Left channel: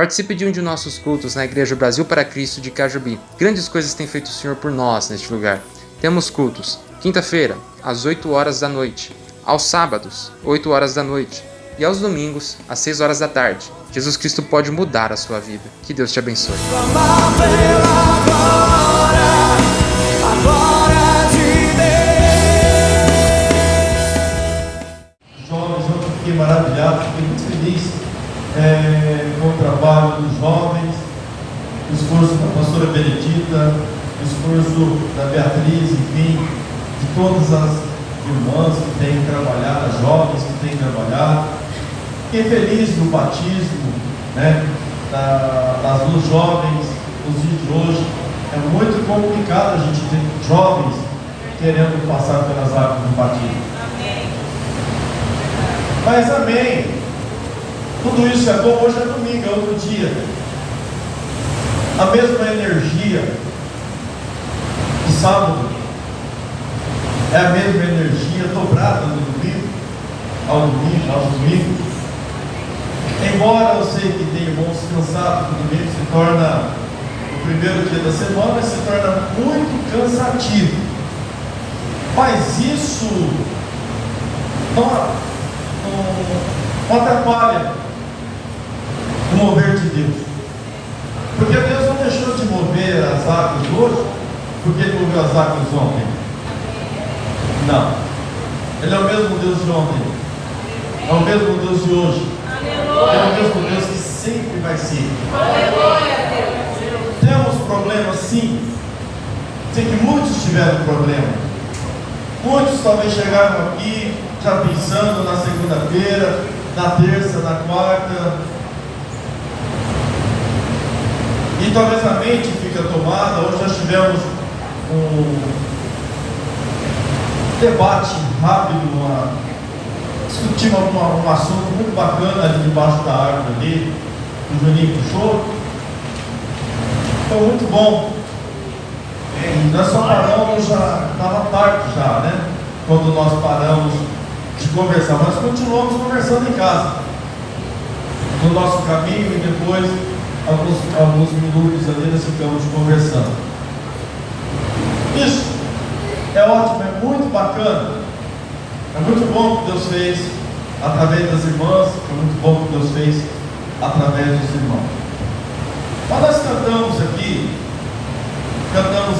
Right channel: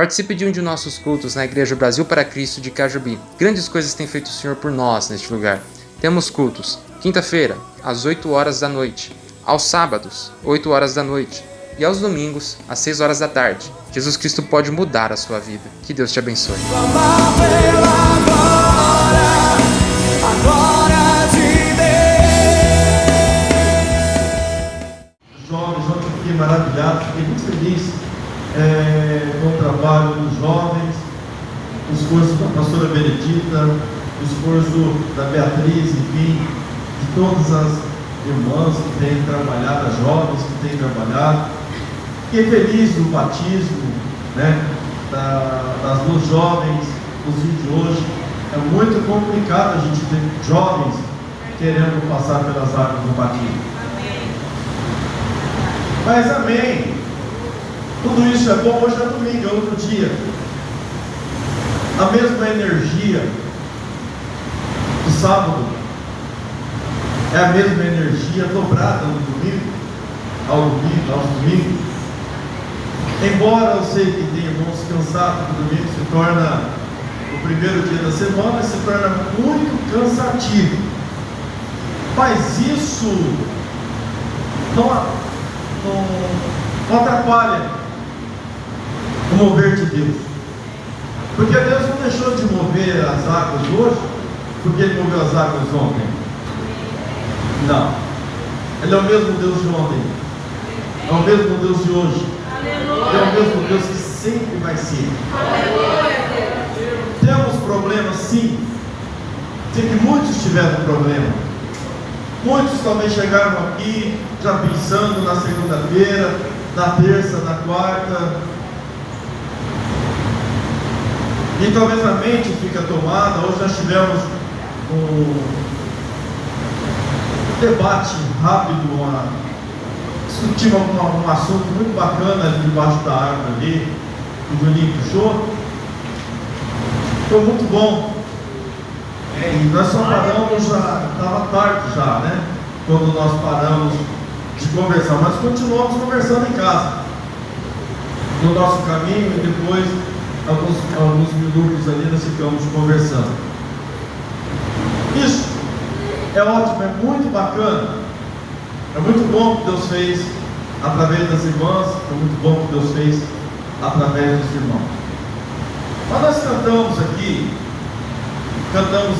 Participe de um de nossos cultos na Igreja Brasil para Cristo de Cajubi. Grandes coisas tem feito o Senhor por nós neste lugar. Temos cultos, quinta-feira, às 8 horas da noite, aos sábados, 8 horas da noite, e aos domingos, às 6 horas da tarde. Jesus Cristo pode mudar a sua vida. Que Deus te abençoe. Jovens, ontem eu fiquei maravilhado, fiquei muito feliz com o trabalho dos jovens, o esforço da pastora Benedita, o esforço da Beatriz, enfim, de todas as irmãs que têm trabalhado, as jovens que têm trabalhado. Fiquei feliz no batismo, das duas jovens, inclusive de hoje. É muito complicado a gente ter jovens querendo passar pelas águas do batismo. Mas amém. Tudo isso é bom. Hoje é domingo, é outro dia. A mesma energia do sábado é a mesma energia dobrada no domingo, aos domingos. Embora eu sei que tem irmãos cansados, que o domingo se torna o primeiro dia da semana, se torna muito cansativo. Mas isso não atrapalha o mover de Deus. Porque Deus não deixou de mover as águas hoje porque Ele moveu as águas ontem. Não. Ele é o mesmo Deus de ontem. É o mesmo Deus de hoje. É o mesmo Deus que sempre vai ser. Temos problemas, sim. Sei que muitos tiveram problema. Muitos talvez chegaram aqui já pensando na segunda-feira, na terça, na quarta. E talvez a mente fica tomada. Hoje nós tivemos um debate rápido, discutimos um assunto muito bacana ali debaixo da árvore ali, o Juninho puxou. Foi muito bom. E nós só paramos, já estava tarde já, quando nós paramos de conversar, mas continuamos conversando em casa, no nosso caminho, e depois alguns minutos ali nós ficamos conversando. Isso é ótimo, é muito bacana, é muito bom que Deus fez através das irmãs, é muito bom que Deus fez através dos irmãos. Mas nós cantamos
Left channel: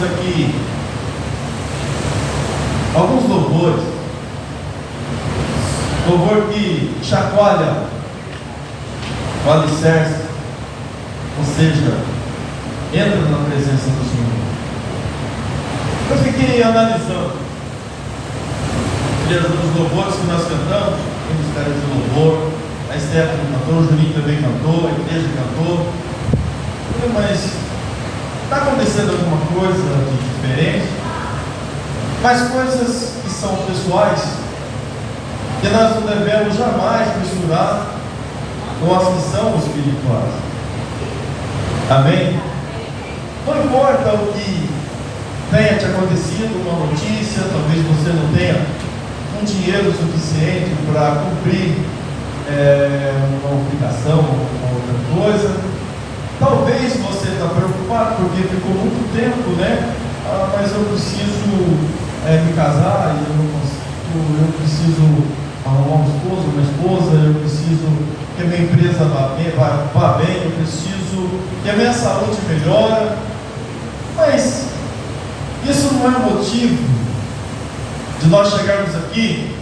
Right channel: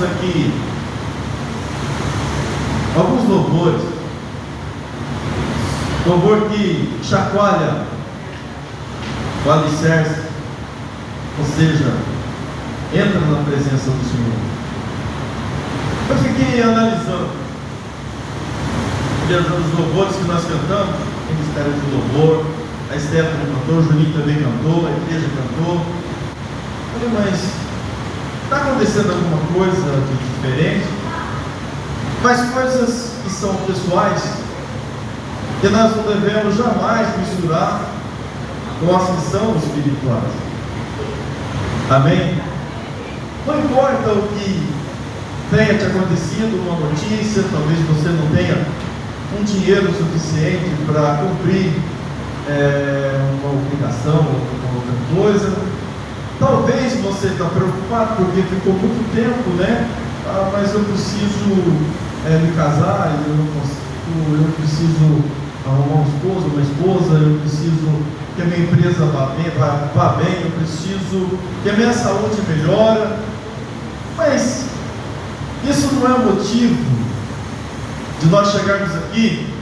aqui alguns louvores, louvor que chacoalha o alicerce, ou seja, entra na presença do Senhor. Eu fiquei analisando os louvores que nós cantamos, o Ministério de Louvor, a Stephanie cantou, o Juninho também cantou, a igreja cantou. Eu falei, mas está acontecendo alguma coisa de diferente? Mas coisas que são pessoais, que nós não devemos jamais misturar com as que são espirituais. Amém? Não importa o que tenha te acontecido, uma notícia, talvez você não tenha um dinheiro suficiente para cumprir uma obrigação ou outra coisa. Talvez você está preocupado porque ficou muito tempo, mas eu preciso me casar, e eu preciso arrumar um esposo, uma esposa, eu preciso que a minha empresa vá bem, eu preciso que a minha saúde melhore. Mas isso não é motivo de nós chegarmos aqui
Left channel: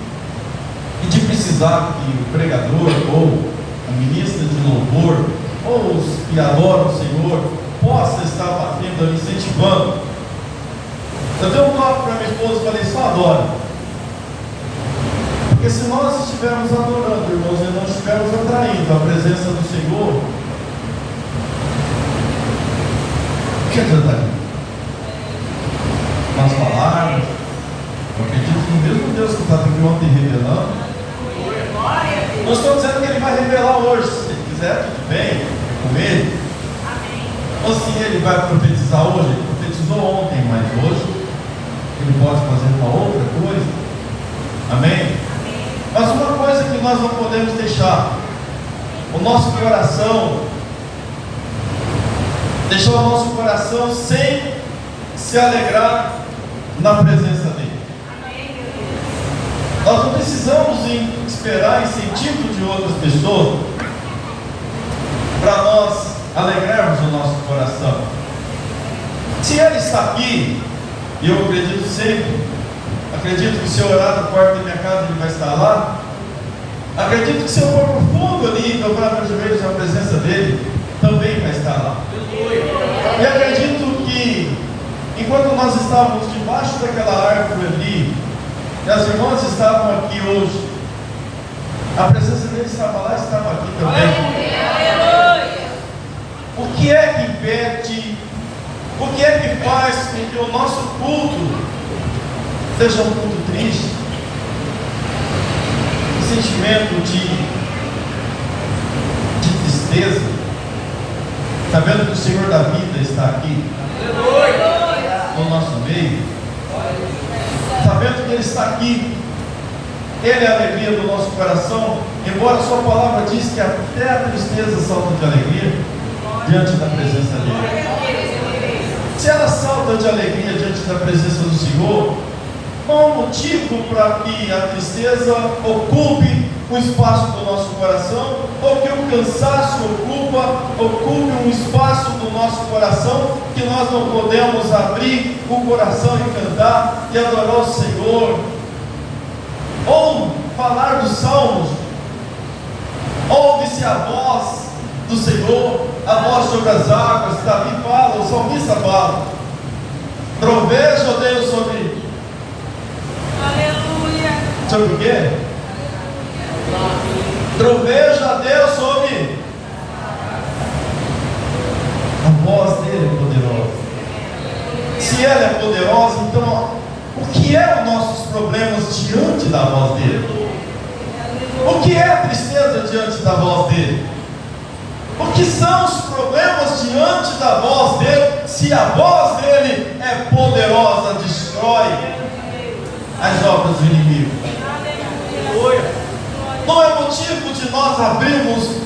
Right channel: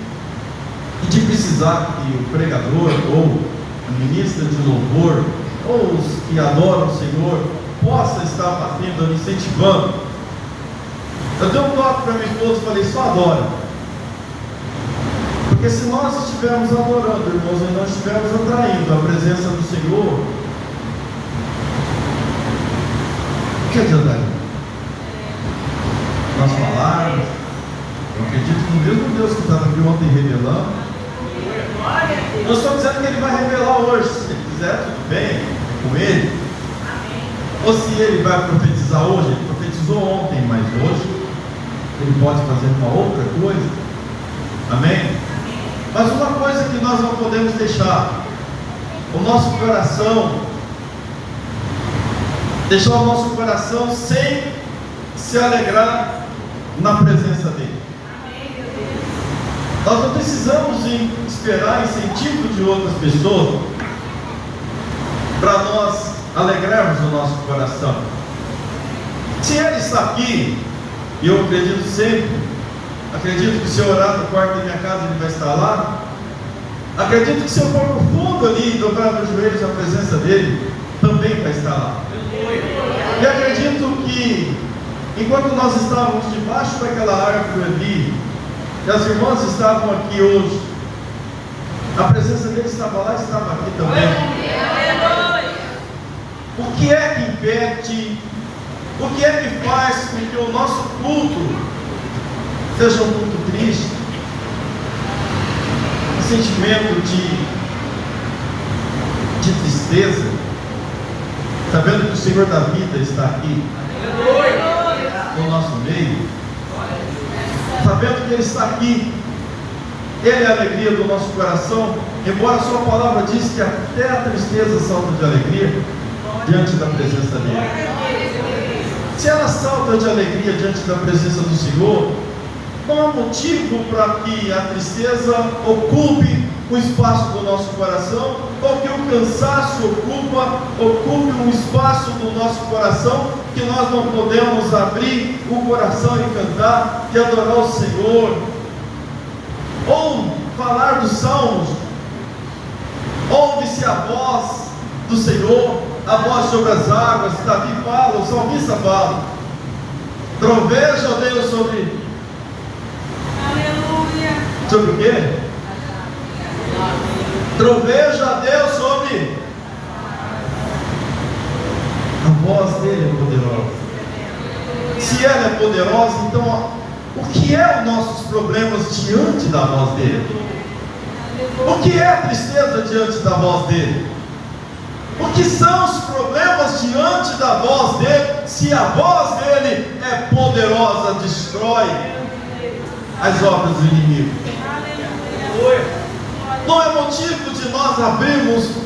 e de precisar que o pregador ou a ministra de louvor ou os que adoram o Senhor possa estar batendo ali, incentivando. Eu dei um toque para minha esposa e falei, só adora. Porque se nós estivermos adorando, irmãos, e nós estivermos atraindo a presença do Senhor, o que adiantaria? Nós falarmos, eu acredito no mesmo Deus que estava aqui ontem revelando. Eu estou dizendo que Ele vai revelar hoje, se Ele quiser, tudo bem, com Ele. Ou se Ele vai profetizar hoje, Ele profetizou ontem, mas hoje Ele pode fazer uma outra coisa. Amém? Mas uma coisa que nós não podemos deixar, o nosso coração deixar o nosso coração sem se alegrar na presença dele. Nós não precisamos esperar incentivo de outras pessoas para nós alegrarmos o nosso coração. Se ele está aqui, e eu acredito que se eu orar no quarto da minha casa ele vai estar lá, acredito que se eu for no fundo ali e dobrar meus joelhos na presença dele, também vai estar lá. E acredito que enquanto nós estávamos debaixo daquela árvore ali, e as irmãs estavam aqui hoje, a presença dele estava lá e estava aqui também. O que é que impede, o que é que faz com que o nosso culto seja um culto triste? Um sentimento de tristeza, sabendo que o Senhor da vida está aqui no nosso meio, sabendo que Ele está aqui, Ele é a alegria do nosso coração, embora a sua palavra diz que até a tristeza salta de alegria diante da presença dEle. Se ela salta de alegria diante da presença do Senhor, não há motivo para que a tristeza ocupe o espaço do nosso coração, ou que o cansaço ocupe um espaço do nosso coração, que nós não podemos abrir o coração e cantar e adorar o Senhor, ou falar dos salmos. Ouve-se a voz do Senhor, a voz sobre as águas. Davi fala, o salmista fala: troveja, ó Deus, sobre o quê? Troveja a Deus sobre a voz dele é poderosa. Se ela é poderosa, então o que é os nossos problemas diante da voz dele? O que é a tristeza diante da voz dele? O que são os problemas diante da voz dele? Se a voz dele é poderosa, destrói as obras do inimigo. Não é motivo de nós abrirmos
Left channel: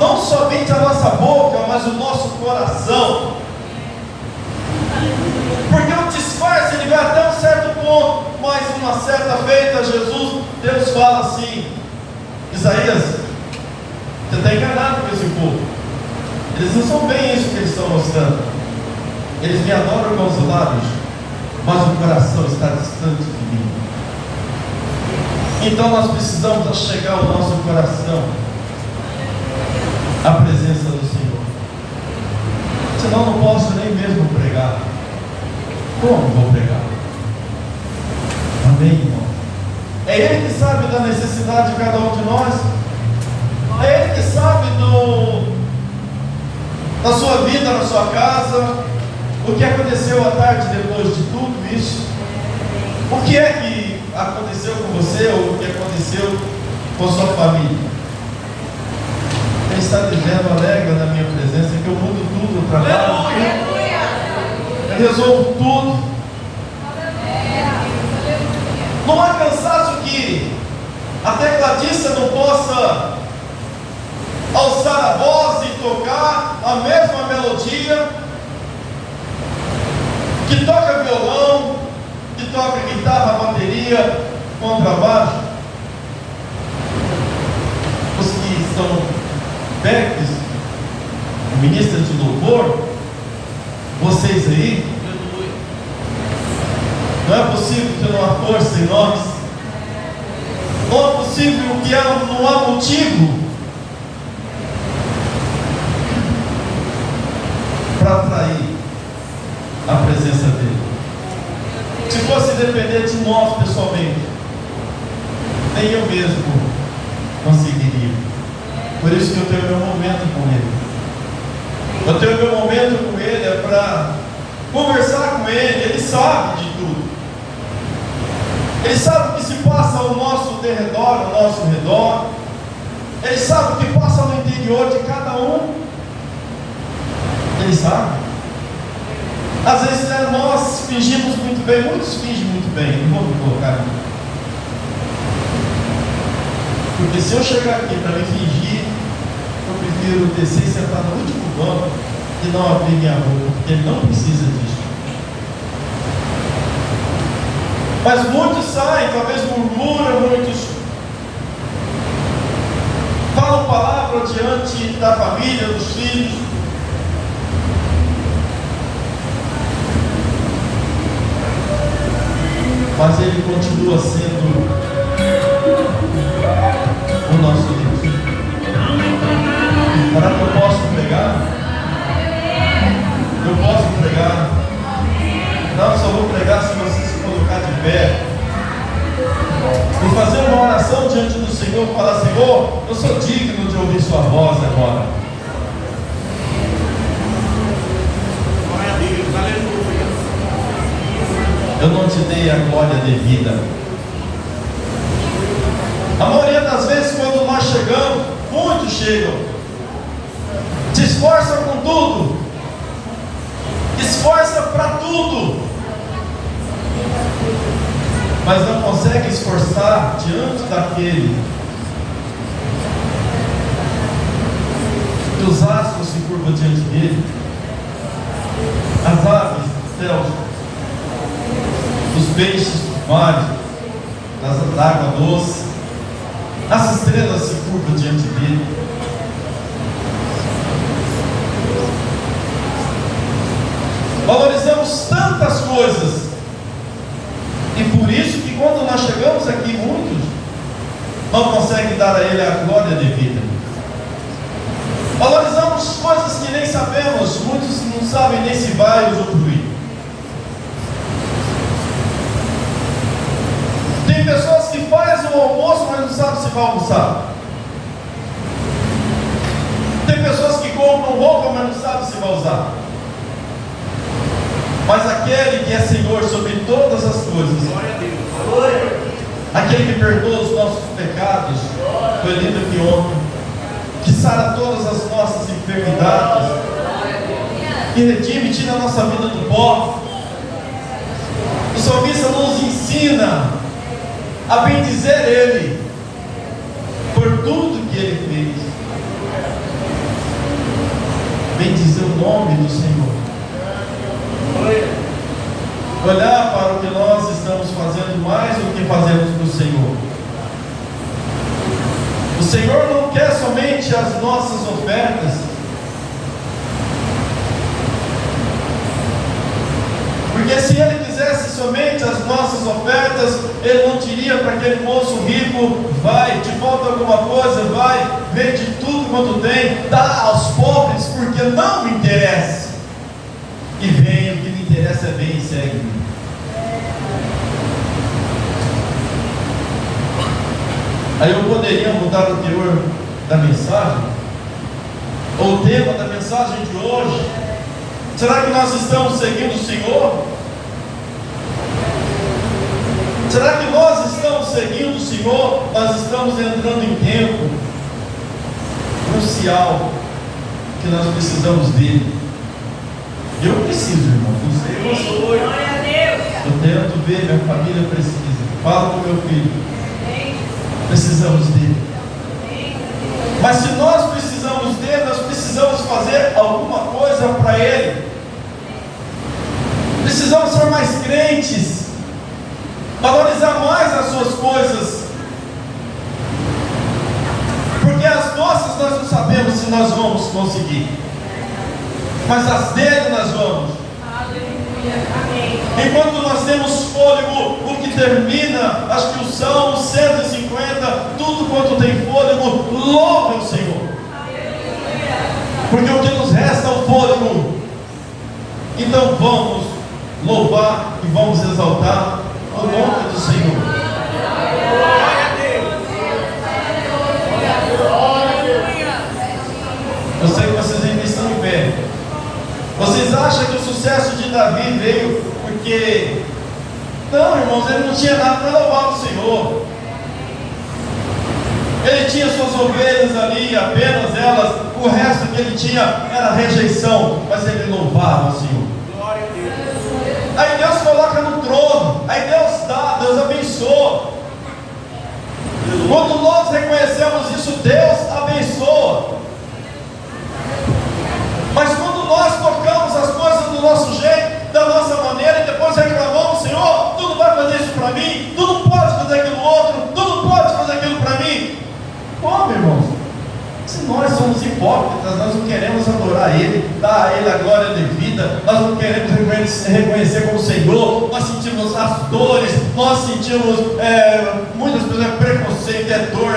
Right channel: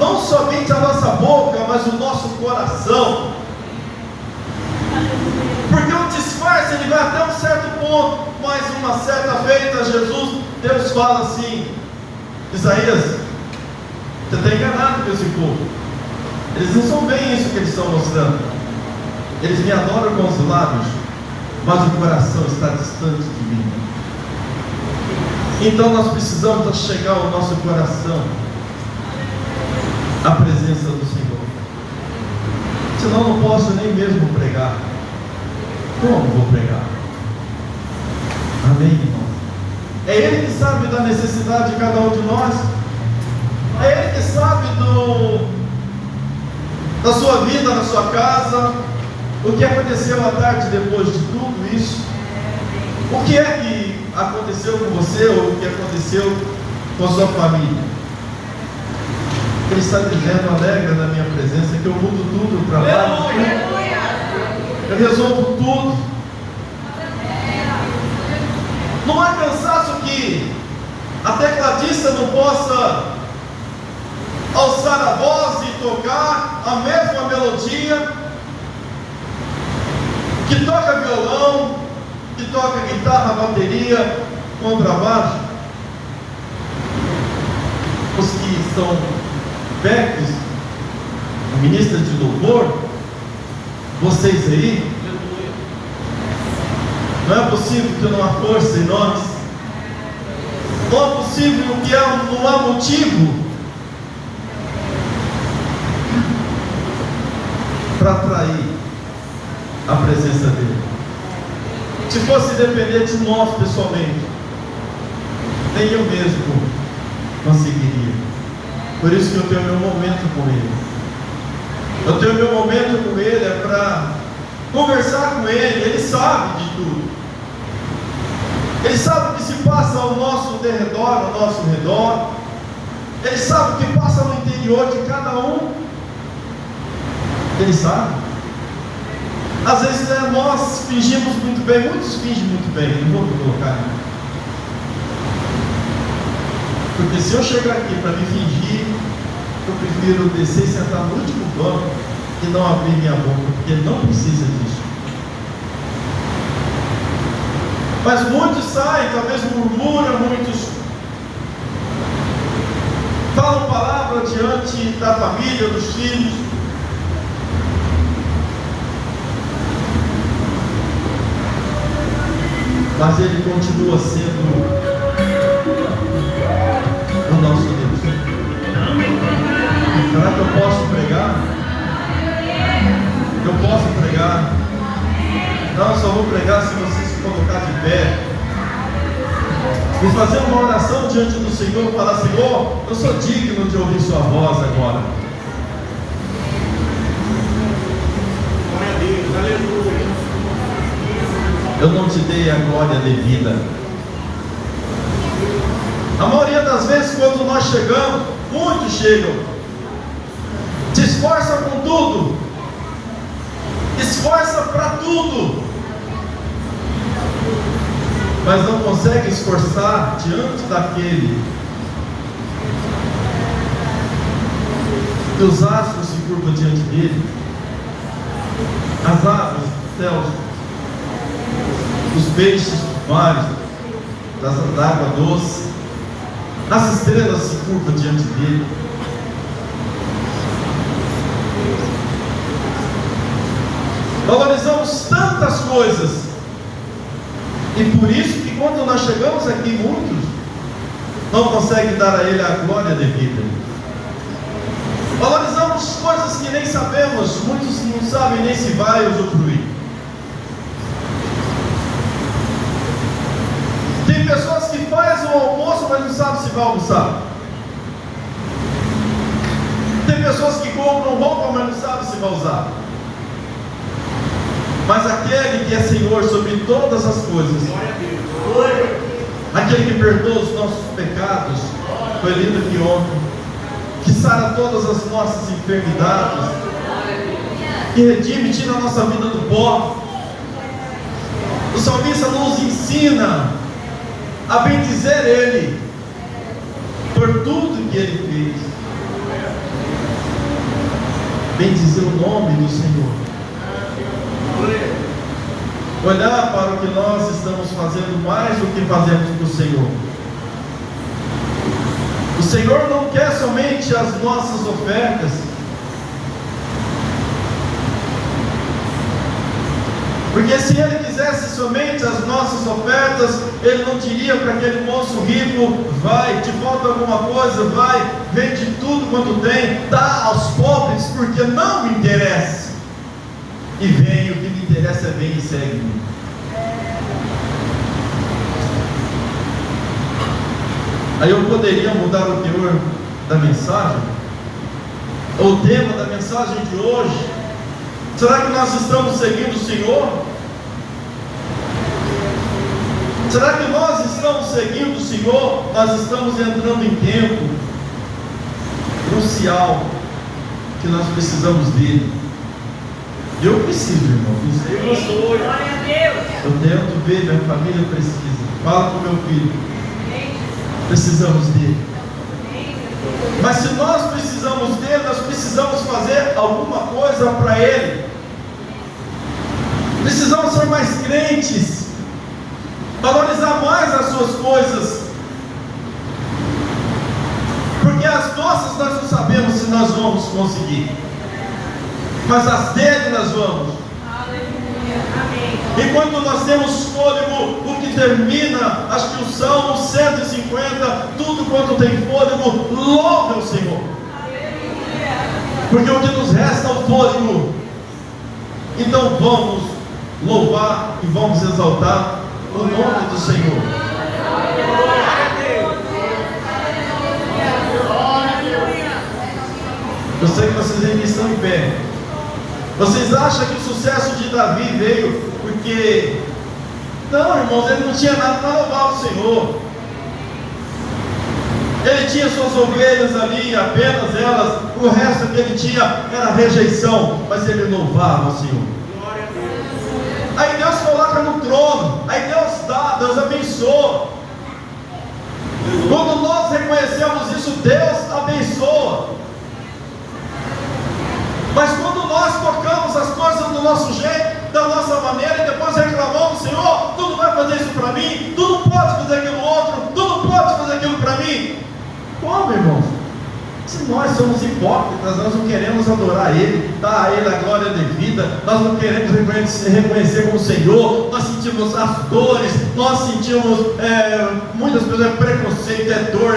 não somente a nossa boca, mas o nosso coração, porque o disfarce ele vai até um certo ponto, mas uma certa feita, Deus fala assim: Isaías, você está enganado com esse povo, eles não são bem isso que eles estão mostrando, eles me adoram com os lábios, mas o coração está distante de mim. Então nós precisamos chegar ao nosso coração à presença do Senhor. Senão não posso nem mesmo pregar. Como vou pregar? Amém, irmão? É Ele que sabe da necessidade de cada um de nós. É Ele que sabe da sua vida, na sua casa, o que aconteceu à tarde depois de tudo isso. O que é que aconteceu com você, ou o que aconteceu com sua família? Ele está dizendo: alegra na minha presença, que eu mudo tudo para lá. Eu resolvo tudo. Não há cansaço que a tecladista não possa alçar a voz e tocar a mesma melodia, que toca violão, que toca guitarra, bateria, contrabaixo. Os que são backs, ministras de louvor, vocês aí, não é possível que não há força em nós, não é possível que não há motivo para atrair a presença dele. Se fosse depender de nós pessoalmente, nem eu mesmo conseguiria. Por isso que eu tenho meu momento com Ele. Eu tenho meu momento com Ele é para conversar com Ele. Ele sabe de tudo. Ele sabe o que se passa ao nosso derredor, ao nosso redor. Ele sabe o que passa no interior de cada um. Ele sabe. Às vezes nós fingimos muito bem, muitos fingem muito bem, não vou me colocar aqui. Porque se eu chegar aqui para me fingir, eu prefiro descer e sentar no último banco e de não abrir minha boca, porque Ele não precisa disso. Mas muitos saem, talvez murmuram, muitos falam palavra diante da família, dos filhos. Mas Ele continua sendo o nosso Deus. Será que eu posso pregar? Eu posso pregar? Não, só vou pregar se você se colocar de pé e fazer uma oração diante do Senhor, falar: Senhor, eu sou digno de ouvir sua voz agora. Glória a Deus, aleluia. Eu não te dei a glória devida. A maioria das vezes, quando nós chegamos, muitos chegam, se esforçam com tudo, esforça para tudo, mas não consegue esforçar diante daquele que os astros se curvam diante dele, as aves do céu, os peixes do mar, da água doce, as estrelas se curvam diante dele. Valorizamos tantas coisas, e por isso que quando nós chegamos aqui, muitos não conseguem dar a Ele a glória devida. Valorizamos coisas que nem sabemos, muitos não sabem nem se vai usufruir. Tem pessoas que fazem o almoço, mas não sabem se vai almoçar. Tem pessoas que compram roupa, mas não sabem se vai usar. Mas aquele que é Senhor sobre todas as coisas, Glória a Deus. aquele que perdoa os nossos pecados, foi lindo que homem, que sara todas as nossas enfermidades, que redime, tira a nossa vida do pó. O salmista nos ensina a bendizer Ele por tudo que Ele fez. Bendizer o nome do Senhor. Olhar para o que nós estamos fazendo mais do que fazemos para o Senhor. O Senhor não quer somente as nossas ofertas. Porque se Ele quisesse somente as nossas ofertas, Ele não diria para aquele moço rico: vai, te falta alguma coisa, vai, vende tudo quanto tem, dá aos pobres, porque não me interessa. E vem, o que me interessa é bem e segue-me. Aí eu poderia mudar o teor da mensagem, ou o tema da mensagem de hoje. Será que nós estamos seguindo o Senhor? Será que nós estamos seguindo o Senhor? Nós estamos entrando em tempo crucial, que nós precisamos dele. Eu preciso, irmão. Não sei você. Eu tento ver, minha família precisa. Fala com meu filho. Precisamos dele. Mas se nós precisamos dele, nós precisamos fazer alguma coisa para ele. Precisamos ser mais crentes, valorizar mais as suas coisas, porque as nossas nós não sabemos se nós vamos conseguir, mas as dele nós vamos. Enquanto nós temos fôlego, o que termina, acho que o Salmo 150, tudo quanto tem fôlego, louve o Senhor, porque o que nos resta é o fôlego. Então vamos louvar e vamos exaltar o nome do Senhor. Eu sei que vocês ainda estão em pé. Vocês acham que o sucesso de Davi veio porque... Não, irmãos, ele não tinha nada para louvar o Senhor. Ele tinha suas ovelhas ali, apenas elas. O resto que ele tinha era rejeição, mas ele louvava o Senhor. Glória a Deus. Aí Deus coloca no trono, aí Deus dá, Deus abençoa. Quando nós reconhecemos isso, Deus abençoa. Mas quando nós para mim, tu não pode fazer aquilo outro, tu não pode fazer aquilo para mim. Como, irmãos? Se nós somos hipócritas, nós não queremos adorar Ele, dar a Ele a glória devida, nós não queremos reconhecer como Senhor, nós sentimos as dores, nós sentimos muitas pessoas, preconceito, dor,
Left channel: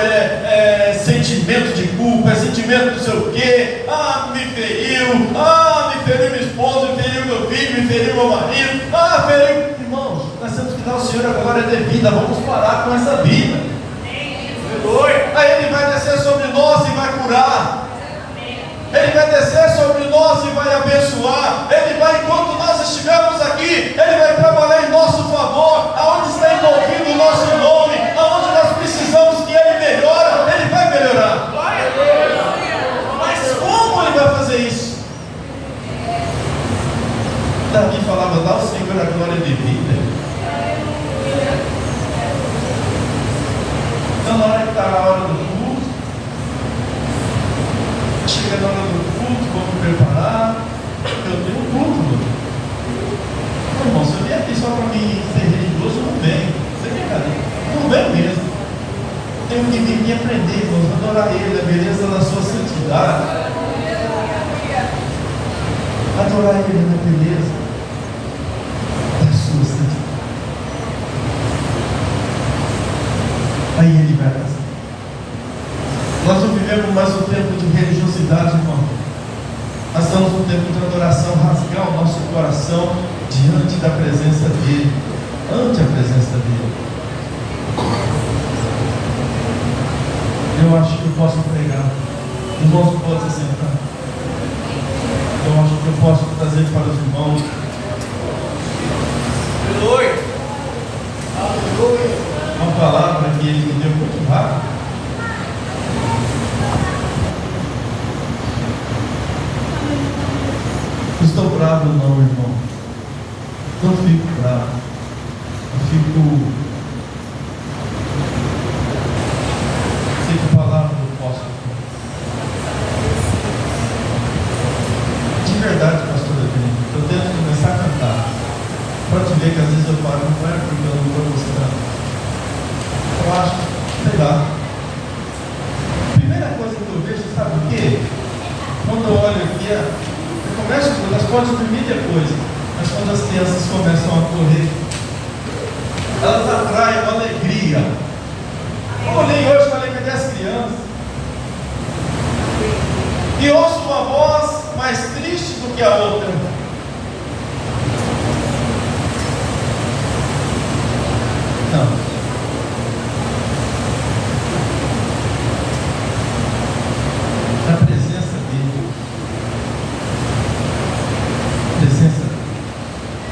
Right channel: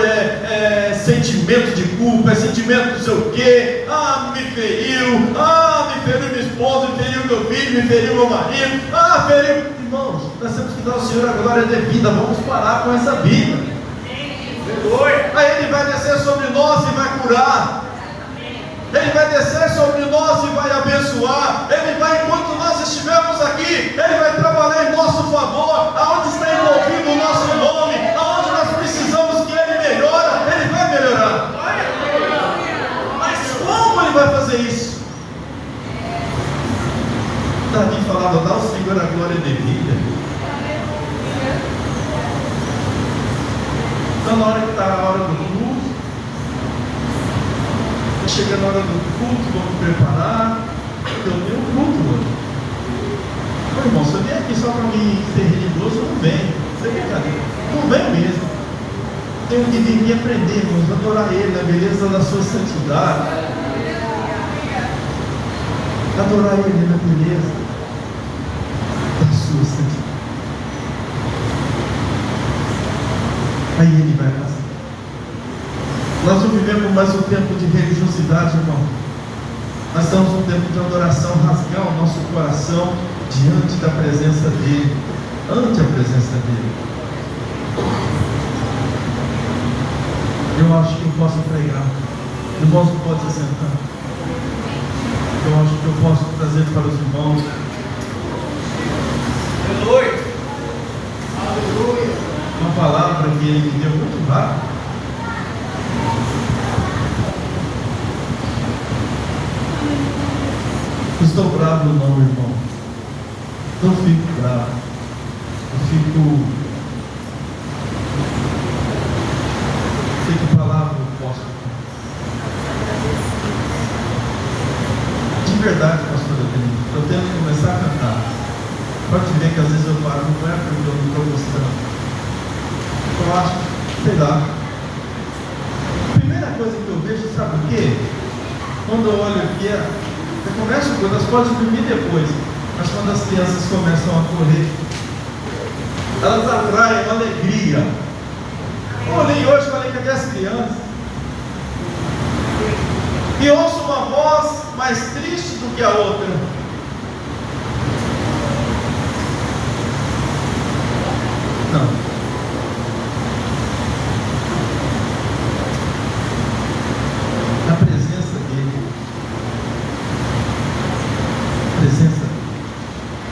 sentimento de culpa, sentimento não sei o quê, me feriu minha esposa, me feriu meu filho, me feriu meu marido, feriu. Irmãos, nós temos que dar ao Senhor a glória devida, vamos parar com essa vida. Aí Ele vai descer sobre nós e vai curar. Ele vai descer sobre nós e vai abençoar. Ele vai, enquanto nós estivermos aqui, Ele vai trabalhar em nosso favor. Aonde está envolvido o nosso nome, aonde nós precisamos que Ele melhore, Ele vai melhorar. Mas como Ele vai fazer isso? Davi falava, dá ao Senhor a glória devida. Então, na hora que está a hora do culto, chega na hora do culto, vamos preparar. Eu tenho um culto, mano. Irmão, se eu vim aqui só para me ser religioso, eu não venho. Isso é brincadeira. Não venho mesmo. Tenho que vir aqui aprender, irmãos, adorar Ele, a beleza da sua santidade. Adorar Ele na beleza da sua santidade. Aí Ele vai fazer. Nós não vivemos mais um tempo de religiosidade, irmão. Nós estamos num tempo de adoração, rasgar o nosso coração diante da presença dEle, ante a presença dEle. Eu acho que eu posso pregar. Irmãos, pode se sentar. Eu acho que eu posso trazer para os irmãos. Aleluia. Aleluia. Uma palavra que Ele me deu muito rápido. Estou bravo, não, irmão. Não fico bravo. Eu fico. Sei que a palavra eu posso. De verdade, pastor, eu tenho que começar a cantar. Pode ver que às vezes eu falo, não é porque eu não estou gostando. Eu acho, sei lá. Primeira coisa que eu vejo, sabe o quê? Quando eu olho aqui, eu começo, nós podemos dormir depois, mas quando as crianças começam a correr, elas atraem uma alegria. Eu olhei hoje, falei com as crianças, e ouço uma voz mais triste do que a outra. Não.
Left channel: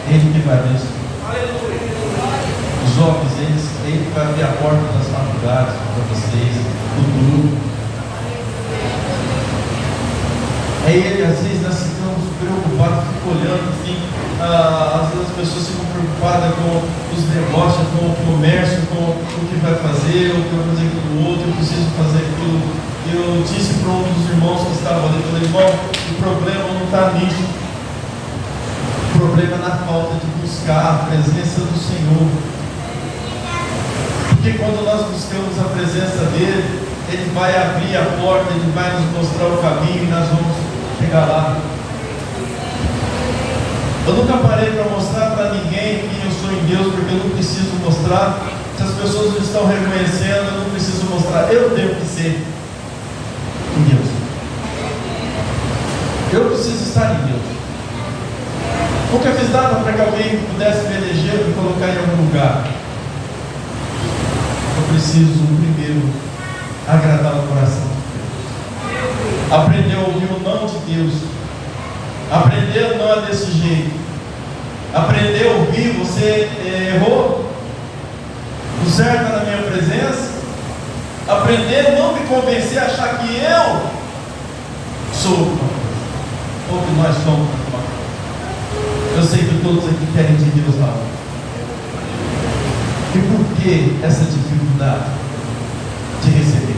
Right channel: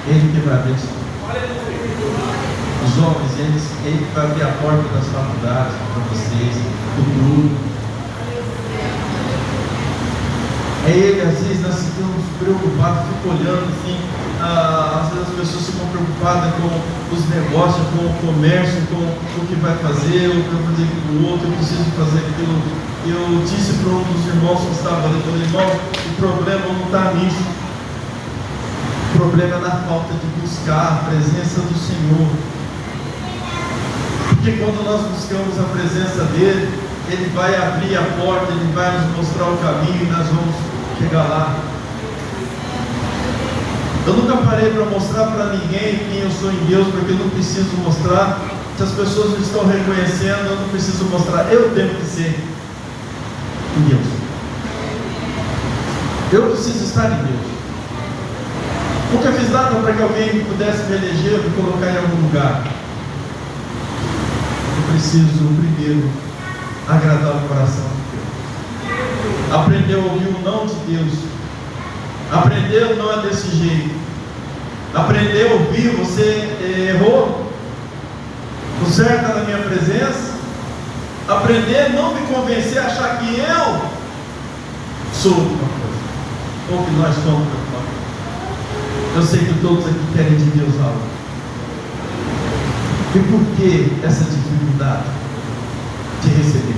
Ele que vai abençoar. Os jovens, Ele vai abrir a porta das faculdades para vocês, do grupo. Ele, às vezes, nós ficamos preocupados, fico olhando assim, às vezes as pessoas ficam preocupadas com os negócios, com o comércio, com o que vai fazer, o que vai fazer com o outro, eu preciso fazer aquilo. Eu disse para um dos irmãos que estava ali, falei, irmão, o problema não está nisso. O problema é na falta de buscar a presença do Senhor. Porque quando nós buscamos a presença dEle, Ele vai abrir a porta, Ele vai nos mostrar o caminho e nós vamos chegar lá. Eu nunca parei para mostrar para ninguém quem eu sou em Deus, porque eu não preciso mostrar. Se as pessoas não estão reconhecendo, eu não preciso mostrar. Eu tenho que ser em Deus. Eu preciso estar em Deus. Nunca fiz nada para que alguém pudesse me eleger ou me colocar em algum lugar. Eu preciso primeiro agradar o coração de Deus. Aprender a ouvir o não de Deus. Aprender o não é desse jeito. Aprender a ouvir, você errou. O certo está na minha presença. Aprender a não me convencer a achar que eu sou uma coisa. Ou que nós somos uma coisa. Eu sei que todos aqui querem de Deus algo. E por que essa dificuldade de receber?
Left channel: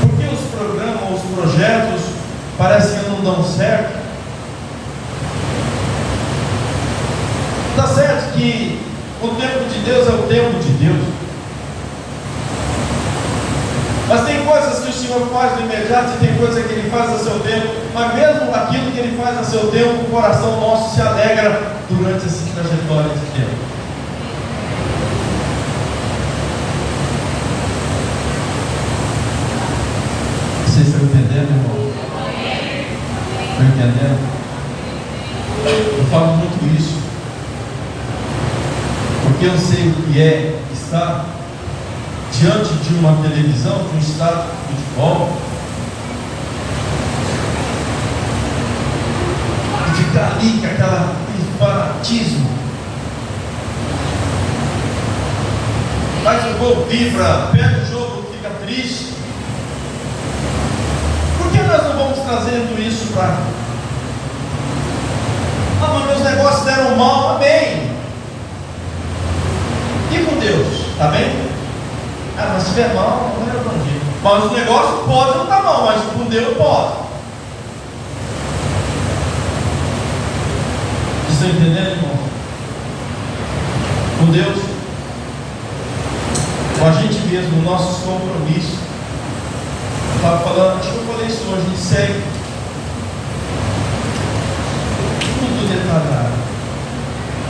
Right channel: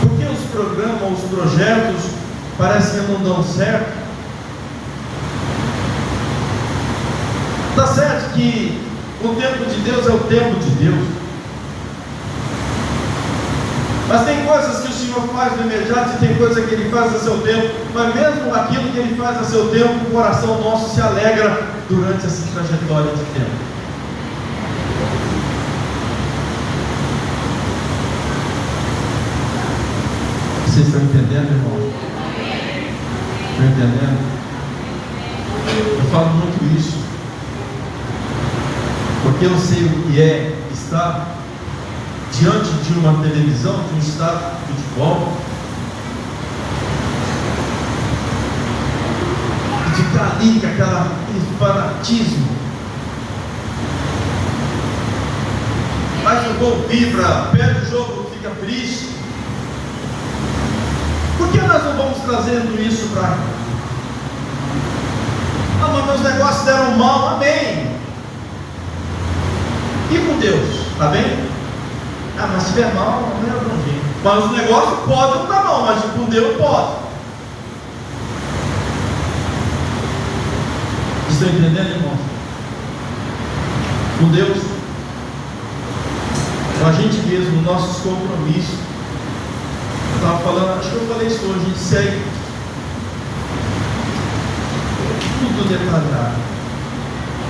Porque os programas, os projetos parecem que não dão certo. Está certo que O tempo de Deus é o tempo de Deus. Mas tem coisas que o Senhor faz no imediato e tem coisas que Ele faz a seu tempo. Mas mesmo aquilo que Ele faz a seu tempo, o coração nosso se alegra durante essa trajetória de tempo. Vocês estão entendendo, irmão? Estão entendendo? Eu falo muito isso, porque eu sei o que é estar diante de uma televisão, de um estádio de futebol, e ficar ali com aquele fanatismo. Faz o gol, vibra, perde o jogo, fica triste. Por que nós não vamos trazendo isso para cá? Ah, mas meus negócios deram mal, amém. E com Deus, está bem? Ah, mas se der mal, não é problema. Mas os negócios podem não dar mal, mas com Deus pode. Estão entendendo, irmão? Com Deus, com a gente mesmo, nossos compromissos. Eu estava falando, acho que eu falei isso hoje, a gente segue tudo detalhado.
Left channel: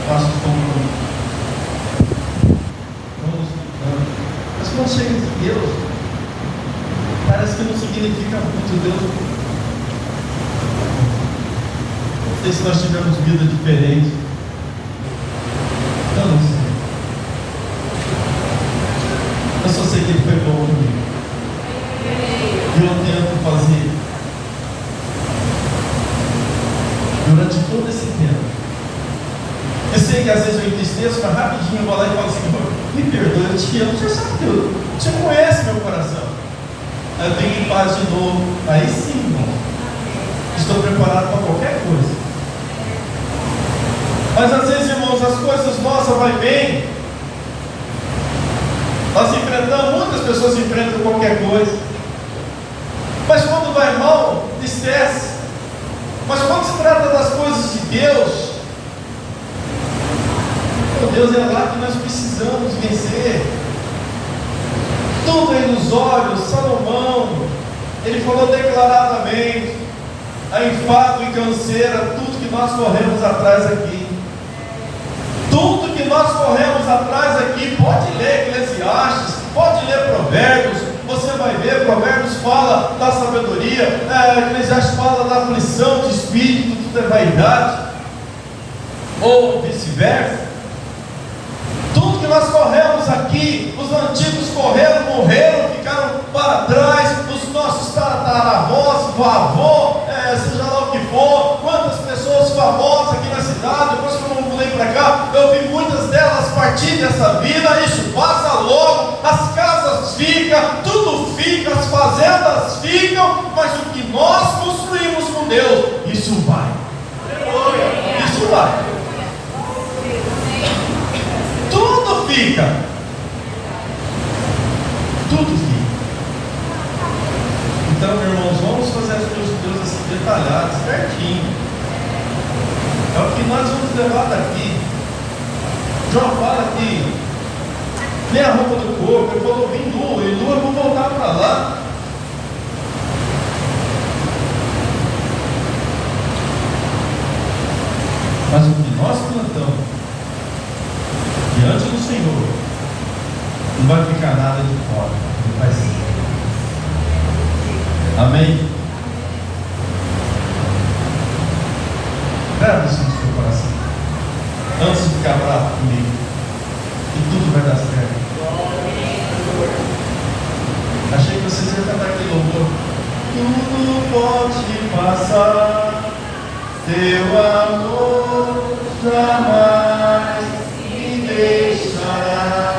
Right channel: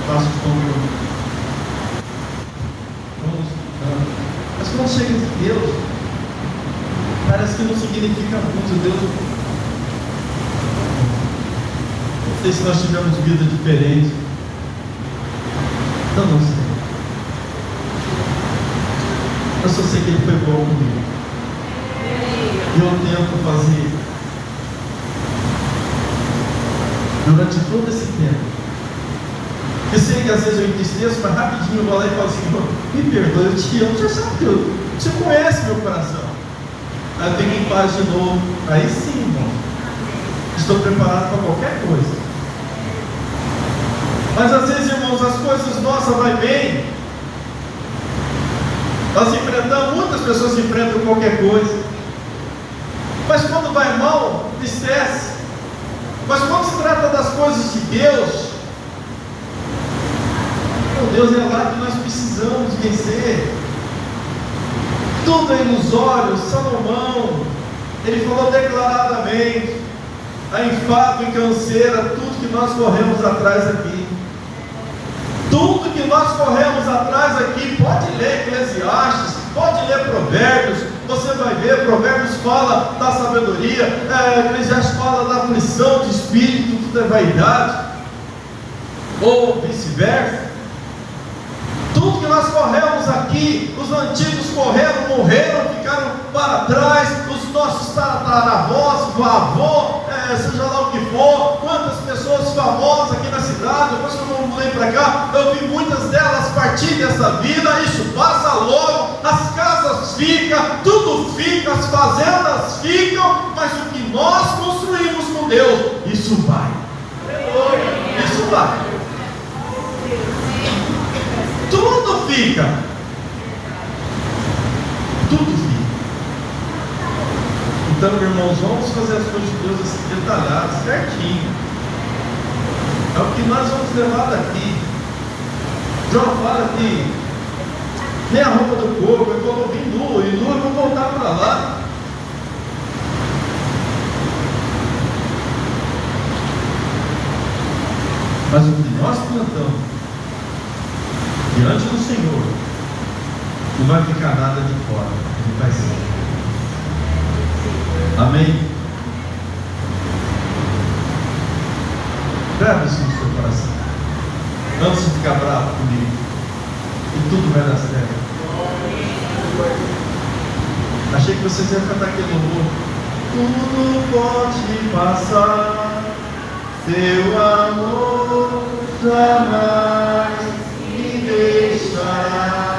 Faço os compromissos. Mas quando chega de Deus, parece que não significa muito. Deus, não sei se nós tivemos vida diferente. Então não sei. Eu só sei que Ele foi bom comigo. E eu tento fazer durante todo esse tempo. Eu sei que às vezes eu entristeço, mas rapidinho eu vou lá e falo assim: me perdoe, eu te amo, você sabe que você conhece meu coração. Aí eu tenho em paz de novo. Aí sim, irmão, estou preparado para qualquer coisa. Mas às vezes, irmãos, as coisas nossas vão bem. Nós enfrentamos, muitas pessoas enfrentam qualquer coisa. Mas quando vai mal, tristece. Mas quando se trata das coisas de Deus, Deus é lá que nós precisamos vencer. Tudo é ilusório. Salomão, ele falou declaradamente: a enfado e canseira, tudo que nós corremos atrás aqui. Tudo que nós corremos atrás aqui, pode ler Eclesiastes, pode ler Provérbios, você vai ver, Provérbios fala da sabedoria, Eclesiastes fala da aflição de espírito, da vaidade, ou vice-versa. Tudo que nós corremos aqui, os antigos correram, morreram, ficaram para trás, os nossos tataravós, vavô, seja lá o que for, quantas pessoas famosas aqui na cidade, depois que eu mudei para cá, eu vi muitas delas partir dessa vida. Isso passa logo, as casas ficam, tudo fica, as fazendas ficam, mas o que nós construímos com Deus, isso vai. Isso vai. Tudo fica. Tudo fica. Então, irmãos, vamos fazer as coisas de Deus assim, detalhadas, certinho. É o que nós vamos levar daqui. João fala que nem a roupa do corpo, ele falou: vim nu, e nu eu vou voltar para lá. Mas o que nós plantamos diante do Senhor, não vai ficar nada de fora, não vai ser. Amém? Grave isso no seu coração, antes de ficar bravo comigo, e tudo vai dar certo. Achei que vocês iam cantar aquele louvor: tudo pode passar, teu amor jamais me deixará,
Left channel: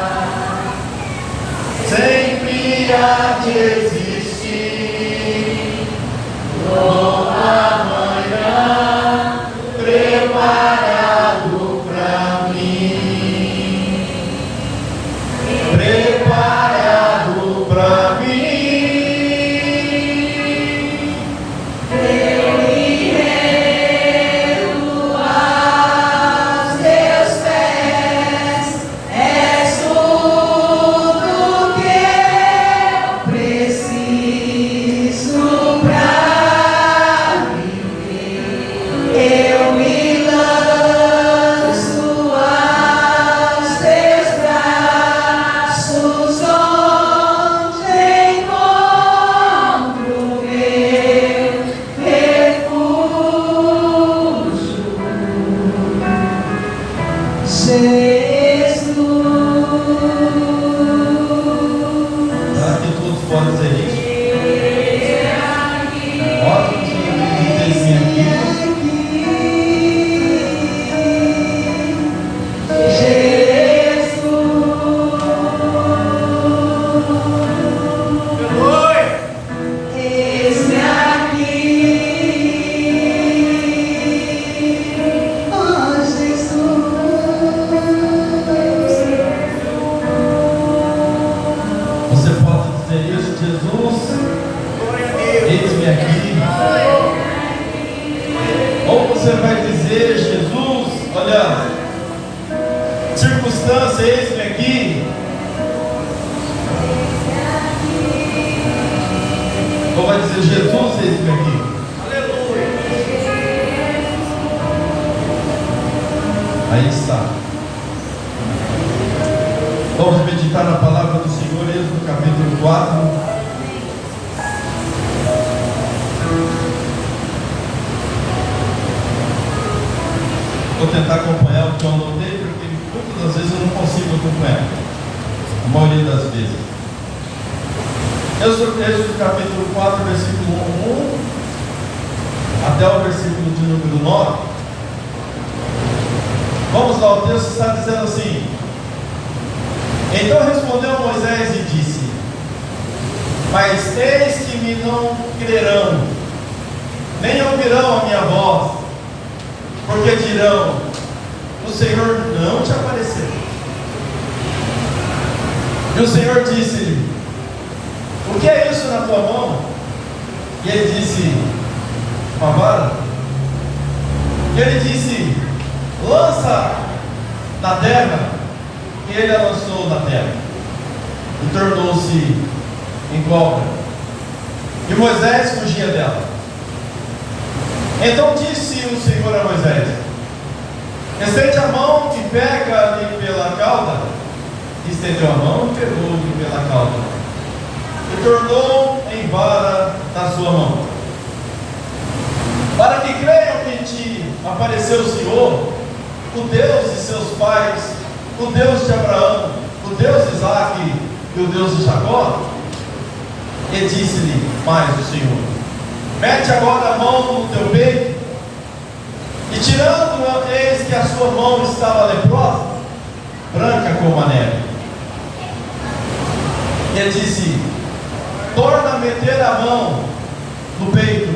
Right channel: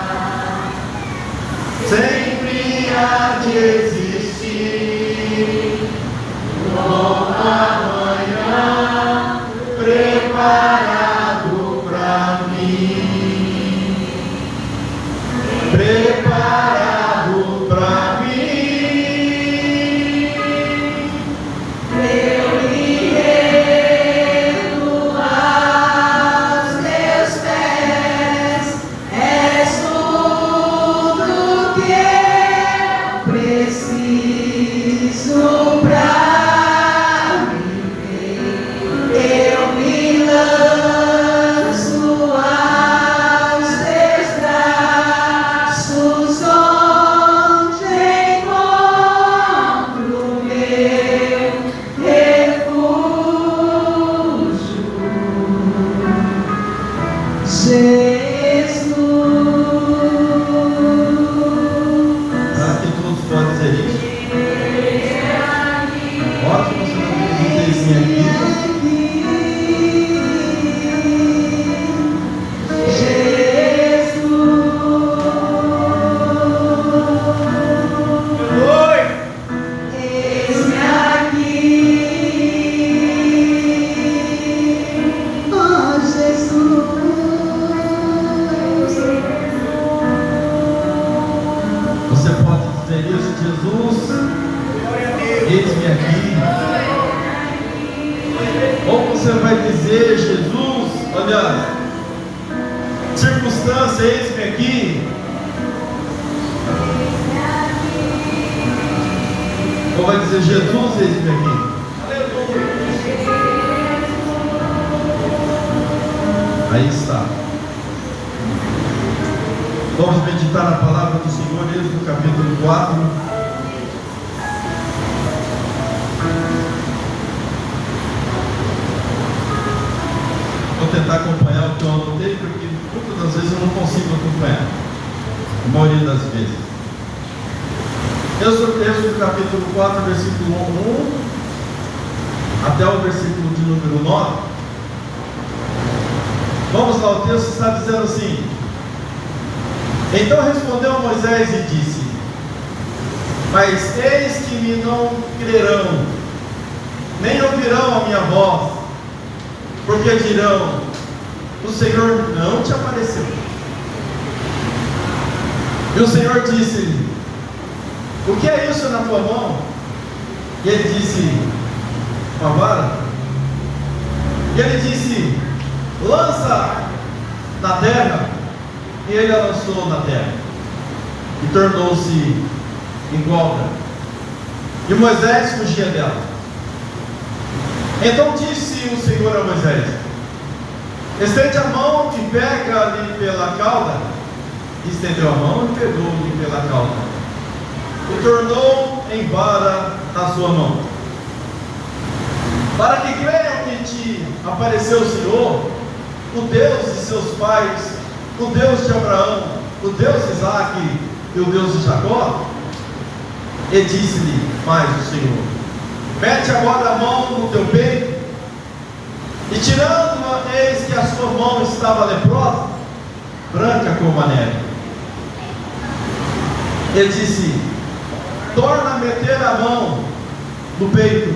sempre há de existir novo amanhã preparado para mim, preparado para mim. Eu me rendo às vou tentar acompanhar o que eu anotei, porque muitas das vezes eu não consigo acompanhar. A maioria das vezes. Êxodo texto, capítulo 4, versículo 1 até o versículo de número 9. Vamos lá, o texto está dizendo assim: então respondeu Moisés e disse: mas eis que me não crerão, nem ouvirão a minha voz, porque dirão: o Senhor não te apareceu. E o Senhor disse-lhe: o que é isso na tua mão? E ele disse: uma vara. E ele disse: lança na terra. E ele a lançou na terra, e tornou-se em cobra, e Moisés fugia dela. Então disse o Senhor a Moisés: estende a mão e pega-lhe pela cauda. E estendeu a mão e pegou-lhe pela cauda, e tornou em vara na sua mão, para que creiam que te apareceu o Senhor, o Deus de seus pais, o Deus de Abraão, o Deus de Isaque e o Deus de Jacó. E disse-lhe mais o Senhor: mete agora a mão no teu peito. E tirando-a, eis que a sua mão estava leprosa, branca como a neve. Ele disse: torna a meter a mão no peito.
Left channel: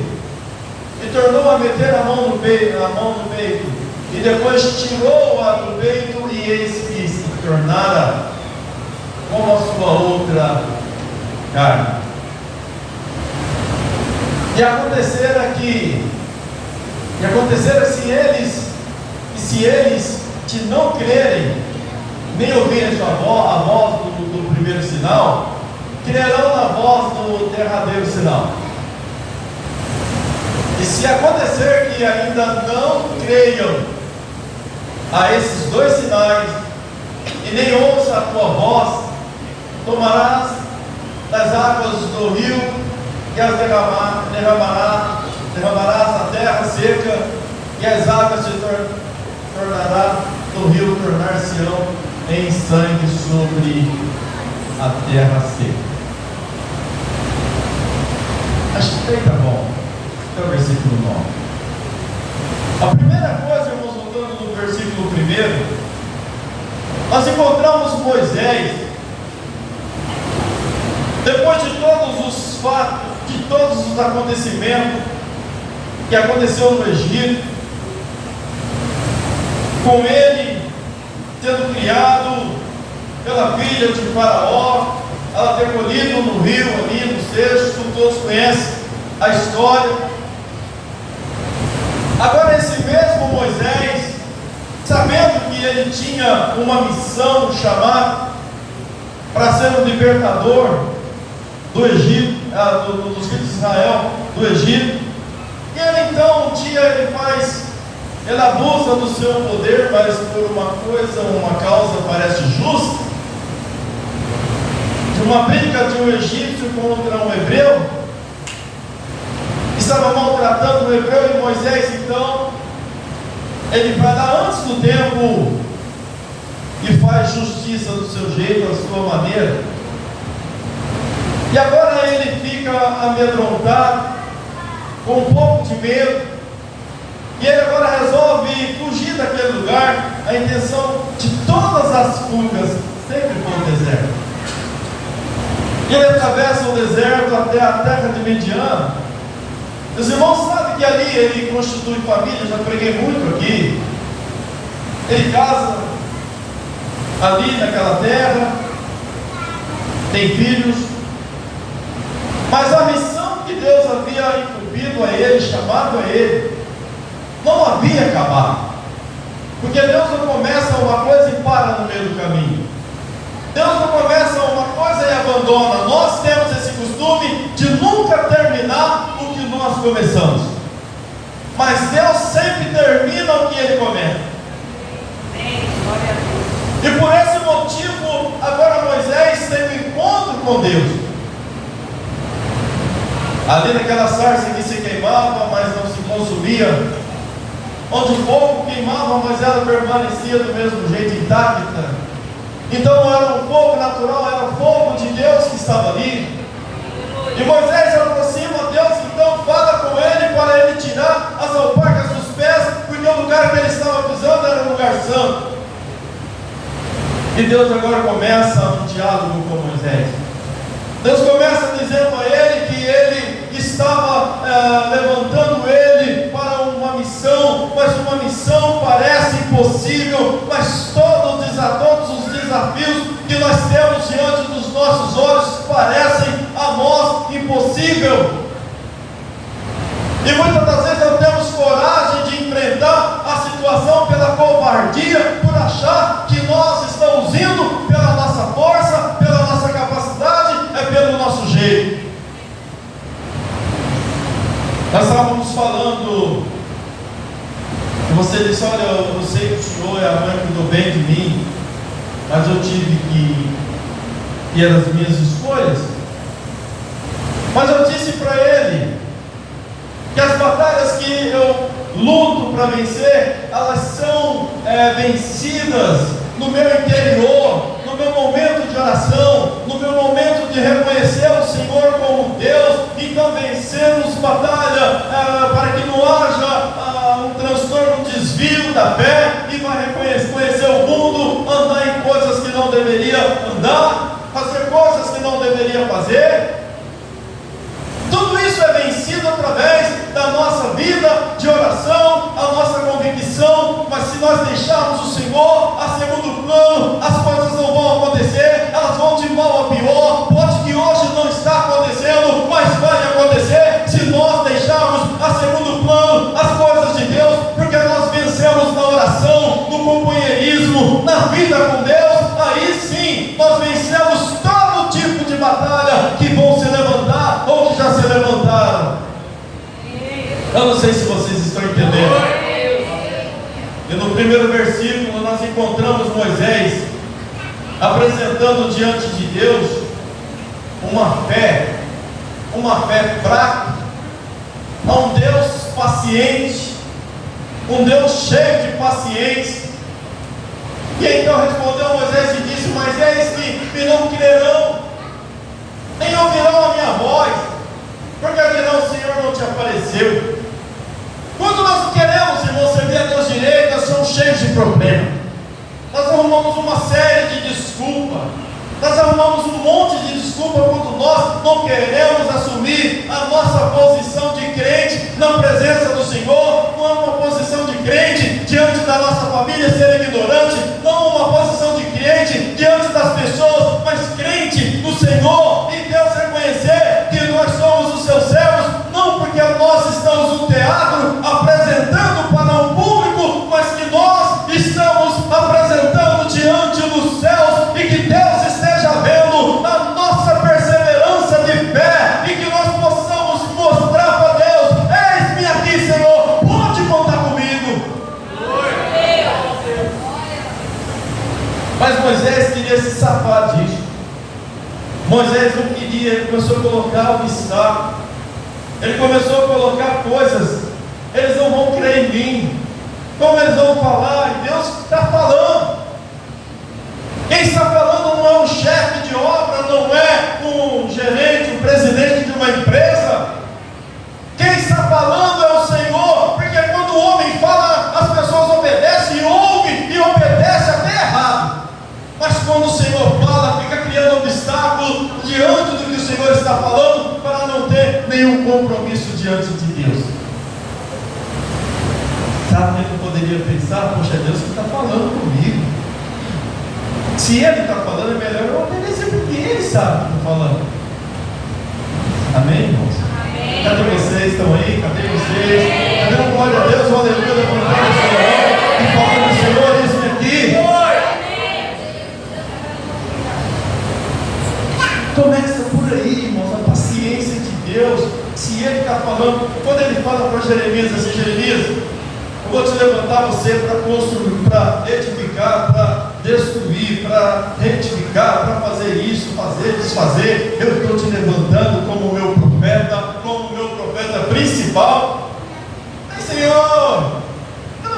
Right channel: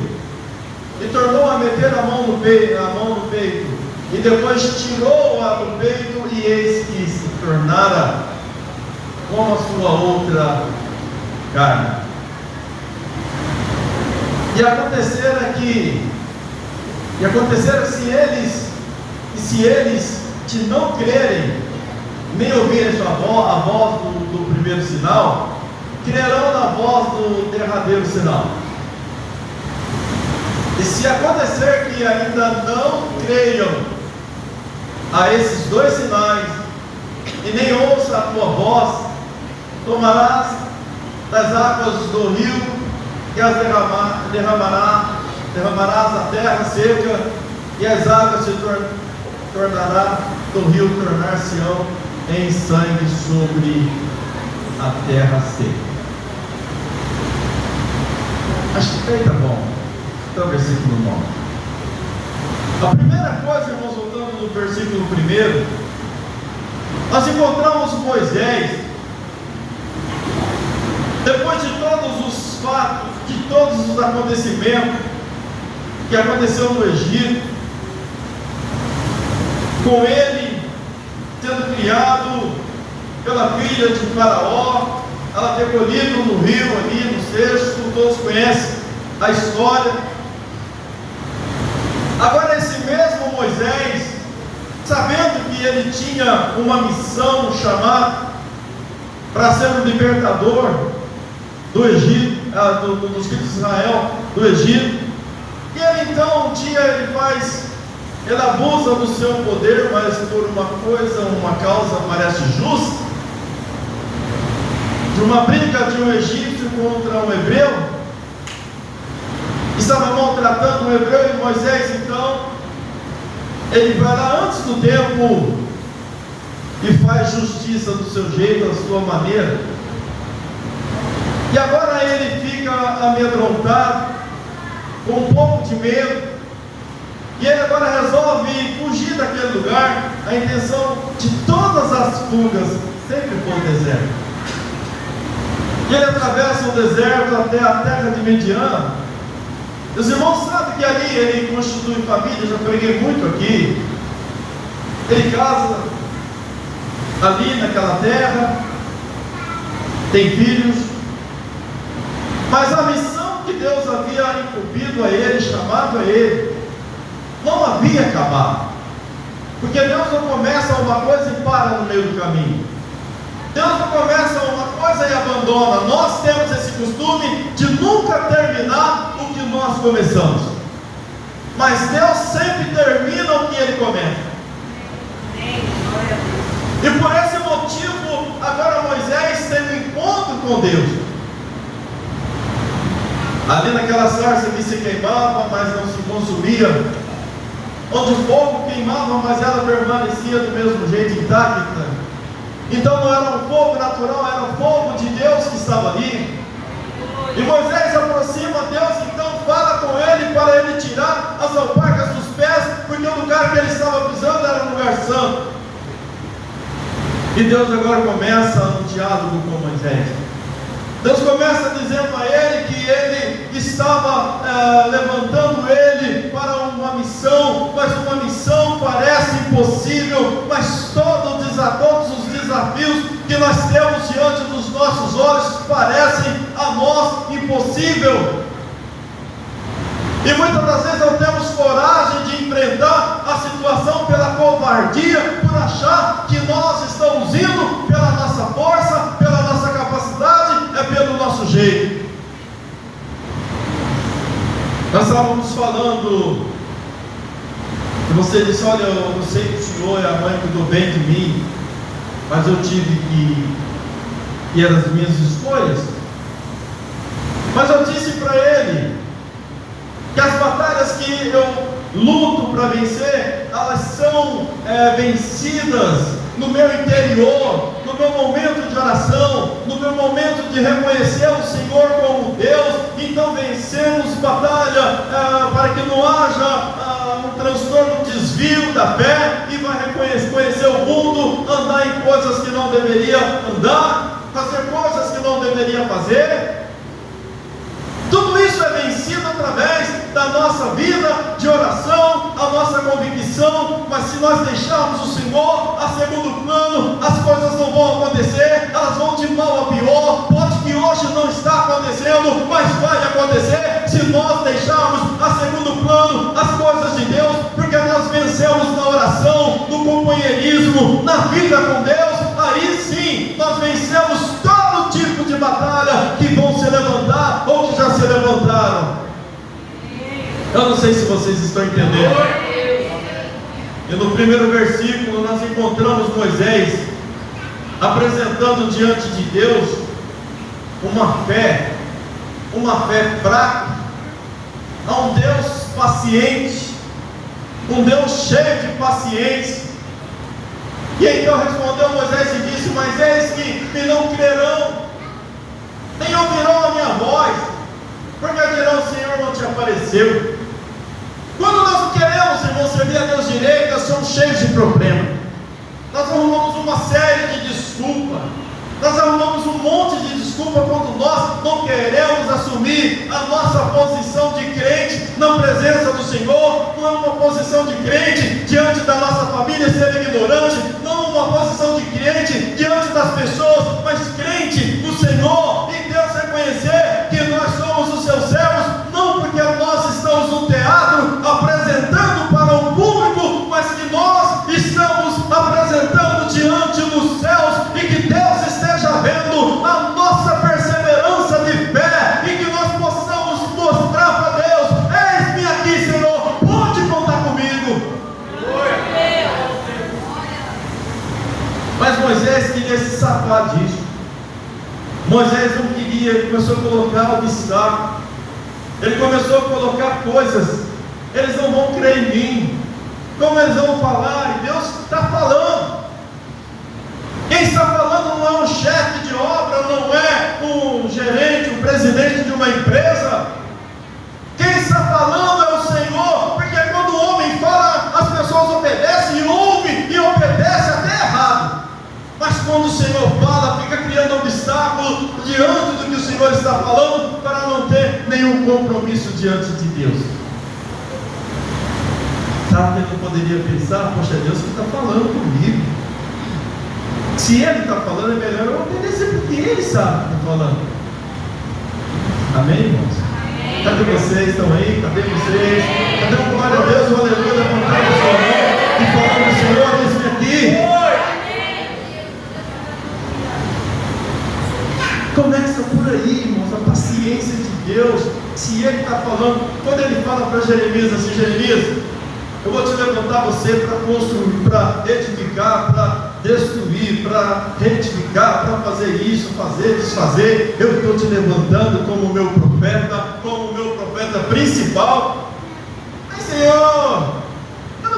E tornou a meter a mão no peito, e depois tirou-a do peito, e eis que se tornara como a sua outra carne. E acontecera se eles te não crerem, nem ouvirem a voz do primeiro sinal, crerão na voz do derradeiro sinal. E se acontecer que ainda não creiam a esses dois sinais, e nem ouça a tua voz, tomarás das águas do rio e as derramarás na terra seca, e as águas se tornará do rio, tornar-se-ão em sangue sobre a terra seca. Acho que aí tá bom. Então, versículo 9. A primeira coisa, irmãos, voltando no versículo 1, nós encontramos Moisés, depois de todos os fatos, de todos os acontecimentos que aconteceu no Egito, com ele sendo criado pela filha de Faraó, ela ter colhido no rio ali, no cesto, todos conhecem a história. Agora esse mesmo Moisés, sabendo que ele tinha uma missão, um chamado para ser um libertador do Egito, dos filhos de Israel do Egito, e ele então um dia ele abusa do seu poder, mas por uma causa parece justa, de uma briga de um egípcio contra um hebreu, estava maltratando o hebreu, e Moisés então, ele vai lá antes do tempo e faz justiça do seu jeito, da sua maneira. E agora ele fica amedrontado, com um pouco de medo, e ele agora resolve fugir daquele lugar. A intenção de todas as fugas sempre foi o deserto. E ele atravessa o deserto até a terra de Midian. Os irmãos sabem que ali ele constitui família, já preguei muito aqui. Ele casa ali naquela terra, tem filhos, mas a missão que Deus havia incumbido a ele, chamado a ele, não havia acabado. Porque Deus não começa uma coisa e para no meio do caminho. Deus não começa uma coisa e abandona. Nós temos esse costume de nunca terminar o que nós começamos, mas Deus sempre termina o que Ele começa. E por esse motivo, agora Moisés tem um encontro com Deus. Ali naquela sarça que se queimava, mas não se consumia, onde o fogo queimava, mas ela permanecia do mesmo jeito, intacta. Então não era um fogo natural, era o fogo de Deus que estava ali. E Moisés aproxima Deus, então fala com ele para ele tirar as alparcas dos pés, porque o lugar que ele estava pisando era um lugar santo. E Deus agora começa um diálogo com Moisés. Deus começa dizendo a ele que ele estava levantando ele para uma missão, mas uma missão parece impossível, mas todos os desafios que nós temos diante dos nossos olhos parecem a nós impossível. E muitas das vezes não temos coragem de enfrentar a situação pela covardia, por achar que nós estamos indo pela nossa força, pela nossa capacidade, pelo nosso jeito. Nós estávamos falando, e você disse: olha, eu sei que o senhor é a mãe que cuidou bem de mim, mas eu tive que ir as minhas escolhas. Mas eu disse para ele que as batalhas que eu luto para vencer, elas são vencidas no meu interior, no meu momento de oração, no meu momento de reconhecer o Senhor como Deus. Então vencemos batalha para que não haja um transtorno, um desvio da fé, e vai conhecer o mundo, andar em coisas que não deveria andar, fazer coisas que não deveria fazer. Tudo isso é vencido através da nossa vida de oração, a nossa convicção. Mas se nós deixarmos o Senhor a segundo plano, as coisas não vão acontecer, elas vão de mal a pior. Pode que hoje não está acontecendo, mas vai acontecer se nós deixarmos a segundo plano as coisas de Deus, porque nós vencemos na oração, no companheirismo, na vida com Deus. Aí sim nós vencemos todo tipo de batalha que vão se levantar ou que já se levantaram. Eu não sei se vocês estão entendendo. E no primeiro versículo nós encontramos Moisés apresentando diante de Deus uma fé fraca, a um Deus paciente, um Deus cheio de paciência. E então respondeu Moisés e disse: mas eis que não crerão, nem ouvirão a minha voz, porque dirão: o Senhor não te apareceu. Quando nós queremos, irmãos, servir a Deus direito, nós somos cheios de problemas. Nós arrumamos uma série de desculpas. Nós arrumamos um monte de desculpas quando nós não queremos assumir a nossa posição de crente na presença do Senhor. Não é uma posição de crente diante da nossa família ser ignorante, não uma posição de crente diante das pessoas, mas crente no Senhor, em Deus reconhecer que nós somos os seus servos, não porque nós estamos no teatro apresentando para um público, mas que nós estamos apresentando diante dos céus, e que Deus esteja vendo a nossa perseverança de fé, e que nós possamos mostrar para Deus: eis-me aqui, Senhor, pode contar comigo. Mas Moisés queria se safar disso. Moisés não queria, ele começou a colocar obstáculos, ele começou a colocar coisas. Eles não vão crer em mim, como eles vão falar? E Deus está falando. Quem está falando não é um chefe de obra, não é um gerente, um presidente de uma empresa. Quem está falando é o Senhor, porque quando o homem fala, as pessoas obedecem, e ouvem e obedecem até errado. Mas quando o Senhor fala, fica criando obstáculo diante do que o Senhor está falando, para não ter nenhum compromisso diante de Deus. Sabe o que eu poderia pensar? Poxa, Deus que está falando comigo. Se Ele está falando, é melhor eu obedecer, porque Ele sabe o que está falando. Amém, irmãos? Amém. Cadê vocês? Estão aí? Cadê vocês? Cadê o glória a Deus, o aleluia, levantando a sua mão e falando: Senhor, eis-me aqui. Começa por aí, irmãos, a paciência de Deus. Se Ele está falando, quando Ele fala para Jeremias assim: Jeremias, eu vou te levantar você para construir, para edificar, para destruir, para retificar, para fazer isso, fazer, desfazer. Eu estou te levantando como meu profeta principal. Mas Senhor, eu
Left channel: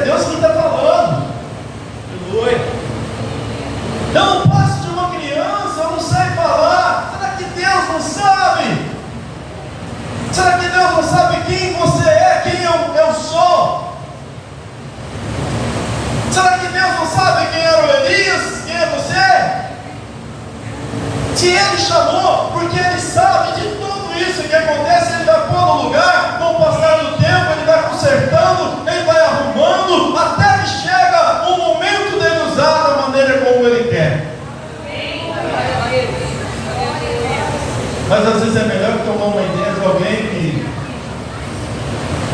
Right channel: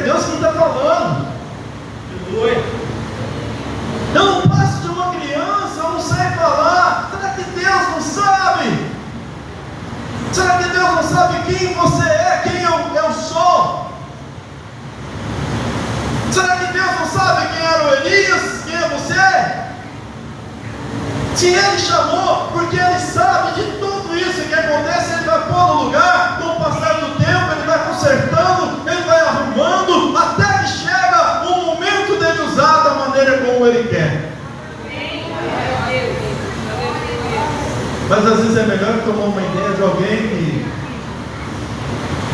é Deus quem está falando. Aleluia. Eu não passo de uma criança, eu não sei falar. Será que Deus não sabe? Será que Deus não sabe quem você é, quem eu sou? Será que Deus não sabe quem era o Elias, quem é você? Se Ele chamou, porque Ele sabe de tudo isso que acontece, Ele vai pôr no lugar, com o passar do tempo, Ele vai consertando, Ele vai arrumando, até que chega o momento dele usar da maneira como Ele quer. Mas às vezes é melhor tomar uma ideia de alguém que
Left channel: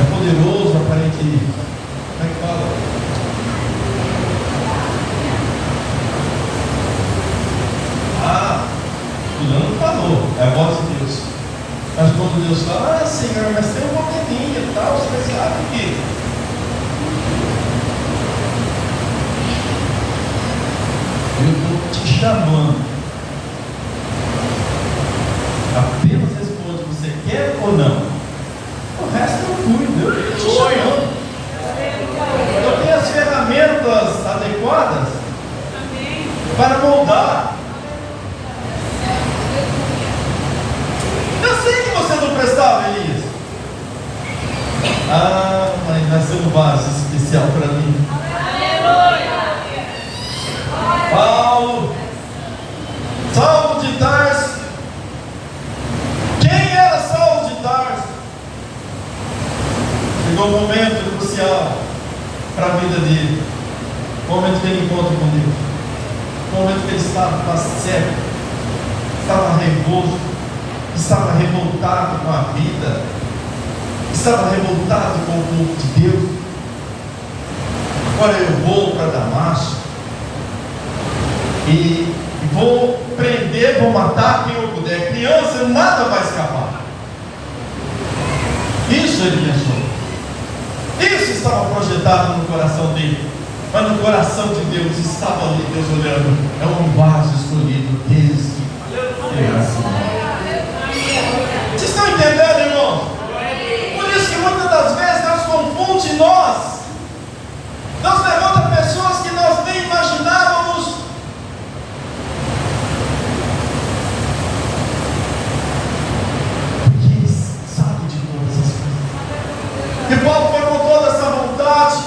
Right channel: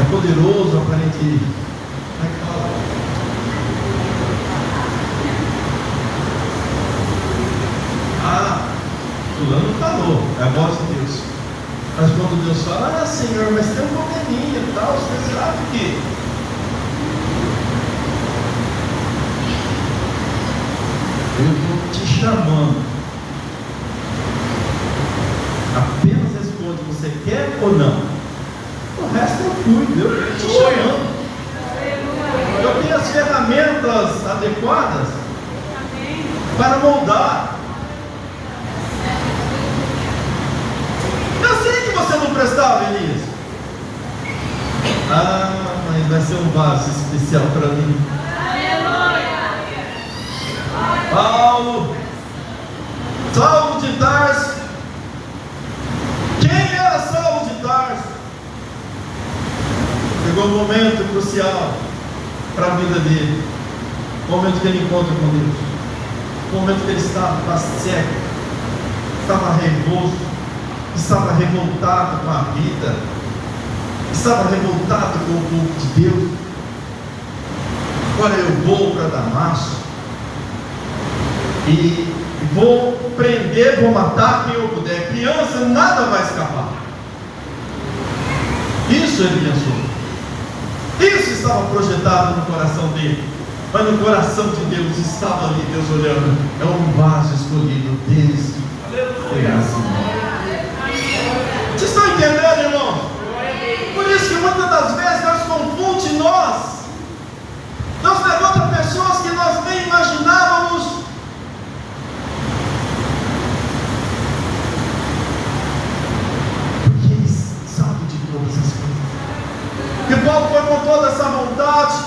é poderoso, aparente. Como é que fala? Fulano falou, é a voz de Deus. Mas quando Deus fala, Senhor, mas tem um probleminha e tal, você sabe que eu estou te chamando. Apenas responde, você quer ou não? O resto eu cuido, eu estou te chamando. Eu tenho as ferramentas adequadas para moldar. Eu sei que você não prestava, Elias. Mas vai ser um vaso especial para mim. Paulo, Saulo de Tarso. Quem era Saulo de Tarso? Chegou o momento crucial para a vida dele. O momento que ele encontra com Deus. O momento que ele estava cego, estava revolto, estava revoltado com a vida, estava revoltado com o povo de Deus. Agora eu vou para Damasco e vou prender, vou matar quem eu puder. Criança, nada vai escapar. Isso ele pensou. Isso estava projetado no coração dele. Mas no coração de Deus estava ali, Deus olhando. É um vaso escolhido desde criação. Vocês estão entendendo, irmão? Por isso que muitas das vezes Deus confunde nós. Deus levanta pessoas que nós nem imaginávamos. Porque Ele sabe de todas as coisas. E Paulo foi com toda essa vontade.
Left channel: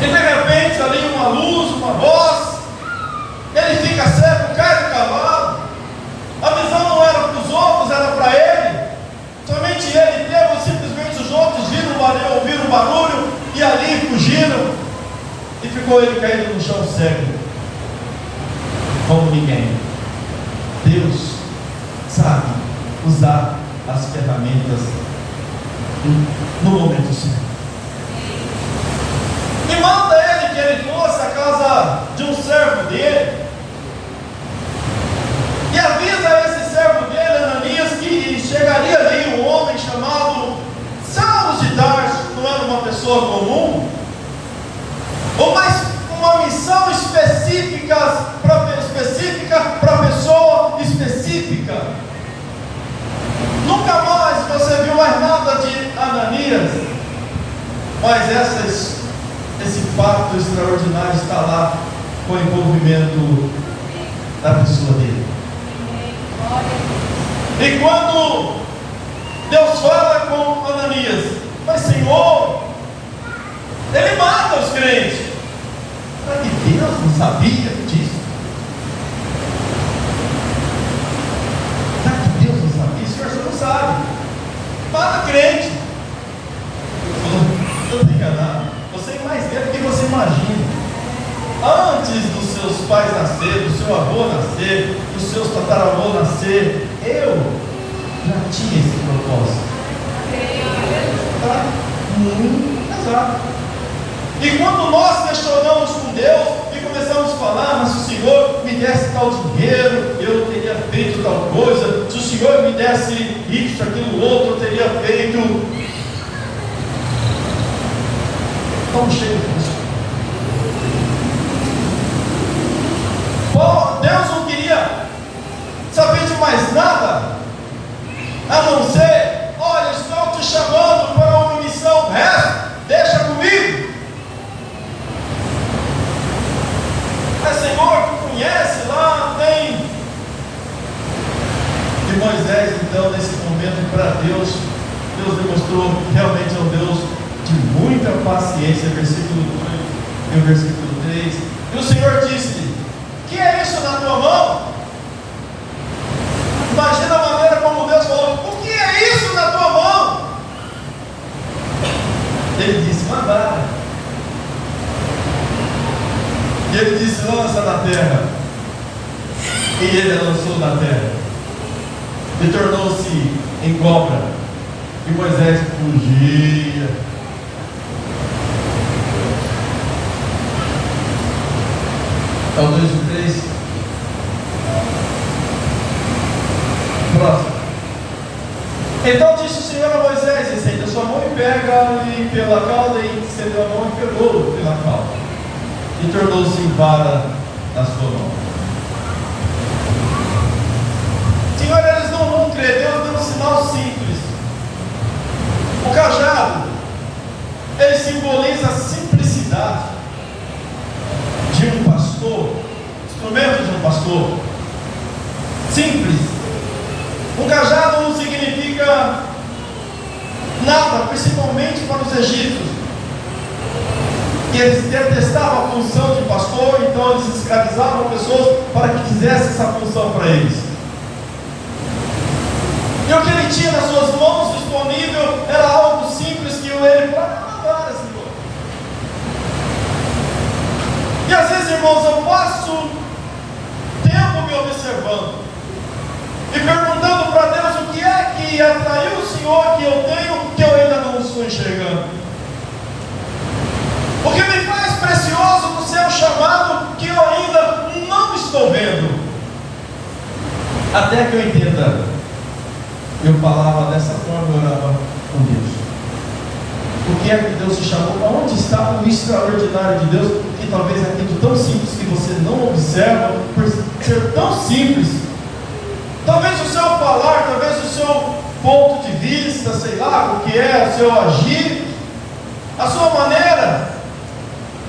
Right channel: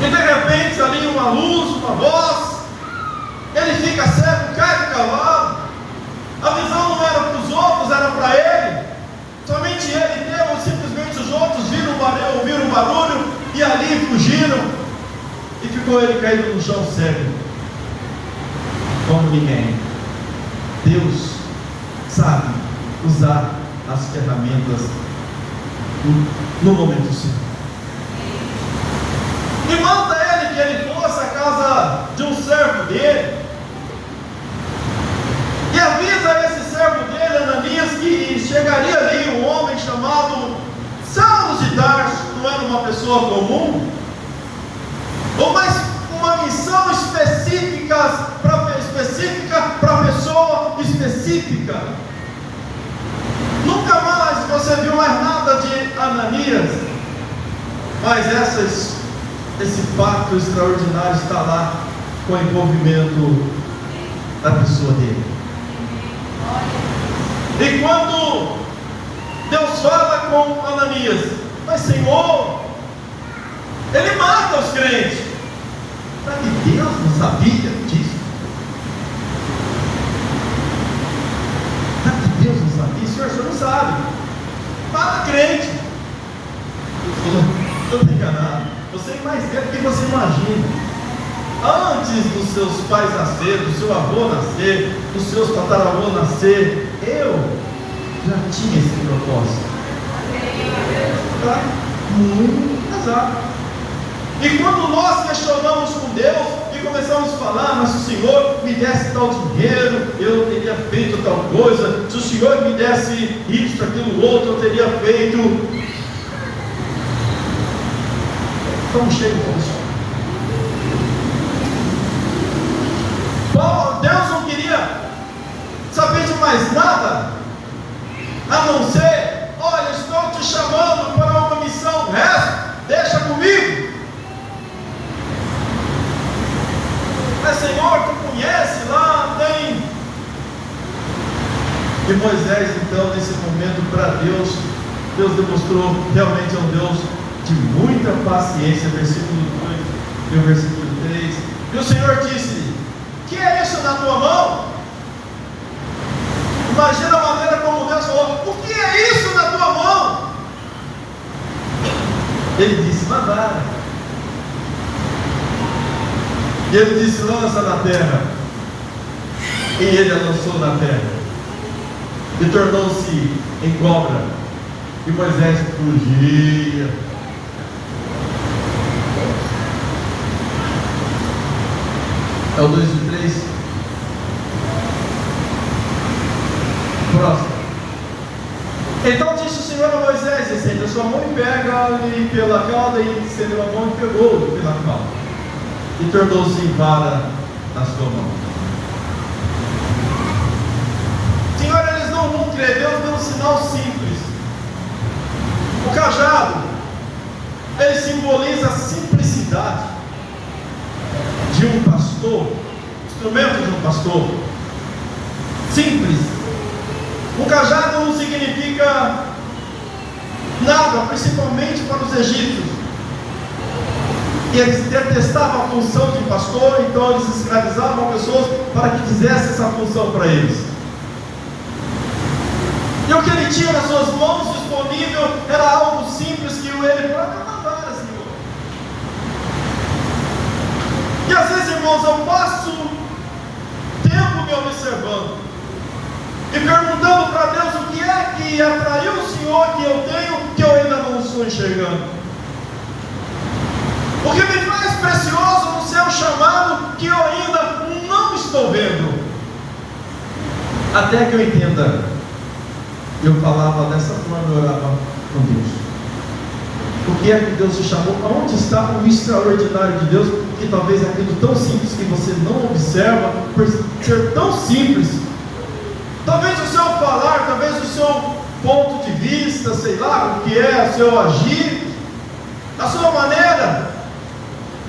E de repente ali uma luz, uma voz. Ele fica cego, cai do cavalo. A visão não era para os outros, era para ele. Somente ele teve, simplesmente os outros ouviram o barulho e ali fugiram. E ficou ele caído no chão cego, como ninguém. Deus sabe usar as ferramentas no momento certo. E manda ele que ele fosse à casa de um servo dele. E avisa esse servo dele, Ananias, que chegaria ali um homem chamado Saulo de Tarso. Não era uma pessoa comum, ou mais uma missão específica para pessoa específica. Nunca mais você viu mais nada de Ananias, mas esse fato extraordinário está lá com o envolvimento da pessoa dele. E quando Deus fala com Ananias, mas Senhor, ele mata os crentes. Será que Deus não sabia disso? Será que Deus não sabia? Senhor, você não sabe. Mata crente. Não estou enganado. Você é mais velho do que você imagina. Antes dos seus pais nascer, do seu avô nascer, dos seus tataravôs nascer, eu já tinha esse propósito. Tá? Muito exato. E quando nós questionamos com Deus e começamos a falar, mas se o Senhor me desse tal dinheiro, eu teria feito tal coisa, se o Senhor me desse isso, aquilo, outro, eu teria feito. Vamos cheio disso. Deus não queria saber de mais nada, a não ser, olha, estou te chamando para uma missão, o resto, deixa comigo. mostrou realmente é um Deus de muita paciência, versículo 2 e o versículo 3. E o Senhor disse-lhe: que é isso na tua mão? Imagina a maneira como Deus falou: o que é isso na tua mão? Ele disse: uma vara. E ele disse: lança na terra. E ele a lançou na terra, e tornou-se em cobra, e Moisés fugia. É o 2 e 3. Próximo. Então disse o Senhor a Moisés: estende a sua mão e pega-lhe pela cauda, e estendeu a mão e pegou-lhe pela cauda, e tornou-se em vara na sua mão. Senhor, eles não vão crer. Deus deu um sinal simples. O cajado, ele simboliza a simplicidade de um pastor, instrumento de um pastor, simples. O cajado não significa nada, principalmente para os egípcios. E eles detestavam a função de pastor, então eles escravizavam pessoas para que fizessem essa função para eles. E o que ele tinha nas suas mãos disponível era algo simples que ele falava: Senhor. E às vezes, irmãos, eu passo tempo me observando e perguntando para Deus o que é que atraiu o Senhor que eu tenho, que eu ainda não estou enxergando. O que me faz precioso no seu chamado, que eu ainda não estou vendo. Até que eu entenda. Eu falava dessa forma, eu orava com Deus. O que é que Deus te chamou? Onde está o extraordinário de Deus? Que talvez é aquilo tão simples que você não observa, por ser tão simples. Talvez o seu falar, talvez o seu ponto de vista, sei lá, o que é o seu agir, a sua maneira.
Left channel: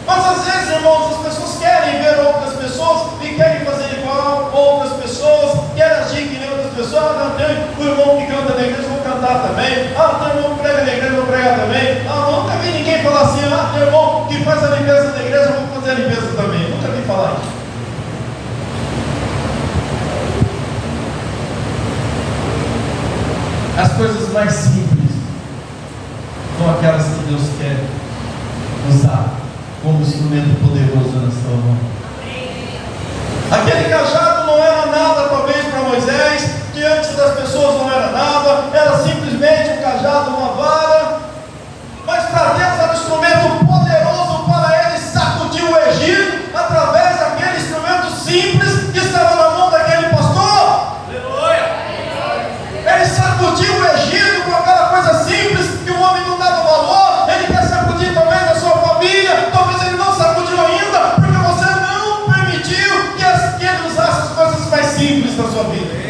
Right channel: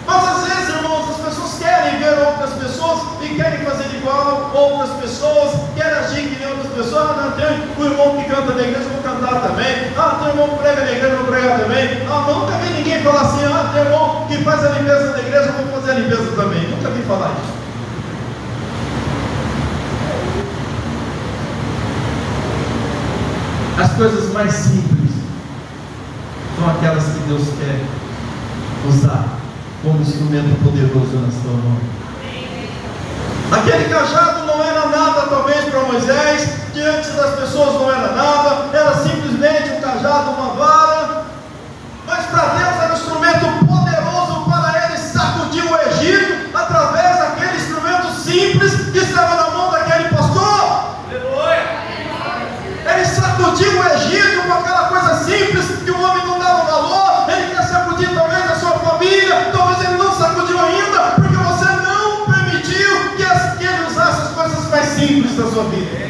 Mas às vezes, irmãos, as pessoas querem ver outras pessoas e querem fazer igual a outras pessoas, querem agir que nem outras pessoas. Ah, tem o irmão que canta na igreja, eu vou cantar também. Ah, tem o irmão que prega na igreja, eu vou pregar também. Ah, nunca vi ninguém falar assim: ah, tem o irmão que faz a limpeza da igreja, eu vou fazer a limpeza também. Nunca vi falar isso. As coisas mais simples são aquelas que Deus quer usar como instrumento poderoso na sua mão. Aquele cajado não era nada, talvez, para Moisés, diante das pessoas não era nada, era simplesmente um cajado, uma vara, mas para Deus era um instrumento poderoso para ele sacudir o Egito através daquele instrumento simples que estava na mão daquele pastor. Aleluia! Ele sacudiu o Egito com aquela coisa simples que o homem não dava valor. Ele quer sacudir talvez a sua família, talvez ele não sacudiu ainda, porque você não permitiu que ele usasse as coisas mais simples da sua vida.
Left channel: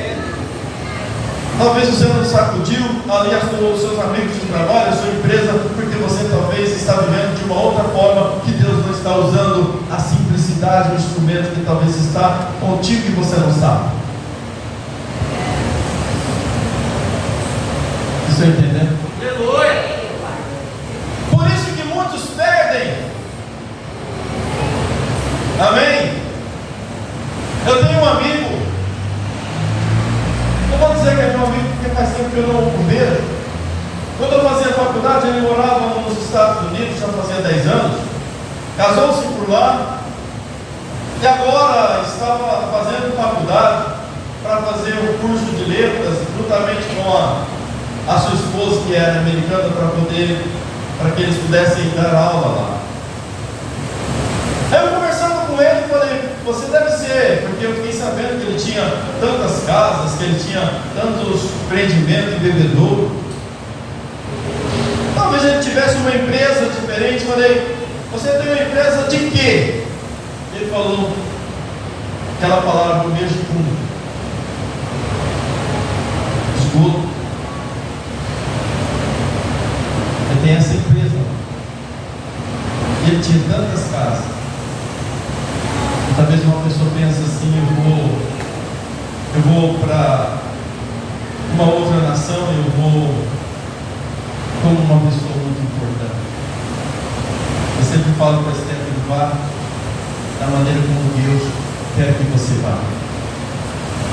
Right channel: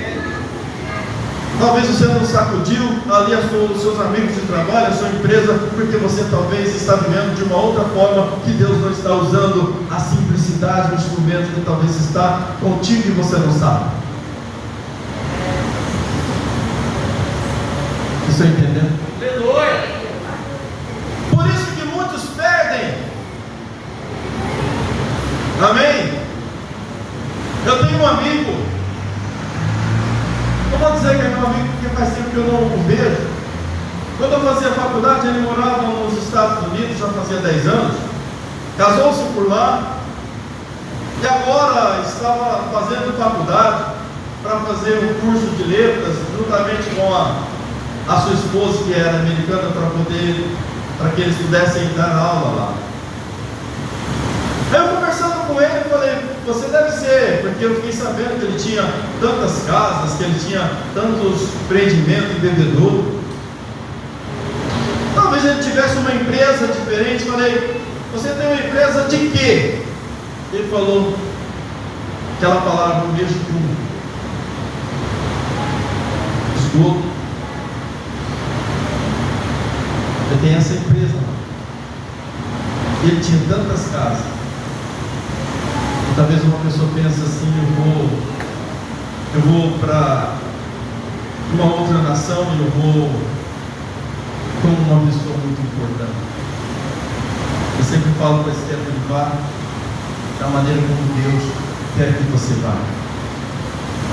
Talvez você não sacudiu ali os seus amigos de trabalho, a sua empresa, porque você talvez está vivendo de uma outra forma, que Deus não está usando a simplicidade do instrumento que talvez está contigo e você não sabe. Estou entendendo? Aleluia! Por isso que muitos perdem. Amém? Eu tenho um amigo, não vou dizer que é meu amigo porque faz tempo que eu não o vejo. Quando eu fazia faculdade, ele morava nos Estados Unidos, já fazia 10 anos, casou-se por lá, e agora estava fazendo faculdade para fazer um curso de letras, juntamente com a sua esposa, que era americana, para que eles pudessem dar aula lá. Aí eu conversando com ele, falei: você deve ser, porque eu fiquei sabendo que ele tinha tantas casas, que ele tinha tantos empreendimentos em bebedouro. Talvez ele tivesse uma empresa diferente. Falei: você tem uma empresa de quê? Ele falou aquela palavra, o mesmo fundo, esgoto. Eu tenho essa empresa. E ele tinha tantas casas. E talvez uma pessoa pense assim: eu vou para uma outra nação e eu vou como uma pessoa muito importante. Eu sempre falo para a Stephanie, vá da maneira como Deus quer que você vá.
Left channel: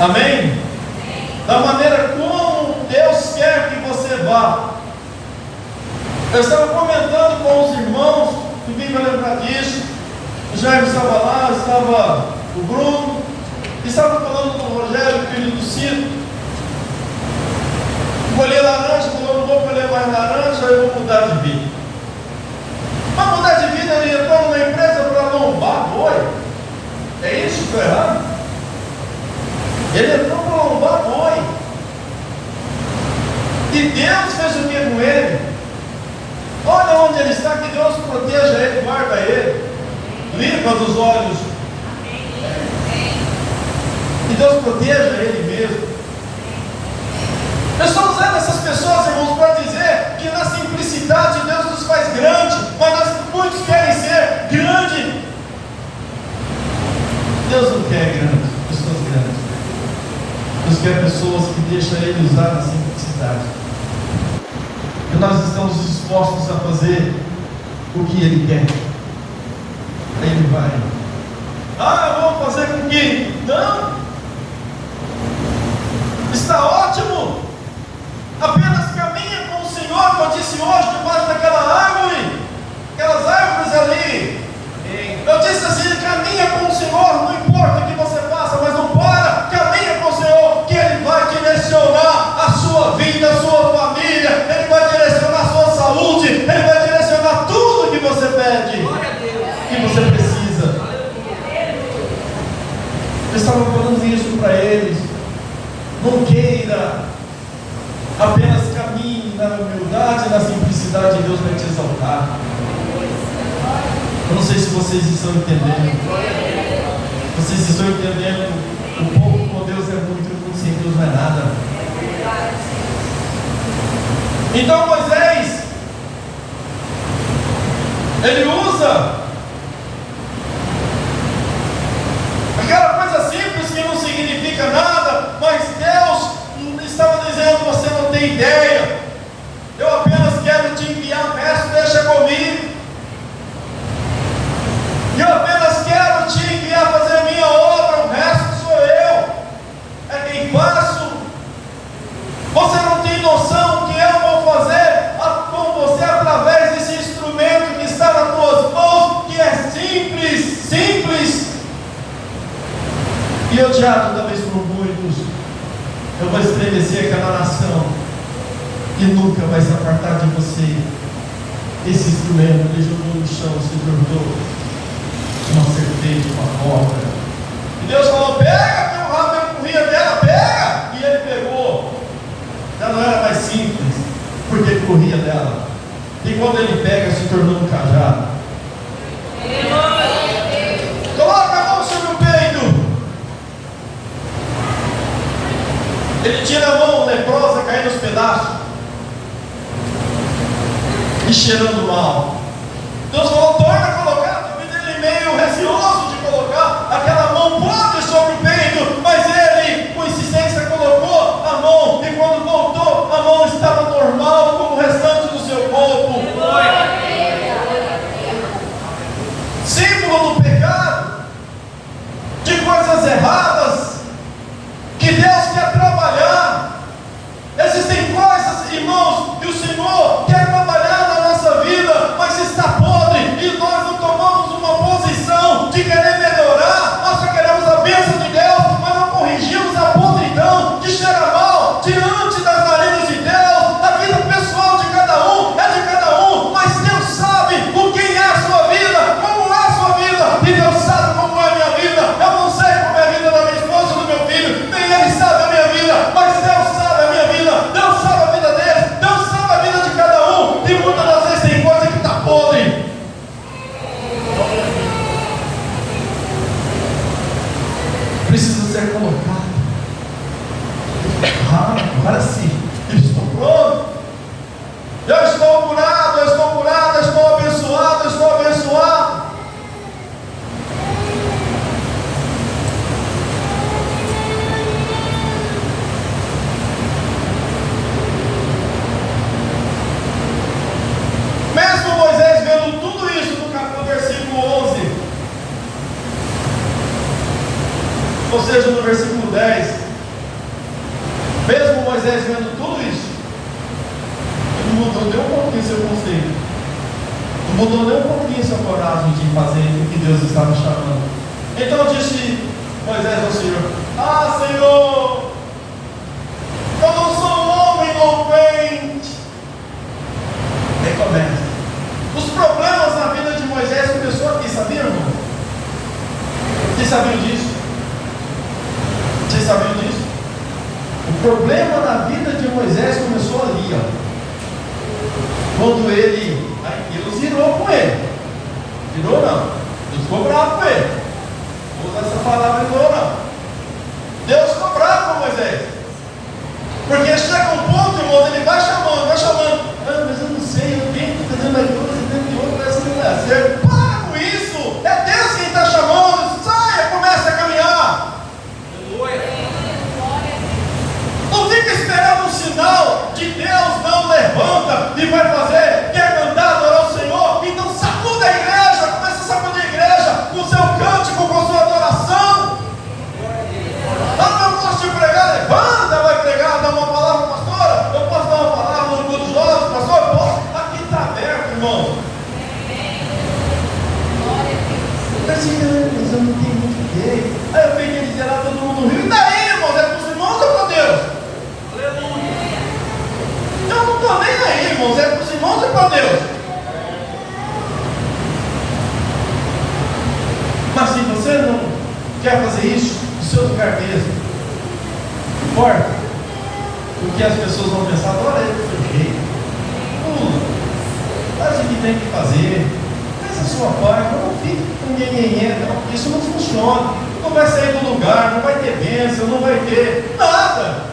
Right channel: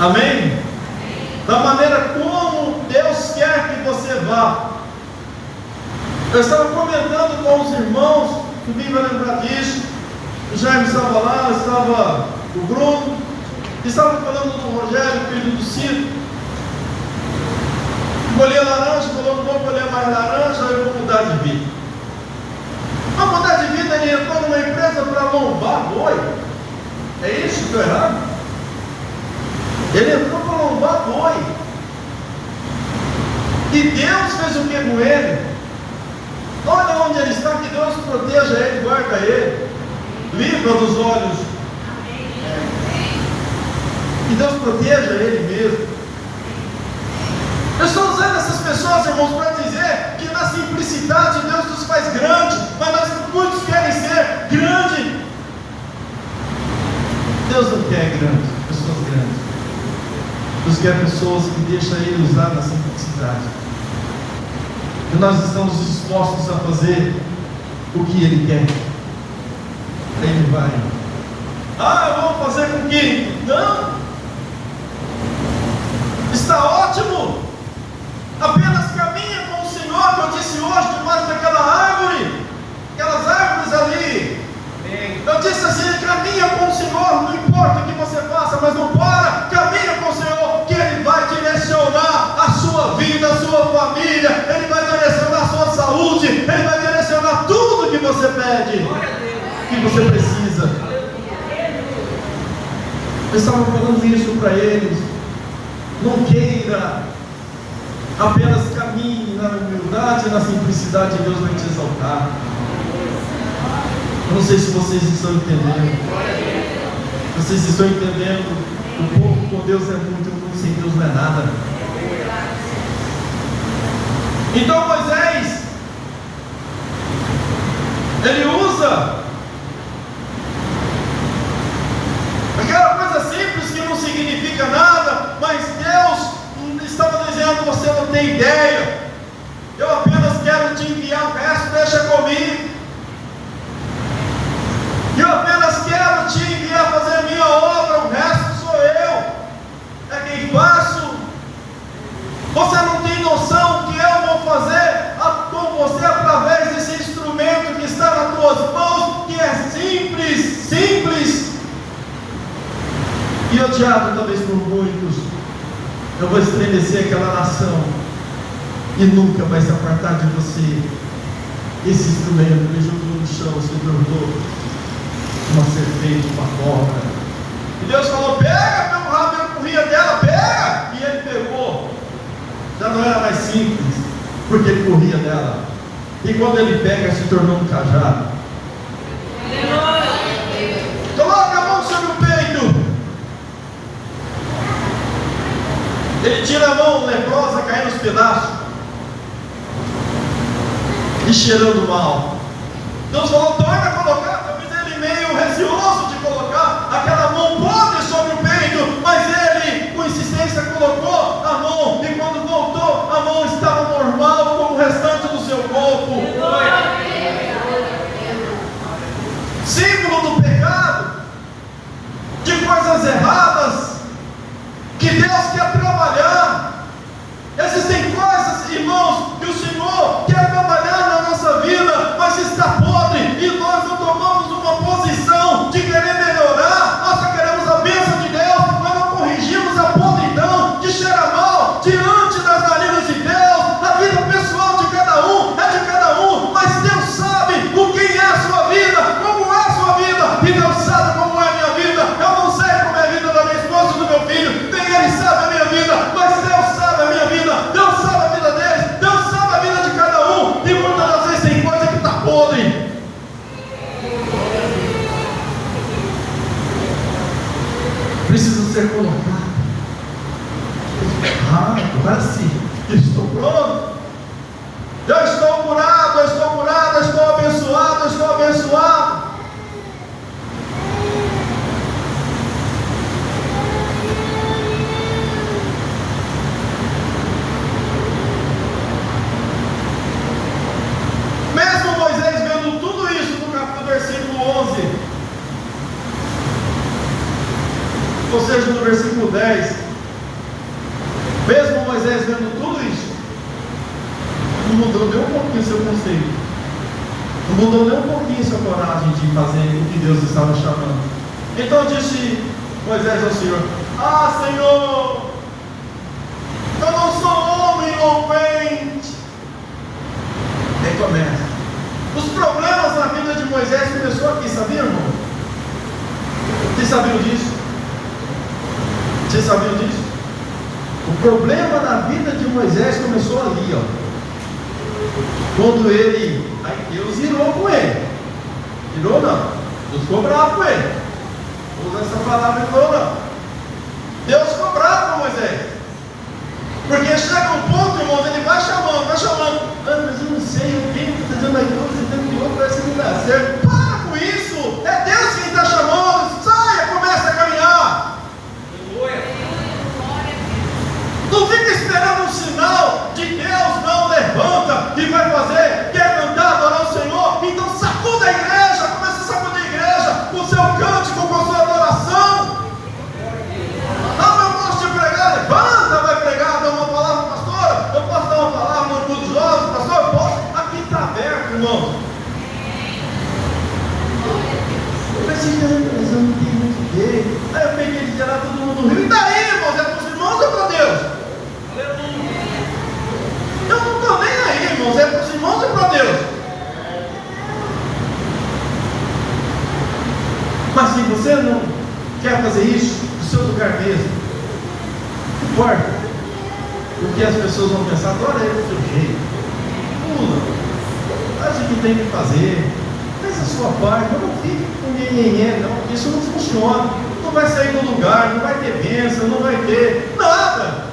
Amém? Da maneira como Deus quer que você vá. Eu estava comentando com os irmãos, ninguém vai lembrar disso. O Jaime estava lá, estava o Bruno, estava falando do Rogério, filho do Ciro. Colher laranja, falou, não vou colher mais laranja, eu vou mudar de vida. Para mudar de vida, ele entrou numa empresa para lombar boi. É isso que estou errado? Ele entrou para lombar boi. E Deus fez o que com ele? Olha onde ele está, que Deus proteja ele, guarda ele, livra dos olhos. Que Deus proteja ele mesmo. Eu estou usando essas pessoas, irmãos, para dizer que na simplicidade Deus nos faz grande, mas muitos querem ser grande. Deus não quer grande, pessoas grandes. Deus quer pessoas que deixam Ele usar na simplicidade. E nós estamos dispostos a fazer o que Ele quer. Ele vai. Eu vou fazer com que? Não. Está ótimo. Apenas caminha com o Senhor, como eu disse hoje, debaixo daquela árvore, aquelas árvores ali. Eu disse assim, caminha com o Senhor, não importa o que você faça, mas não para, caminha com o Senhor, que Ele vai direcionar a sua vida, a sua família, Ele vai direcionar a sua saúde, Ele vai direcionar tudo que você pede, que você precisa. Eu estava falando isso para eles, não queira, apenas caminhe na humildade e na simplicidade e Deus vai te exaltar. Eu não sei se vocês estão entendendo. Vocês estão entendendo? O povo com Deus é muito, o povo sem Deus não é nada. Então Moisés, ele usa aquela coisa simples que não significa nada, mas Deus estava dizendo, você não tem ideia, eu apenas quero te enviar, o resto deixa comigo, eu apenas quero te enviar fazer a minha obra, o resto sou eu, é quem faço. Você não tem noção que eu vou fazer com você através desse instrumento que está nas tuas mãos, que é simples e odiado talvez por muitos. Eu vou estremecer aquela nação e nunca vai se apartar de você. Esse instrumento, ele jogou no chão, se tornou uma serpente, uma cobra. E Deus falou, pega pelo rabo, ele corria dela, pega! E ele pegou. Já não era mais simples, porque ele corria dela. E quando ele pega, se tornou um cajado. Coloca a mão sobre o peito. Ele tira a mão leprosa, caindo nos pedaços e cheirando mal. Deus falou, torna a colocar. Talvez ele meio receoso de colocar aquela mão podre sobre o peito, mas ele com insistência colocou a mão, e quando voltou a mão estava normal como o restante do seu corpo. Símbolo do pecado, de coisas erradas que Deus quer trabalhar. Existem coisas, irmãos, que o Senhor quer trabalhar na nossa vida, mas está podre, e nós Ou seja, no versículo 10, mesmo Moisés vendo tudo isso, não mudou nem um pouquinho seu conceito, não mudou nem um pouquinho sua coragem de fazer o que Deus estava chamando. Então disse Moisés ao Senhor: ah, Senhor, eu não sou homem eloquente. Aí começa. Os problemas na vida de Moisés começou aqui, sabiam, irmão? Vocês sabiam disso? Vocês sabiam disso? O problema na vida de Moisés começou ali, ó. Quando Deus irou com ele. Irou não. Deus ficou bravo com ele. Vou usar essa palavra, irou não. Deus ficou bravo com Moisés. Porque chega um ponto, irmão, ele vai chamando. Ah, mas eu não sei, eu tenho que fazer mais coisa, eu tenho que outro, parece que não dá certo. Para com isso! É Deus quem está chamando. Saia, comece a caminhar. Aleluia. Não fica esperando um sinal de Deus, não levanta e vai fazer. Quer cantar, adorar o Senhor? Então sacuda a igreja, comece a sacudir a igreja com o seu cântico, com a sua adoração. Ah, eu posso te pregar? Levanta, vai pregar, dá uma palavra, pastor. Eu posso dar uma palavra no culto dos jovens, pastor? Eu posso. Aqui está aberto, irmão. Mas eu não tenho muito jeito. Aí eu peguei de gerar todo mundo no rio. E daí, irmãos? É para os irmãos ou para Deus? Aleluia. Eu não estou nem aí, irmãos. É para os irmãos ou para Deus? Mas se você não quer fazer isso no seu lugar mesmo, não importa, porque as pessoas vão pensar: adora ele, seu rei, pula, faz o que tem que fazer, faz a sua parte, não fique com ninguém, não, isso não funciona, não vai sair do lugar, não vai ter bênção, não vai ter nada.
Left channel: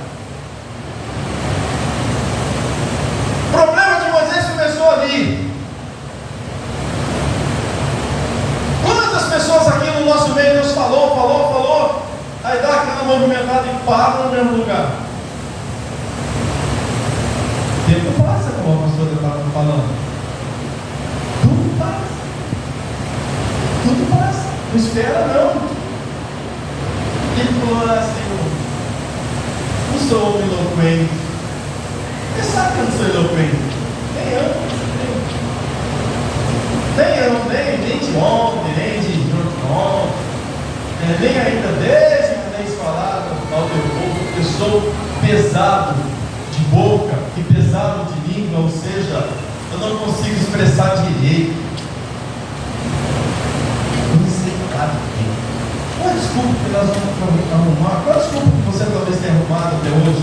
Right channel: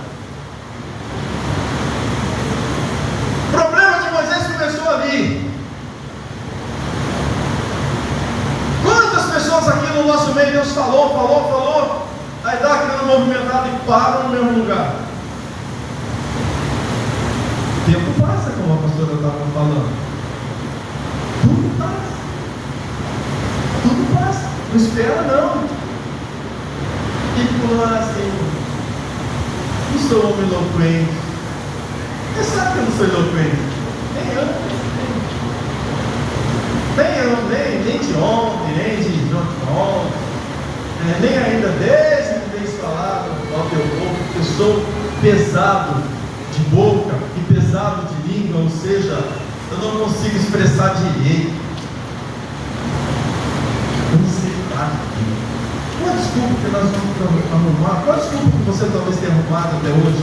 O problema de Moisés começou ali. Quantas pessoas aqui no nosso meio Deus falou, aí dá aquela movimentada e para no mesmo lugar. O tempo passa, como a pastora estava falando. Tudo passa, não espera não. Ele falou: ah, Senhor, não sou homem eloquente. Você sabe que eu não sou eloquente? Nem de ontem, nem de ontem, nem ainda desde que nem se falava ao teu povo, porque eu sou pesado de boca e pesado de língua, ou seja, eu não consigo expressar direito. Eu não sei falar direito. Qual a desculpa que nós vamos arrumar? Qual a desculpa que você talvez tenha arrumado até hoje?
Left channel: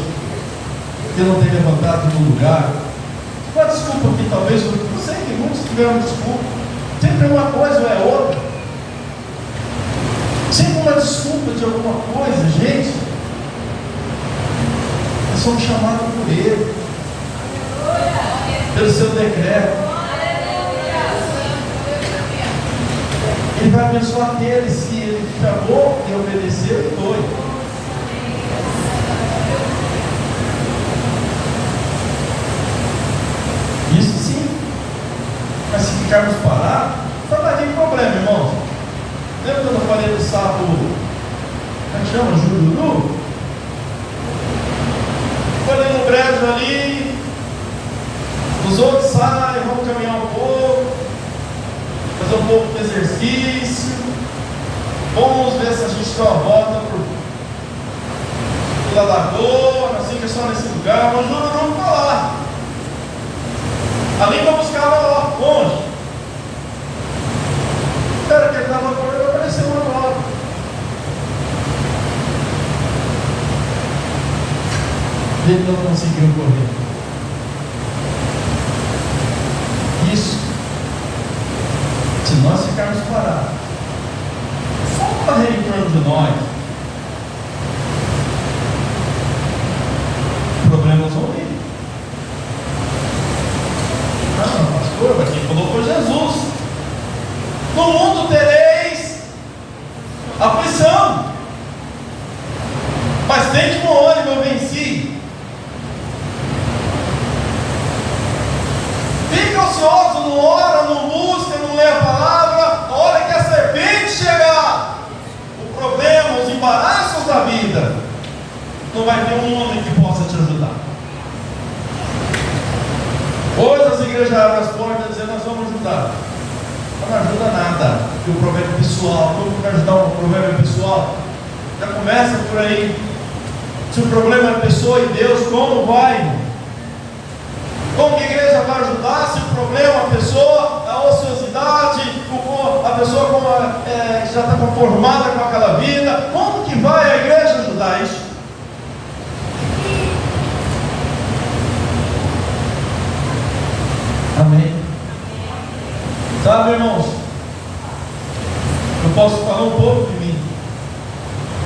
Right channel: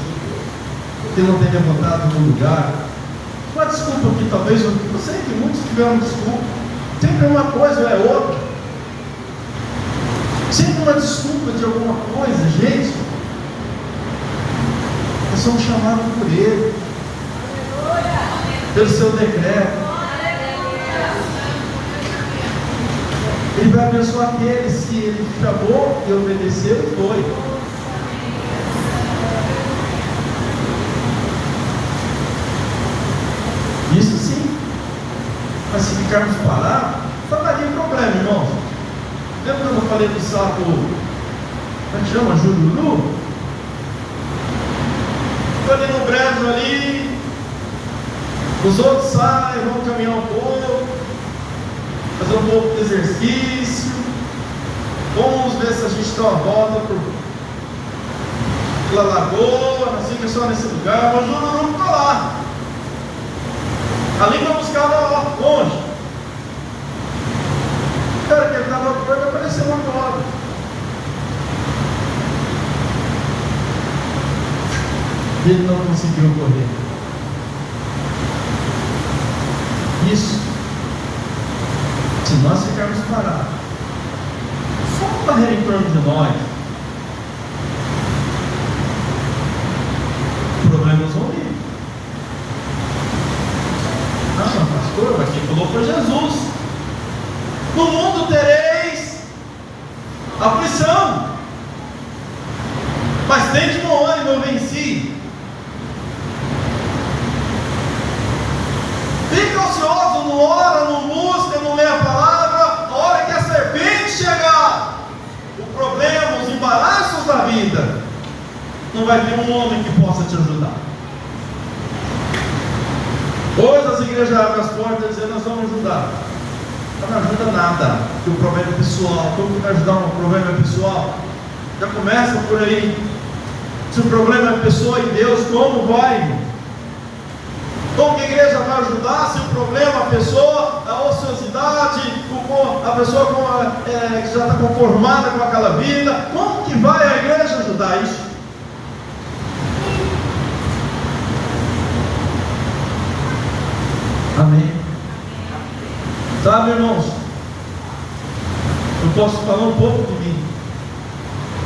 Que não tem levantado no lugar? Qual a desculpa que talvez, eu sei que muitos tiveram desculpa. Sempre uma coisa ou é outra. Sempre uma desculpa de alguma coisa, gente. Nós somos chamados por Ele, pelo seu decreto. Ele vai abençoar aqueles que Ele chamou e obedeceu e foi. Isso sim. Mas se ficarmos parados, só vai ter problema, irmãos. Lembra quando eu falei do sapo, como é que chama? Jururu? Foi ali no brejo ali, os outros saem, vão caminhar um pouco, fazer um pouco de exercício, vamos ver se a gente dá uma volta pela lagoa, não sei que é só nesse lugar, mas o Jururu está lá. Ali para buscar lá longe. Cara, que ele estava perto, apareceu uma nova. Ele não conseguiu correr. Isso, se nós ficarmos parados, só correr em torno de nós, problemas vão vir. Não, pastor, mas quem falou foi Jesus. No mundo tereis aflição, mas tem de bom ânimo, eu venci. Fica ocioso, não ora, não busca, não lê a palavra. A hora que a serpente chegar, o problema, os embaraços não vai ter um homem que possa te ajudar. Hoje as igrejas abrem as portas dizendo: nós vamos ajudar. Mas não ajuda nada, porque o problema é pessoal. Como vai ajudar um problema pessoal? Já começa por aí. Se o problema é pessoa e Deus, como vai? Como que a igreja vai ajudar se o problema é a pessoa, a ociosidade, a pessoa que já está conformada com aquela vida? Como que vai a igreja ajudar isso? Amém? Sabe, irmãos, eu posso falar um pouco de mim.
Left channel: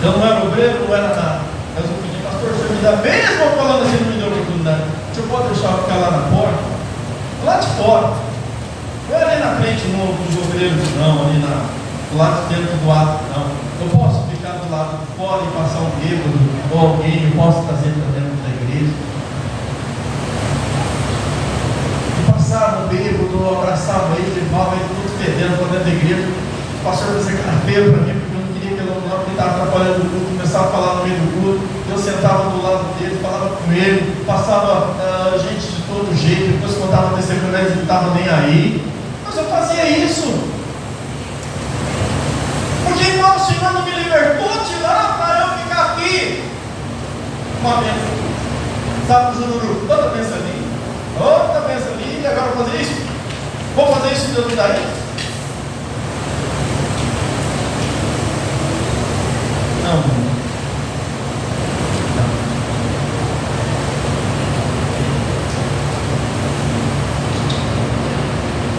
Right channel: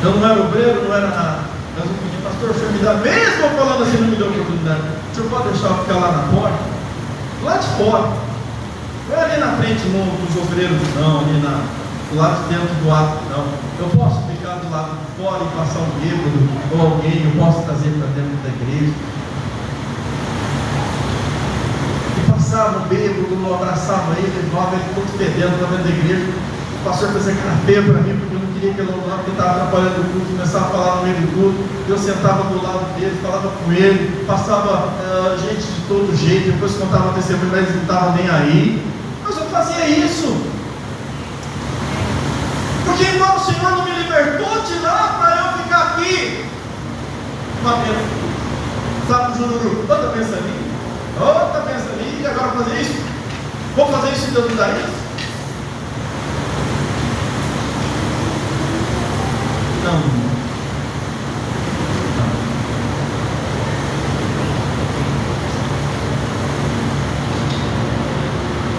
Eu não era obreiro, não era nada. Mas eu pedi: pastor, o senhor me dá, mesmo falando assim, não me deu oportunidade. O senhor pode deixar eu ficar lá na porta? Lá de fora. Não é ali na frente dos obreiros, não, ali do lado de dentro do ato, não. Eu posso ficar do lado de fora e passar um bêbado ou alguém, eu posso trazer para dentro da igreja. E passava um bêbado, eu abraçava ele, levava ele todo fedendo para dentro da igreja. O pastor fazia cara feia para mim, porque eu não queria que ele estava atrapalhando o culto, começava a falar no meio do culto. Eu sentava do lado dele, falava com ele, passava gente de todo jeito, depois contava testemunho, eles não estavam nem aí. Mas eu fazia isso, porque igual o Senhor não me libertou de lá para eu ficar aqui. Uma vez, sabe o Jururu? Outra pensa ali, e agora fazer isso? Vou fazer isso e Deus me dá isso? Não.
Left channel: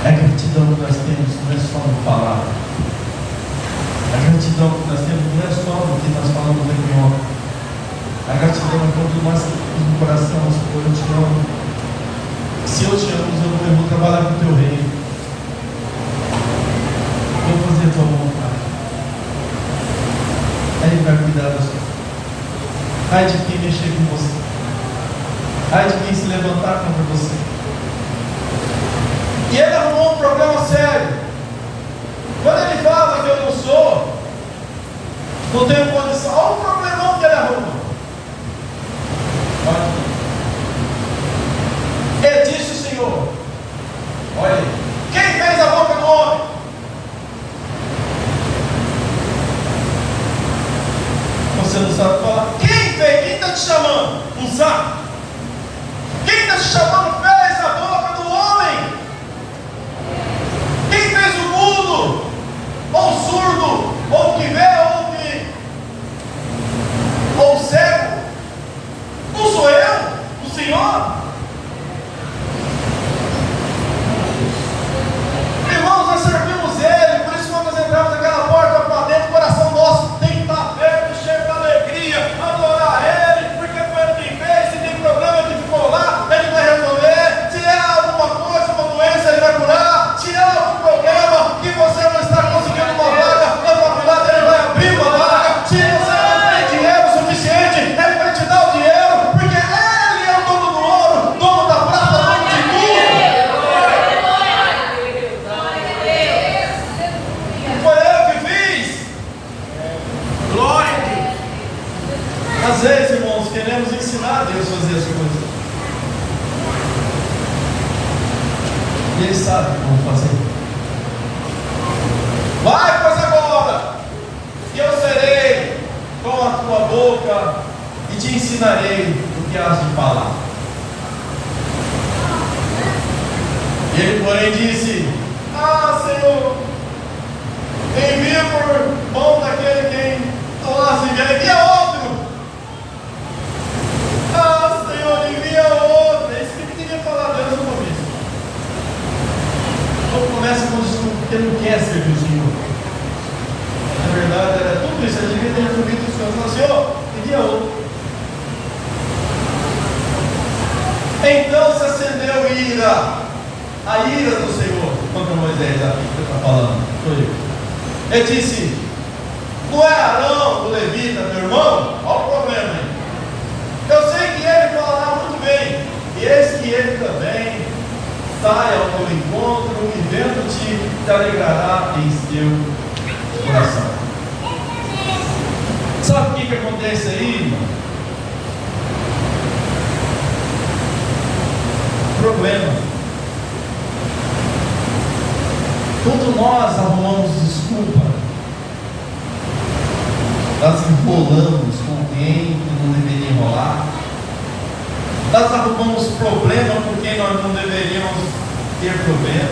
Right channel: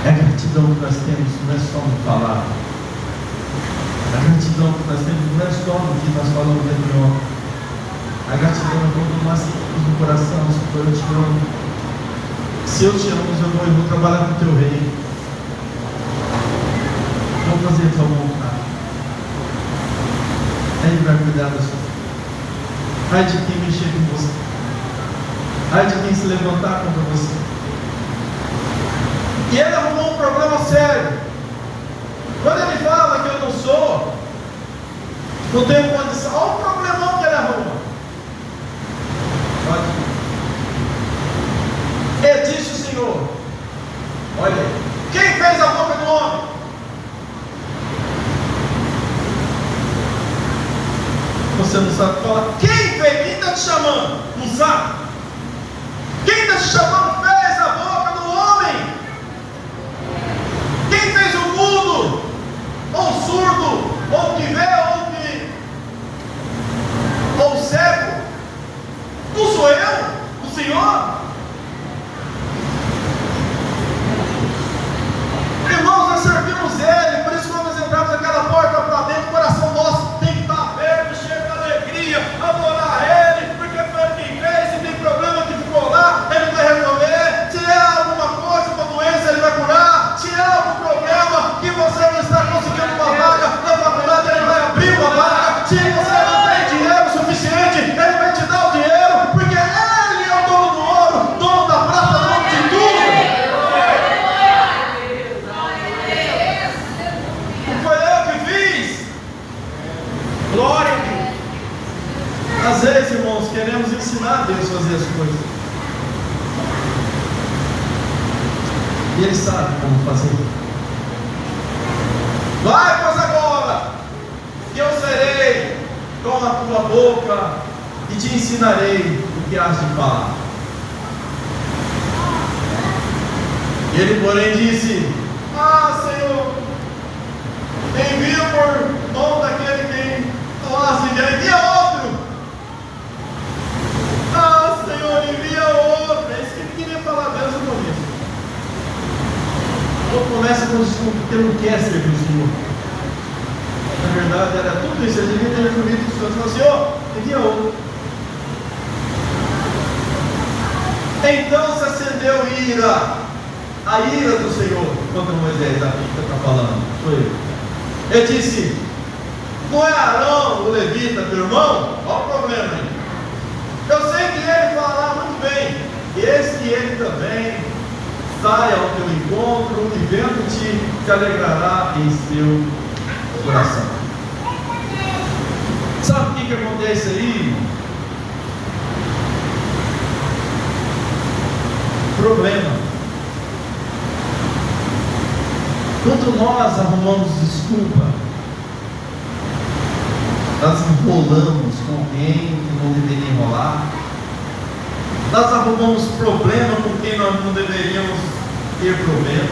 A gratidão que nós temos não é só no falar. A gratidão que nós temos não é só no que nós falamos aqui ontem. A gratidão é quando nós temos no coração: eu te amo. Se eu te amo, eu vou trabalhar com o teu reino. Vou fazer a tua vontade. Ele vai cuidar da sua vida. Ai de quem mexer com você. Ai de quem se levantar contra você. E ele arrumou um problema sério. Quando ele fala que eu não sou, não tenho condição, olha o problemão que ele arruma. Ele disse o Senhor: olha, quem fez a boca do homem? Você não sabe falar. Quem fez? Quem está te chamando? Não sabe? Quem está te chamando fez a boca do homem? Quem fez o mudo? Ou surdo? Ou que vê? Ou cego? Não sou eu? O Senhor? Irmãos, nós servimos Ele. Por isso quando nós entramos naquela porta para dentro, o coração nosso tem que estar aberto, cheio de alegria, adorar Ele, porque foi Ele quem fez. Se tem problema que ficou lá, Ele vai resolver. Se é alguma coisa, uma doença, Ele vai curar. Se é algum problema que você não está conseguindo uma vaga na faculdade, Ele vai abrir uma vaga. Se você não tem dinheiro suficiente, Ele vai te dar o dinheiro, porque Ele é o dono do ouro, dono da prata, dono de tudo. Não foi eu que fiz. Glória a Deus. Às vezes, irmãos, queremos ensinar a Deus a fazer as coisas, e Ele sabe como fazer. Vai, pois agora, e eu serei com a tua boca e te ensinarei o que has de falar. Ele, porém, disse: ah, Senhor, envia por mão daquele quem falasse, envia outro. Ah, Senhor, envia outro. É isso que ele queria falar a Deus no começo. Então começa com desculpa, porque não quer servir o Senhor. Na verdade, era tudo isso. Ele devia ter resolvido o Senhor. Falou: Senhor, envia outro. Então se acendeu ira, a ira do Senhor contra Moisés. Aqui que está falando, sou eu. Ele disse: não é Arão, o levita, teu irmão? Olha o problema aí. Eu sei que ele falará muito bem, e eis que ele também saia ao teu encontro, e vendo-te, te alegrará em seu coração. Sabe o que acontece aí, irmão? problema. Quando nós arrumamos desculpa, nós enrolamos com alguém que não deveria enrolar, nós arrumamos problema com quem nós não deveríamos ter problema.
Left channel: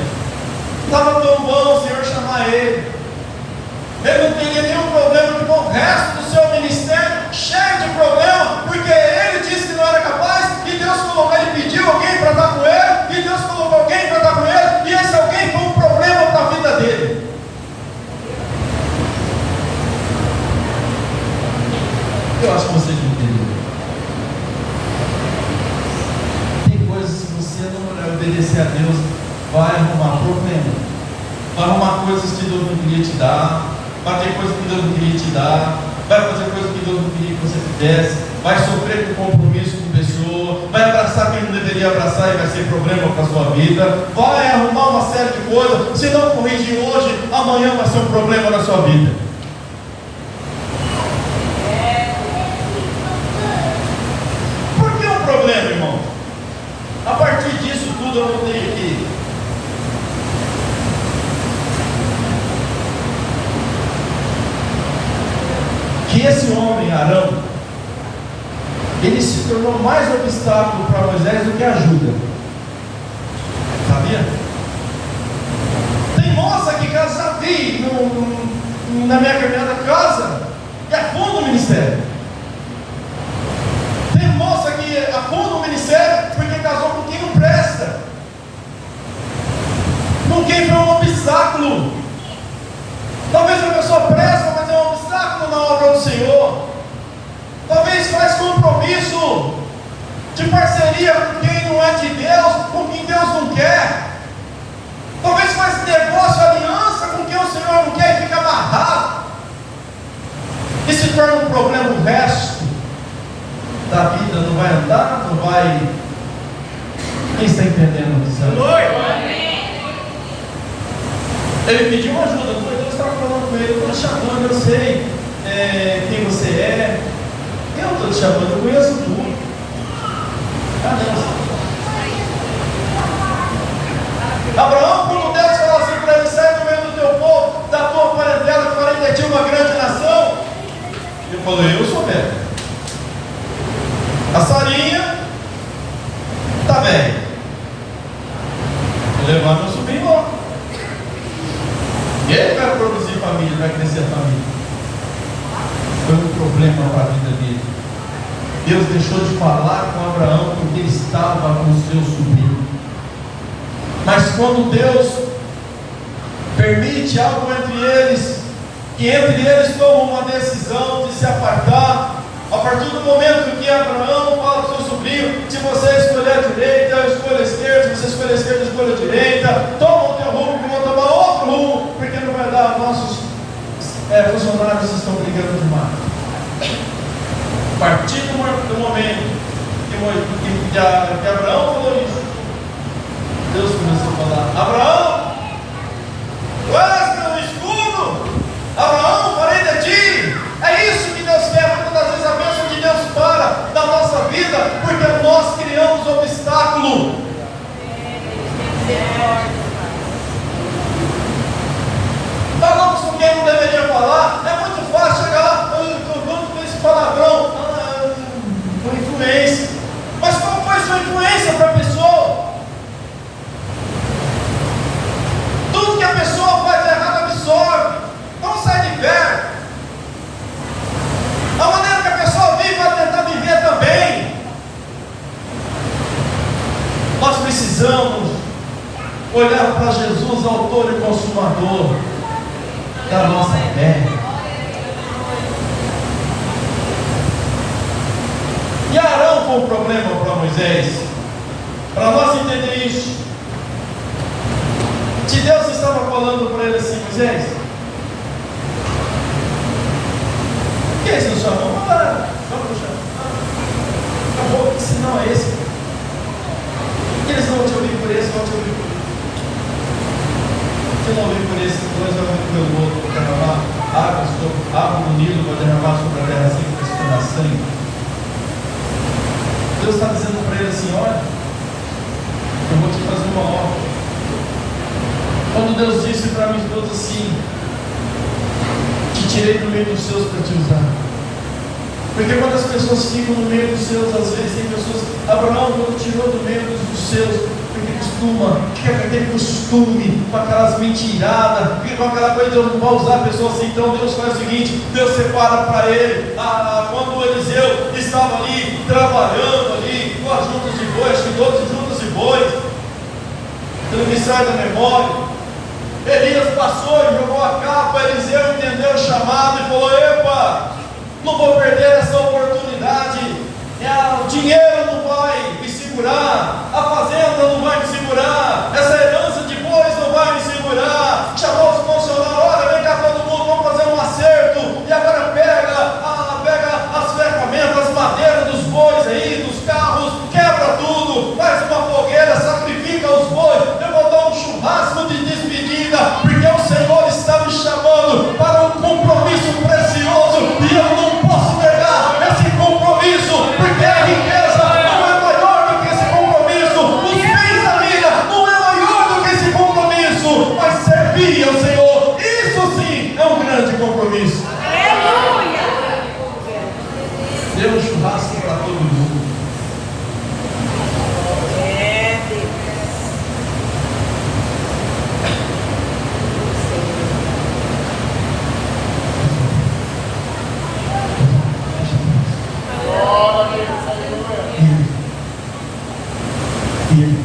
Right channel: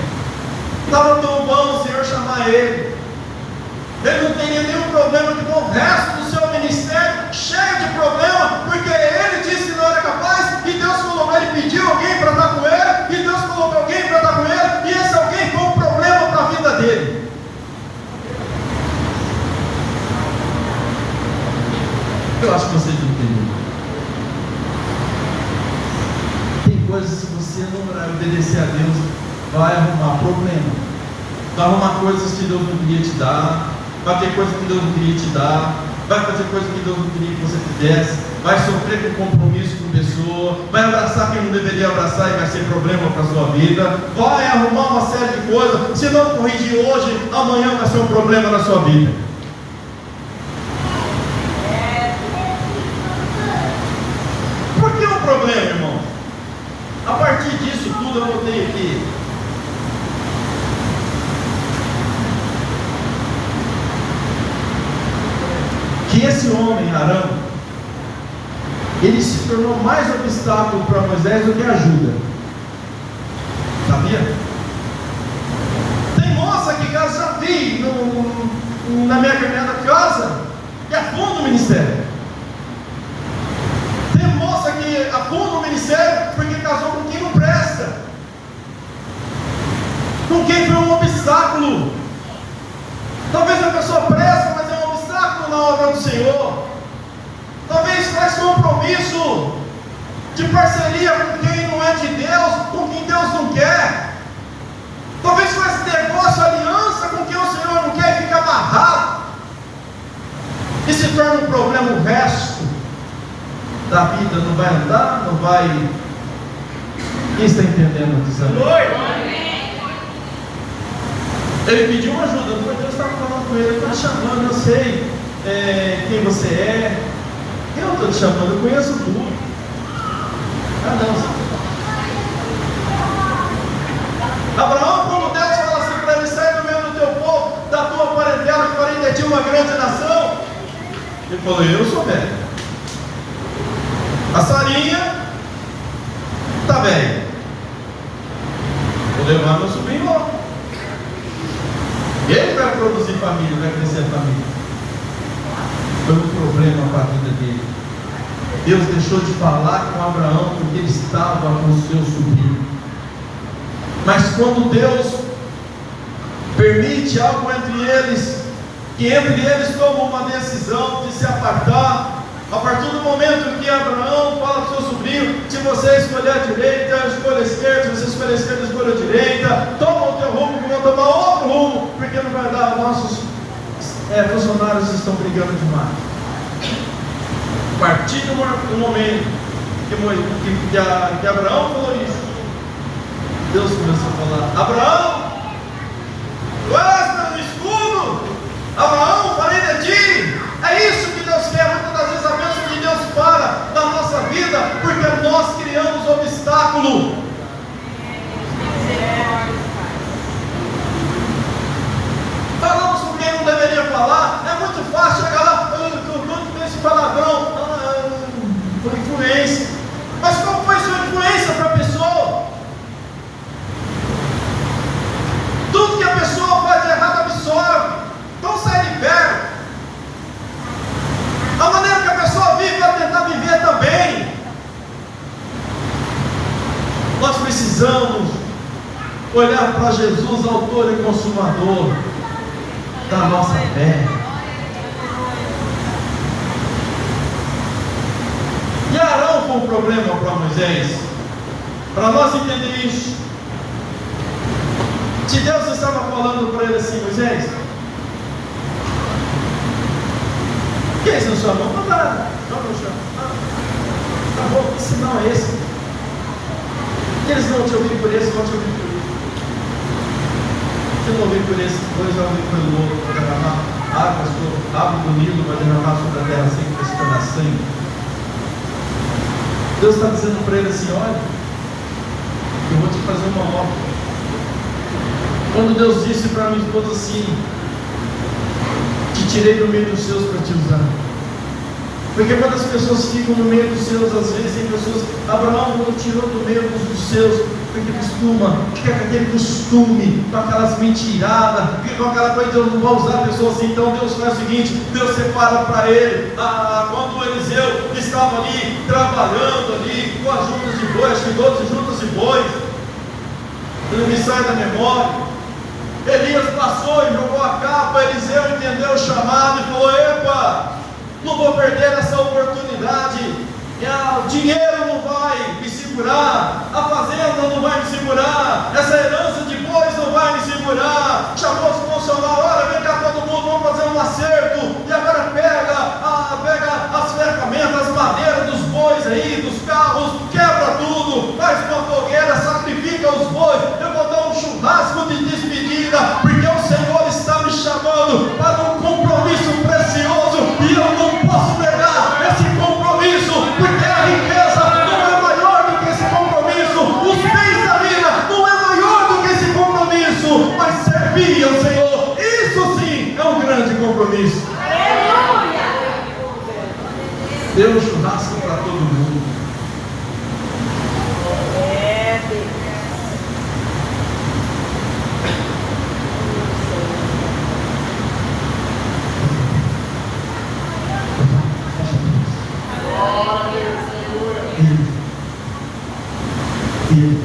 Estava tão bom o Senhor chamar ele. Ele não teria nenhum problema com o resto do seu ministério, cheio de problema, porque ele disse que não era capaz, e Deus colocou, ele pediu alguém para estar com ele, e Deus colocou alguém para estar com ele, e esse alguém foi um problema para a vida dele. Eu acho que vocês não entenderam. Tem coisas que você não obedecer a Deus, vai arrumar problema, vai arrumar coisas que Deus não queria te dar, vai ter coisas que Deus não queria te dar, vai fazer coisas que Deus não queria que você fizesse, vai sofrer com compromisso com pessoa, vai abraçar quem não deveria abraçar e vai ser problema para a sua vida, vai arrumar uma série de coisas. Se não corrigir hoje, amanhã vai ser um problema na sua vida. Por que um problema, irmão? A partir disso tudo eu notei aqui. Que esse homem, Arão, ele se tornou mais obstáculo para Moisés do que ajuda. Sabia? Tem moça que já vi na minha caminhada casa que afunda o ministério. Tem moça que afunda o ministério porque casou com quem não presta, com quem foi um obstáculo. Talvez a pessoa presta, mas é um obstáculo na obra do Senhor. Talvez faz compromisso de parceria com quem não é de Deus, com quem Deus não quer. Talvez faz negócio, aliança com quem o Senhor não quer e fica amarrado. E se torna um problema o resto da vida. Não vai andar, não vai. Quem está entendendo disso? Ele pediu ajuda, não foi Deus que estava falando com ele, eu estou te chamando, eu sei quem você é, eu estou te chamando, eu conheço tudo. Ah não, Abraão, como Deus fala assim para ele, sai do meio do teu povo, da tua parentela, porém de ti uma grande nação. Ele falou, eu sou velho. A Sarinha está velha. Vou levar meu sobrinho lá. Ele vai produzir família, vai crescer a família. Foi um problema para a vida dele. Deus deixou de falar com Abraão porque ele estava com o seu sobrinho. Mas quando Deus permite algo entre eles, que entre eles tomam uma decisão de se apartar, a partir do momento que Abraão fala com o seu sobrinho, se você escolher a direita, eu escolho a esquerda, se você escolher a esquerda, eu escolho a direita, toma o teu rumo, que eu vou tomar outro rumo, porque não vai dar, os nossos funcionários estão brigando demais. A partir do momento que Abraão falou isso, Deus começou a falar, Abraão, tu és meu escudo, Abraão, farei de ti. É isso que Deus quer. Muitas das vezes a bênção de Deus para da nossa vida, porque nós criamos obstáculo. Falamos com quem não deveria falar. É muito fácil chegar lá, com esse palavrão, por influência. Mas qual foi sua influência para a pessoa? Tudo que a pessoa faz de errado absorve. Então sai de perto. A maneira que a pessoa vive vai tentar viver também. Nós precisamos olhar para Jesus, autor e consumador da nossa fé. E Arão foi um problema para Moisés. Para nós entender isso, se Deus estava falando para ele assim, Moisés, por que você não chamou? Não dá nada. Acabou, que sinal é esse? Que eles vão te ouvir por esse, vão te ouvir por isso. Você não ouvir por esse, depois vai ouvir pelo outro, vai derramar água do Nilo, vai derramar sobre a terra assim, que vai se tornar sangue. Deus está dizendo para ele assim, olha, Eu vou te fazer uma obra. Quando Deus disse para minha esposa assim: te tirei do meio dos seus para te usar. Porque quando as pessoas ficam no meio dos seus, às vezes tem pessoas, Abraão não tirou do meio dos seus, porque costuma, fica com aquele costume, com aquelas mentiradas, fica com aquela coisa, Deus não vai usar a pessoa assim. Então Deus faz o seguinte: Deus separa para ele, quando Eliseu estava ali, trabalhando ali, com as juntas de bois, com 12 juntas de bois, ele me sai da memória. Elias passou e jogou a capa, Eliseu entendeu o chamado e falou: epa, não vou perder essa oportunidade, o dinheiro não vai me segurar, a fazenda não vai me segurar, essa herança de bois não vai me segurar. Chamou os funcionários: olha, vem cá todo mundo, vamos fazer um acerto, e agora pega as ferramentas, as madeiras dos bois aí, dos carros, quebra tudo, faz uma fogueira, sacrifica os bois, eu vou dar um churrasco de despedida, porque o Senhor está me chamando para um compromisso precioso, e eu não posso pegar esse compromisso, porque a riqueza não é maior do que esse compromisso, os bens da vida não é maior do que esse compromisso, mas servir ao Senhor, isso sim é um grande compromisso. Aleluia! Dê um churrasco para todo mundo. Ele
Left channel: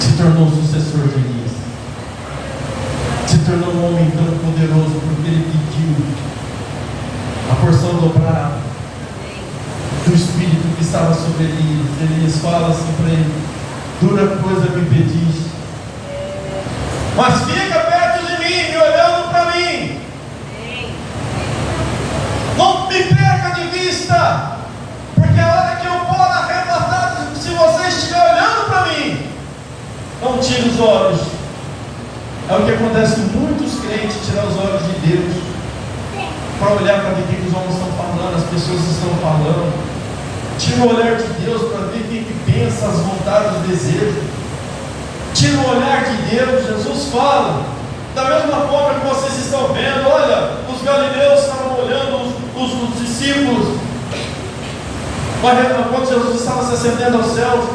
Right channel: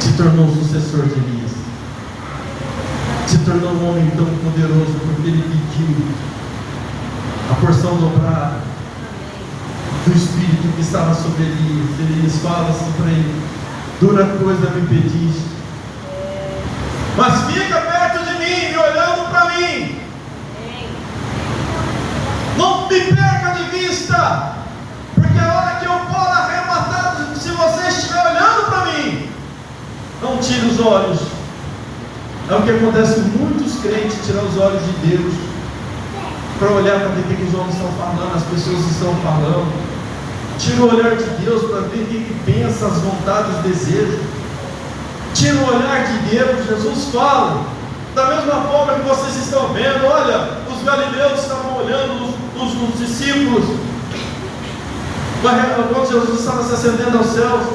se tornou sucessor de Elias, se tornou um homem tão poderoso porque ele pediu a porção dobrada do Espírito que estava sobre Elias. Elias fala assim para ele: dura coisa me pediste, mas fica perto de mim, me olhando para mim, não me perca de vista, porque a hora que eu for arrebatado, se você estiver olhando para mim, não tire os olhos. É o que acontece com muitos crentes: tirar os olhos de Deus para olhar para ver o que os homens estão falando, as pessoas estão falando. Tira o olhar de Deus para ver o que pensa, as vontades, os desejos. Tira o olhar de Deus. Jesus fala, da mesma forma que vocês estão vendo, olha, os galileus estavam olhando os discípulos, quando Jesus estava se ascendendo aos céus,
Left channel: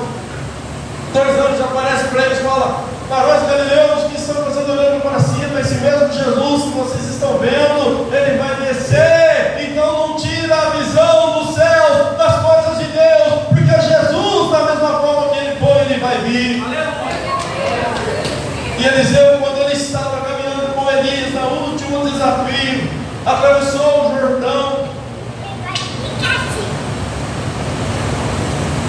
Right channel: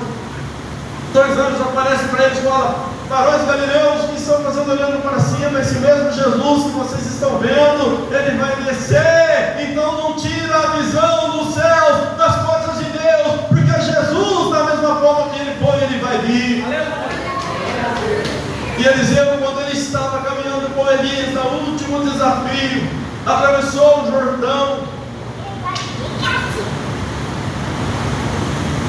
2 anos aparece para eles e fala: varões galileus que estão fazendo olhando para cima, esse mesmo Jesus que vocês estão vendo, ele vai descer. Então não tira a visão dos céus, das coisas de Deus, porque Jesus, da mesma forma que ele foi, ele vai vir. E Eliseu, quando ele estava caminhando com Elias no último desafio, atravessou o Jordão,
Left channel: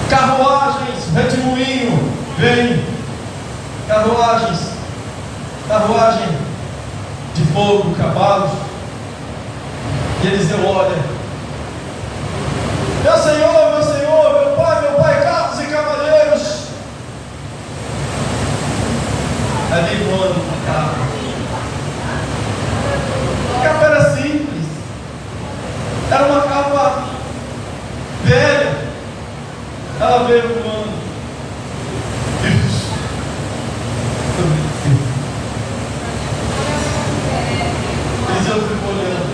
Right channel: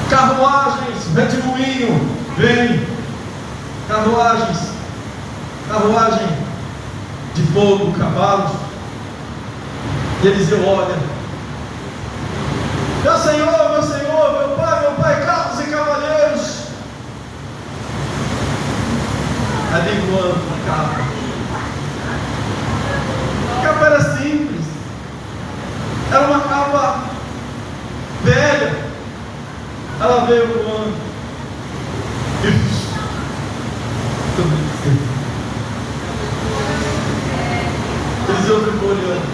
carruagens, redemoinho, vem, carruagem de fogo, cavalos. E Eliseu olha: meu Senhor, meu pai, carros e cavaleiros. Ali voando uma capa. A capa era simples, era uma capa velha. Ela veio voando. Eliseu ficou olhando.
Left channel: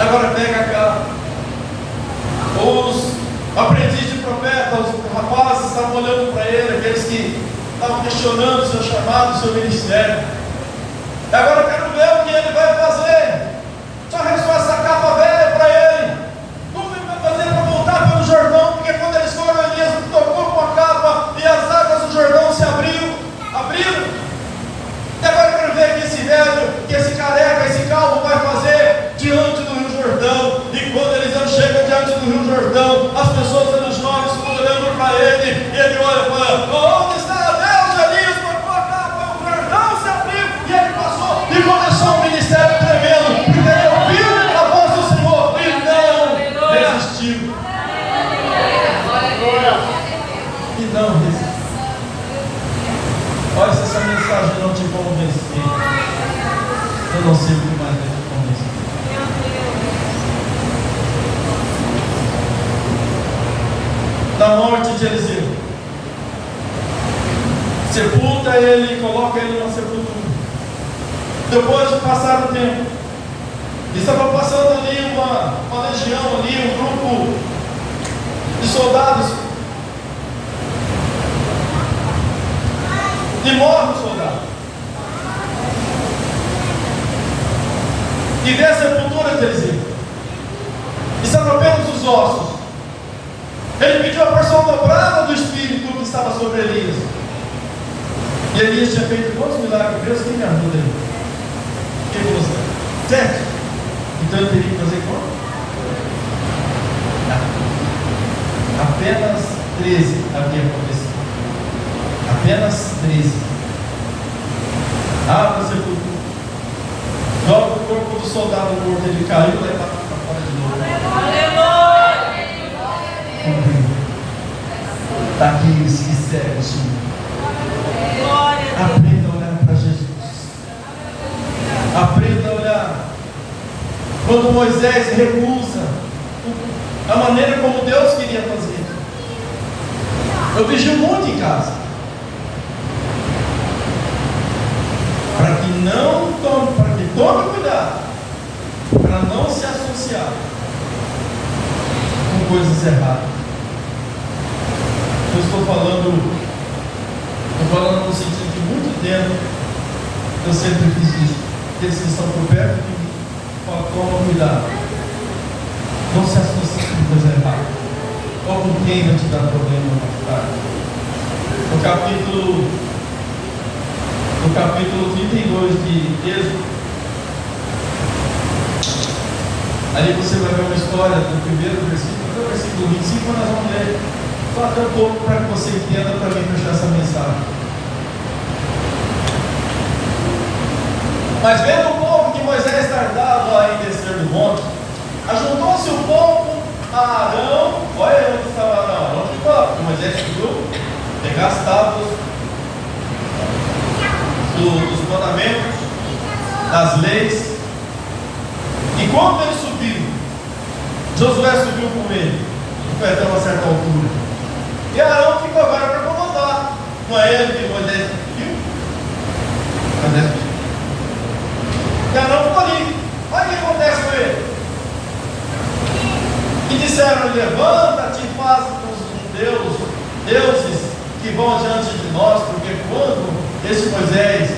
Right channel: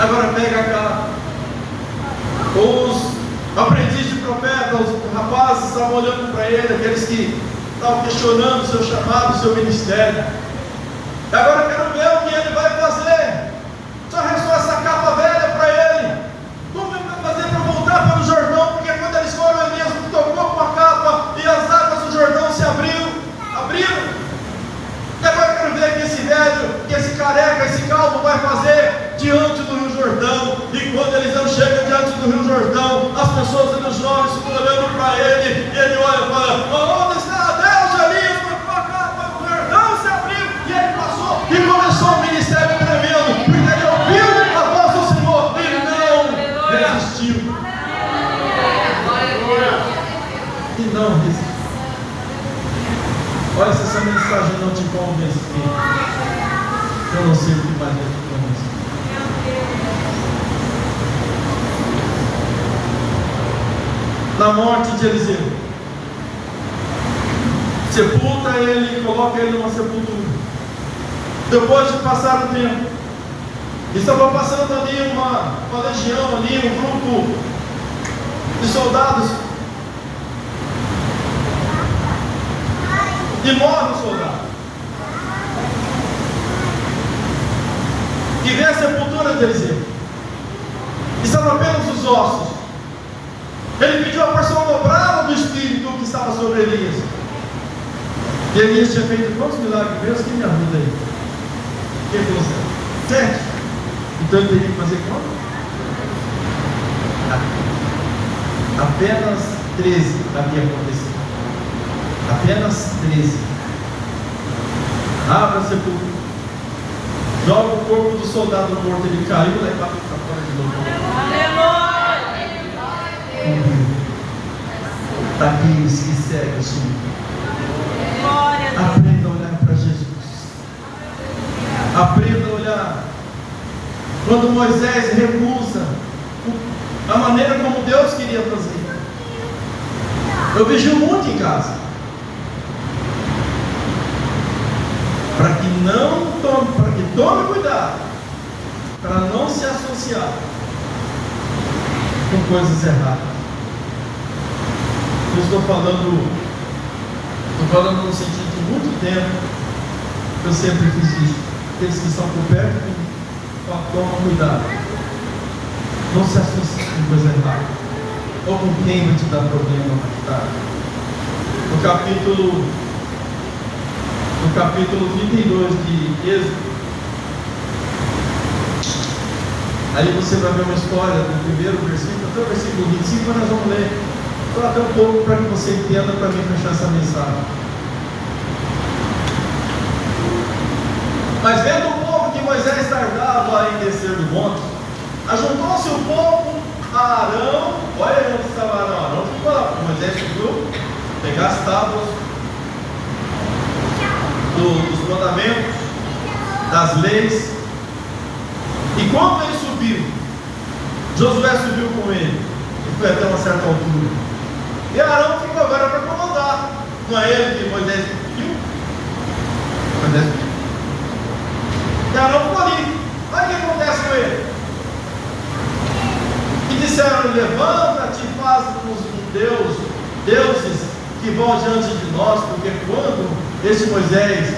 Agora pega cá. Os aprendizes de profeta, os rapazes estavam olhando para ele, aqueles que estavam questionando o seu chamado, o seu ministério. Agora eu quero ver o que ele vai fazer. Só restou essa capa velha para ele. Como ele vai fazer para voltar pelo Jordão? Porque quando eles foram, Elias tocou com a capa e as águas do Jordão se abriram. E agora eu quero ver o que esse velho, que esse careca, esse calvo vai fazer diante do Rio Jordão. E quando Eliseu chega diante do Rio Jordão, as pessoas dos jovens ficam olhando para ele, e ele olha e fala: onde está Deus de Elias? Tocou a capa, o Jordão se abriu, e ele passou e começou o ministério tremendo, porque ele ouviu a voz do Senhor e não resistiu. E não resistiu. Olha, se essa mensagem não te convencer, eu não sei o que mais te convencer. na morte de Eliseu. Sepulta ele e coloca ele numa sepultura. Depois de passar o tempo, estava passando ali uma legião, ali, um grupo de soldados. E morre o soldado. E vê a sepultura de Eliseu. Estavam apenas os ossos. Ele pediu a porção dobrada do Espírito que estava sobre Elias. E Elias tinha feito quantos milagres? Deus tem me ajuda aí. Quem falou assim? 7. Então ele teria que fazer quanto? Apenas 13 havia acontecido. Apenas 13. Abre a sepultura. Joga o corpo do soldado morto. Ele caiu e leva para fora de novo. Daqueles que servem o Senhor. Aprenda a olhar para Jesus. Aprenda a olhar. Quando Moisés recusa a maneira como Deus queria fazer. Eu vigio muito em casa. Para que tome cuidado. Para não se associar com coisas erradas. Eu estou falando no sentido de muito tempo. Eu sempre fiz isso. Aqueles que estão por perto, toma cuidado. Não se associe com coisa errada. Ou com quem vai te dar problema. No capítulo 32 de Êxodo, aí você vai ver uma história do primeiro versículo até o versículo 25, nós vamos ler só até um pouco para que você entenda, para mim fechar essa mensagem. Mas vendo o povo que Moisés tardava em descer do monte, ajuntou-se o povo a Arão. Olha onde estava Arão. Arão ficou lá, porque Moisés subiu pegar as tábuas dos mandamentos, das leis. E quando ele subiu, Josué subiu com ele e foi até uma certa altura. E Arão ficou agora para comandar. Não é ele que Moisés pediu? Moisés pediu. E Arão ficou ali. Olha o que acontece com ele. E disseram: levanta-te e faz com os deuses que vão diante de nós, porque quando este Moisés,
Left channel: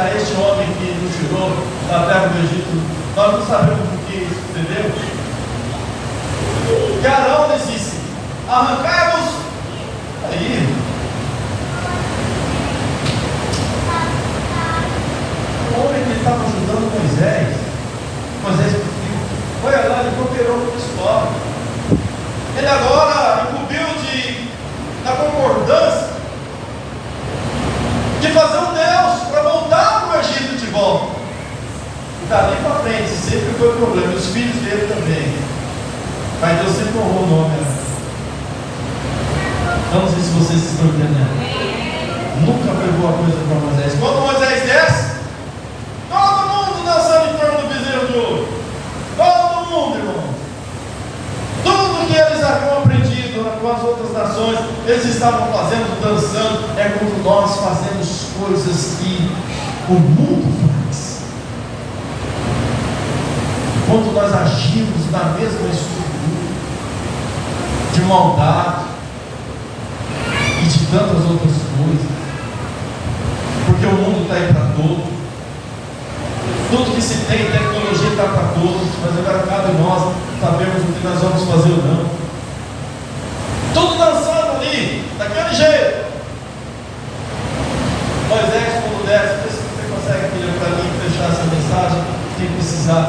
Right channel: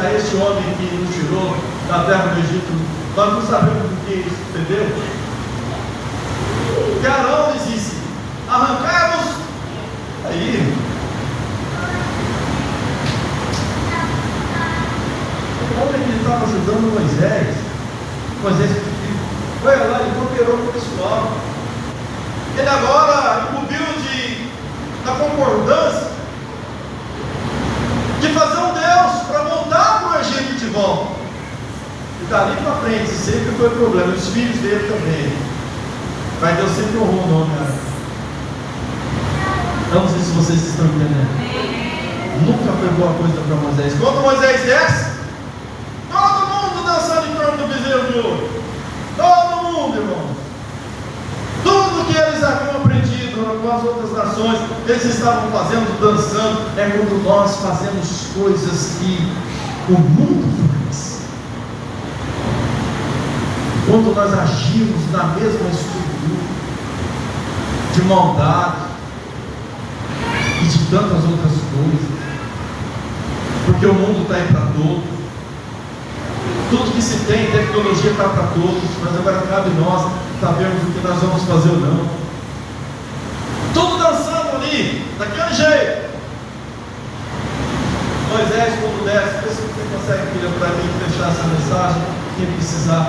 a este homem que nos tirou da terra do Egito, nós não sabemos o que isso sucedeu. E Arão lhes disse: arrancai-nos aí. O homem que estava ajudando Moisés olha lá, ele cooperou com o pessoal. Ele agora incumbiu da concordância de fazer um Deus para voltar para o Egito de volta. E dali para frente sempre foi problema. Os filhos dele também. Mas Deus sempre honrou o nome. Não sei se vocês estão entendendo. Nunca foi boa coisa para Moisés. Quando Moisés desce, todo mundo dançando em torno do bezerro de ouro. Todo mundo, irmão. Tudo que eles haviam aprendido com as outras nações, eles estavam fazendo, dançando. É quando nós fazemos coisas que o mundo faz. Quando nós agimos na mesma estrutura de maldade e de tantas outras coisas, porque o mundo está aí para todos. Tudo que se tem, tecnologia está para todos, mas agora cabe nós sabermos o que nós vamos fazer ou não. Tudo dançando ali, daquele jeito. Moisés, quando desce, vê se você consegue vir para mim fechar essa mensagem, quem precisar.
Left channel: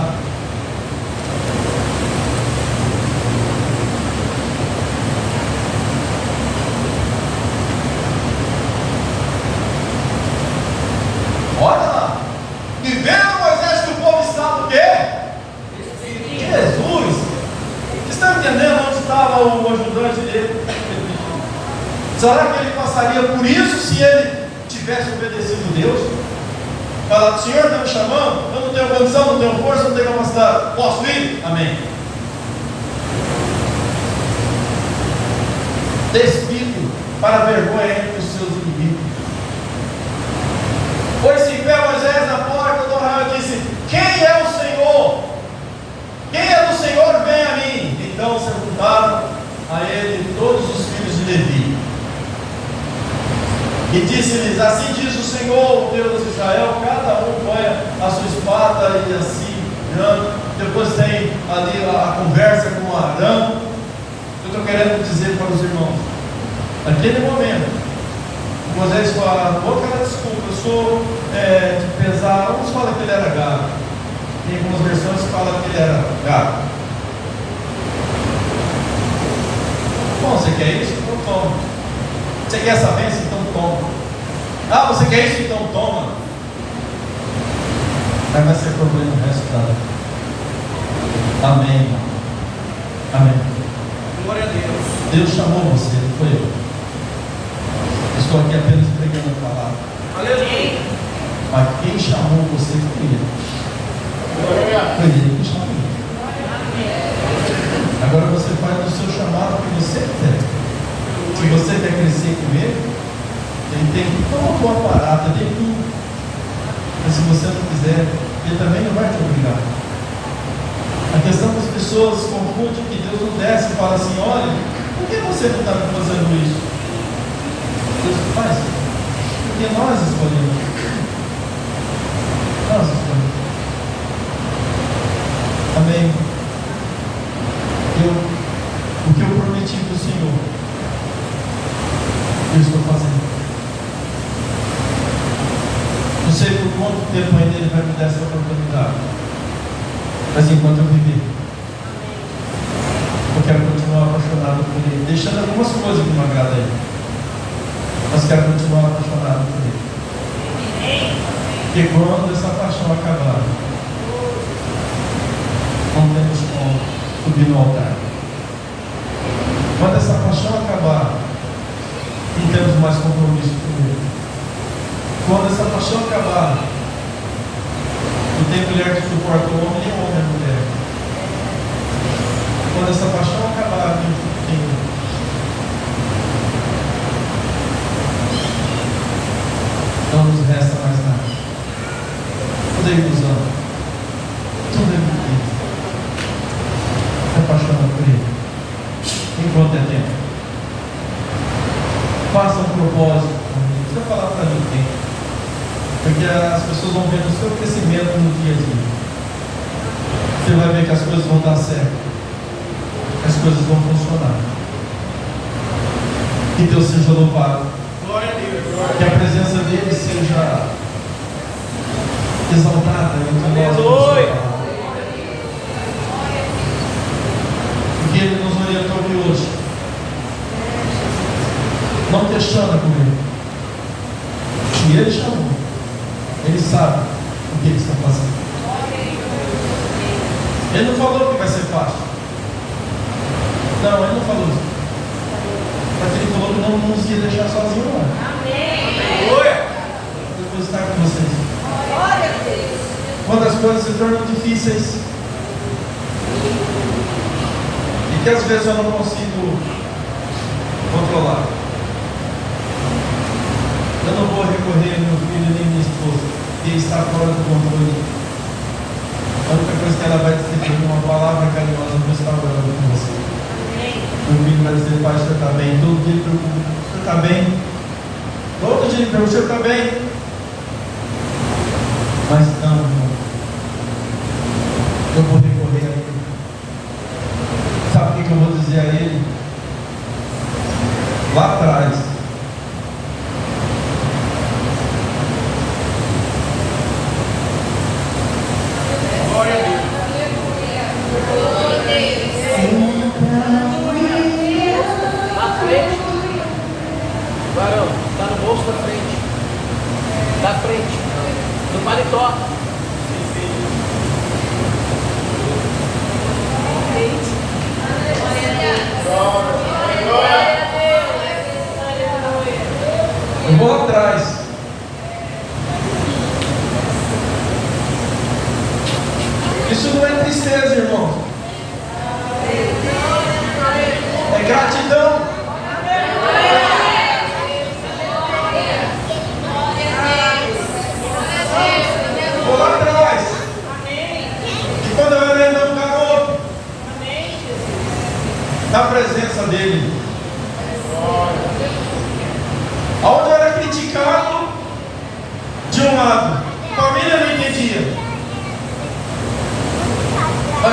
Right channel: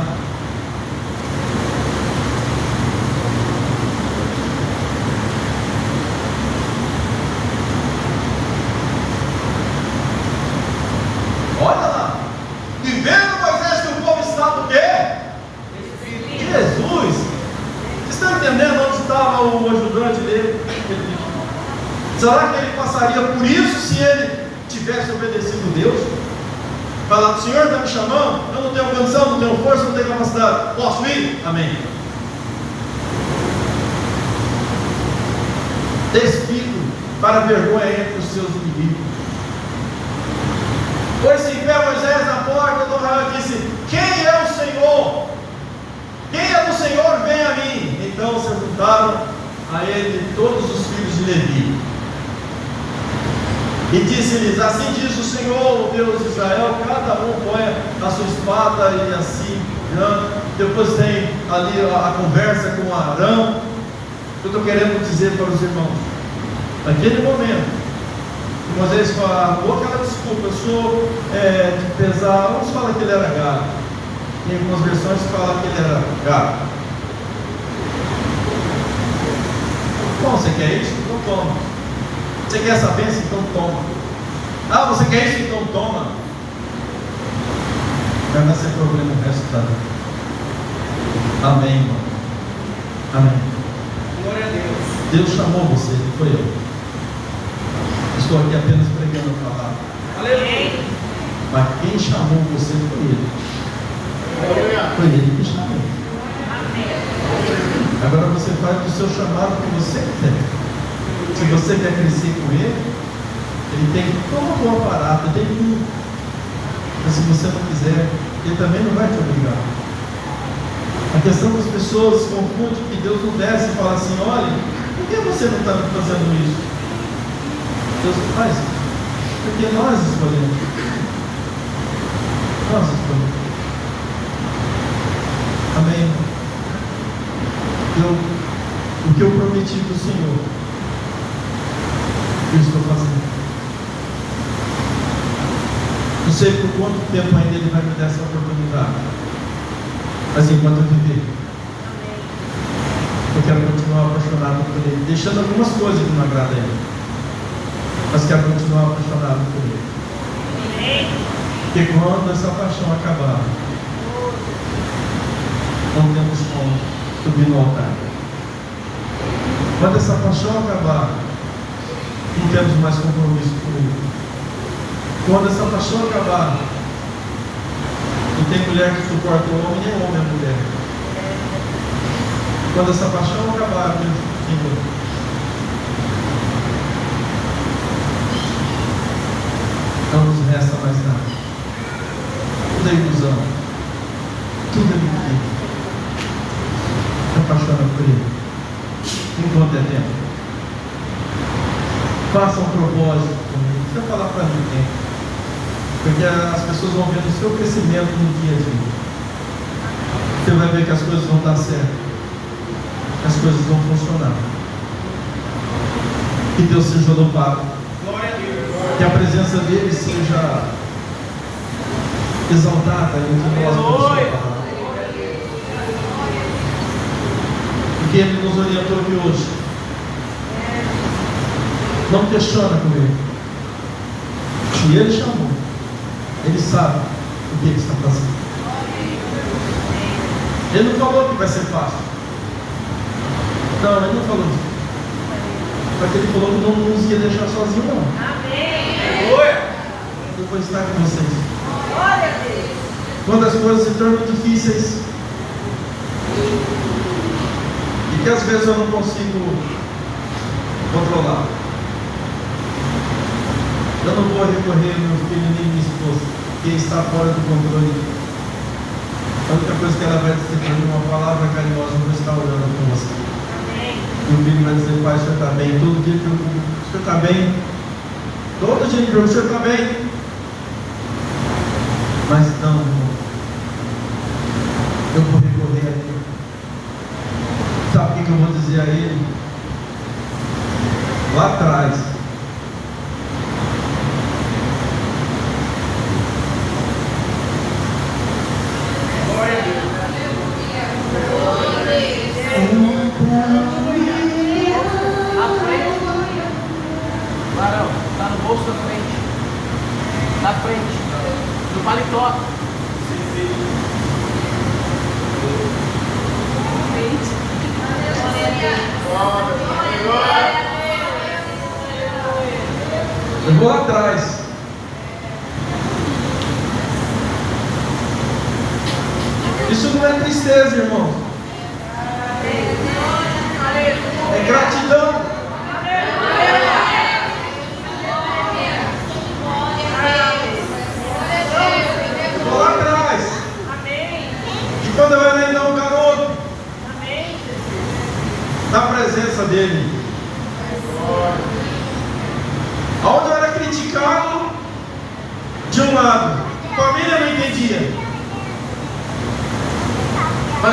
Olha lá, e vendo Moisés que o povo estava o quê? Jesus. Vocês estão entendendo onde estava o ajudante dele? Será que ele passaria por isso se ele tivesse obedecido a Deus? Falar: Senhor está me chamando, eu não tenho condição, não tenho força, não tenho capacidade, posso ir? Amém. despido para vergonha entre os seus inimigos. Pôs-se em pé Moisés na porta do arraial e disse: quem é o Senhor? Quem é do Senhor, vem a mim. Então se juntaram a ele todos os filhos de Levi. E disse-lhes: assim diz o Senhor, o Deus de Israel, cada um ponha a sua espada e assim, depois tem ali a conversa com Arão. Eu estou querendo dizer para os irmãos, naquele momento, Moisés fala, outra desculpa, eu sou de pesar, uns falam que ele era gado, em algumas versões falam que ele era gado. Bom, você quer isso? Então toma. Você quer essa bênção? Então toma. Ah, você quer isso? Então toma. Mas vai ser problema o resto da vida. Amém. Amém. Glória a Deus. Deus chamou você, não foi eu. Estou aqui apenas pregando a palavra. Aleluia. Mas quem chamou você foi ele. Foi ele que chamou. Agora você faz o seu chamado que você quer. Se você quer crescer com ele tem todo o aparato dele. Mas se você não quiser, ele também não vai te obrigar. A questão das pessoas se confunde que Deus não desce e fala assim: olha, por que você não está fazendo isso? Deus faz, porque nós escolhemos. Nós escolhemos. Amém. O que eu prometi para o Senhor, eu estou fazendo. Não sei por quanto tempo ainda Ele vai me dar essa oportunidade, mas enquanto eu viver, eu quero continuar apaixonado por Ele, deixando algumas coisas que não agradam a Ele, mas quero continuar apaixonado por Ele. Porque quando essa paixão acabar, não temos como subir no altar. Quando essa paixão acabar, não temos mais compromisso com Ele. Quando essa paixão acabar, não tem mulher que suporta o homem, nem o homem a mulher. Quando essa paixão acabar, meu Senhor, não nos resta mais nada. Tudo é ilusão. Tudo é mentira. Se apaixona por Ele enquanto é tempo. Faça um propósito. Não precisa falar para ninguém, porque as pessoas vão ver o seu crescimento no dia a dia. Você vai ver que as coisas vão dar certo, que as coisas vão funcionar. Que Deus seja louvado. Glória a Deus. Que a presença dele seja exaltada entre nós. Porque Ele nos orientou aqui hoje. Não questiona com Ele. Se Ele chamou, Ele sabe o que Ele está fazendo. Ele não falou que vai ser fácil. Não, Ele não falou isso. Mas Ele falou que não nos ia deixar sozinho, não. Aleluia. Depois está com vocês. Quando as coisas se tornam difíceis, e que às vezes eu não consigo controlar, eu não vou recorrer ao meu filho nem minha esposa, que está fora do controle. A única coisa que ela vai dizer para mim, uma palavra carinhosa: eu vou estar orando com você. Meu filho vai dizer: pai, o senhor está bem? Todo dia ele pergunta: o senhor está bem? Todo dia ele pergunta: o senhor está bem? Mas não, irmão, eu vou recorrer a Ele. Sabe o que eu vou dizer a Ele? Lá atrás, Glória a Deus. Na frente. Varão, está no bolso da frente. Da frente. No paletó.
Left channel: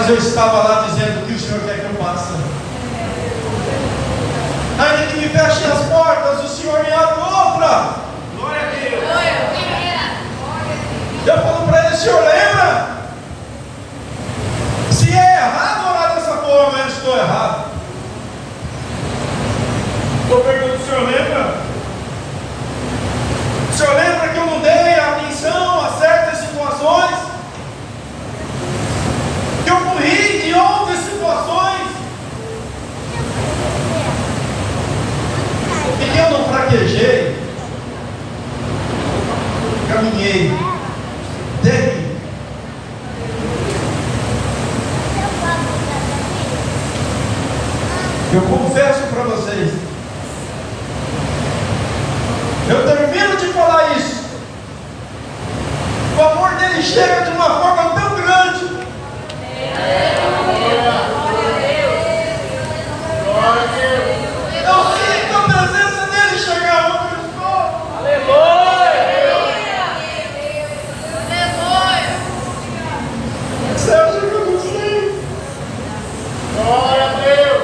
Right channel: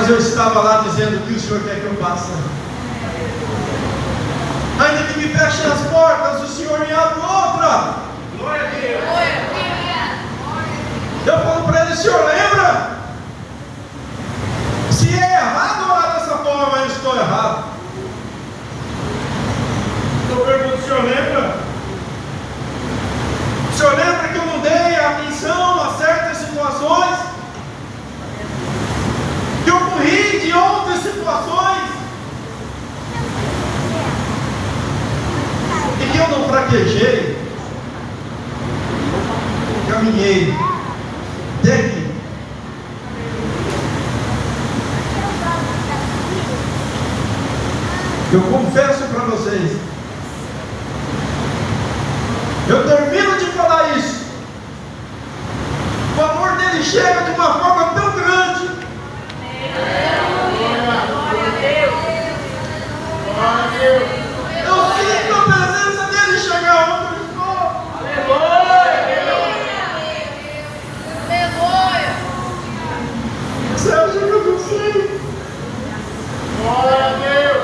Mas eu estava lá dizendo: o que o Senhor quer que eu faça? Ainda que me fechem as portas, o Senhor me abre outra. Glória a Deus. Eu falo para ele: Senhor, lembra? Se é errado orar dessa forma, eu estou errado. Eu pergunto: o senhor lembra? O Senhor lembra que eu não dei atenção a certas situações? Que eu corri de outras situações? E que eu não fraquejei? Caminhei. Dei. Eu confesso para vocês, eu termino de falar isso, o amor dele chega de uma forma tão grande. Eu sinto a presença dele chegar onde eu estou. Você acha que eu não sei? Glória a Deus.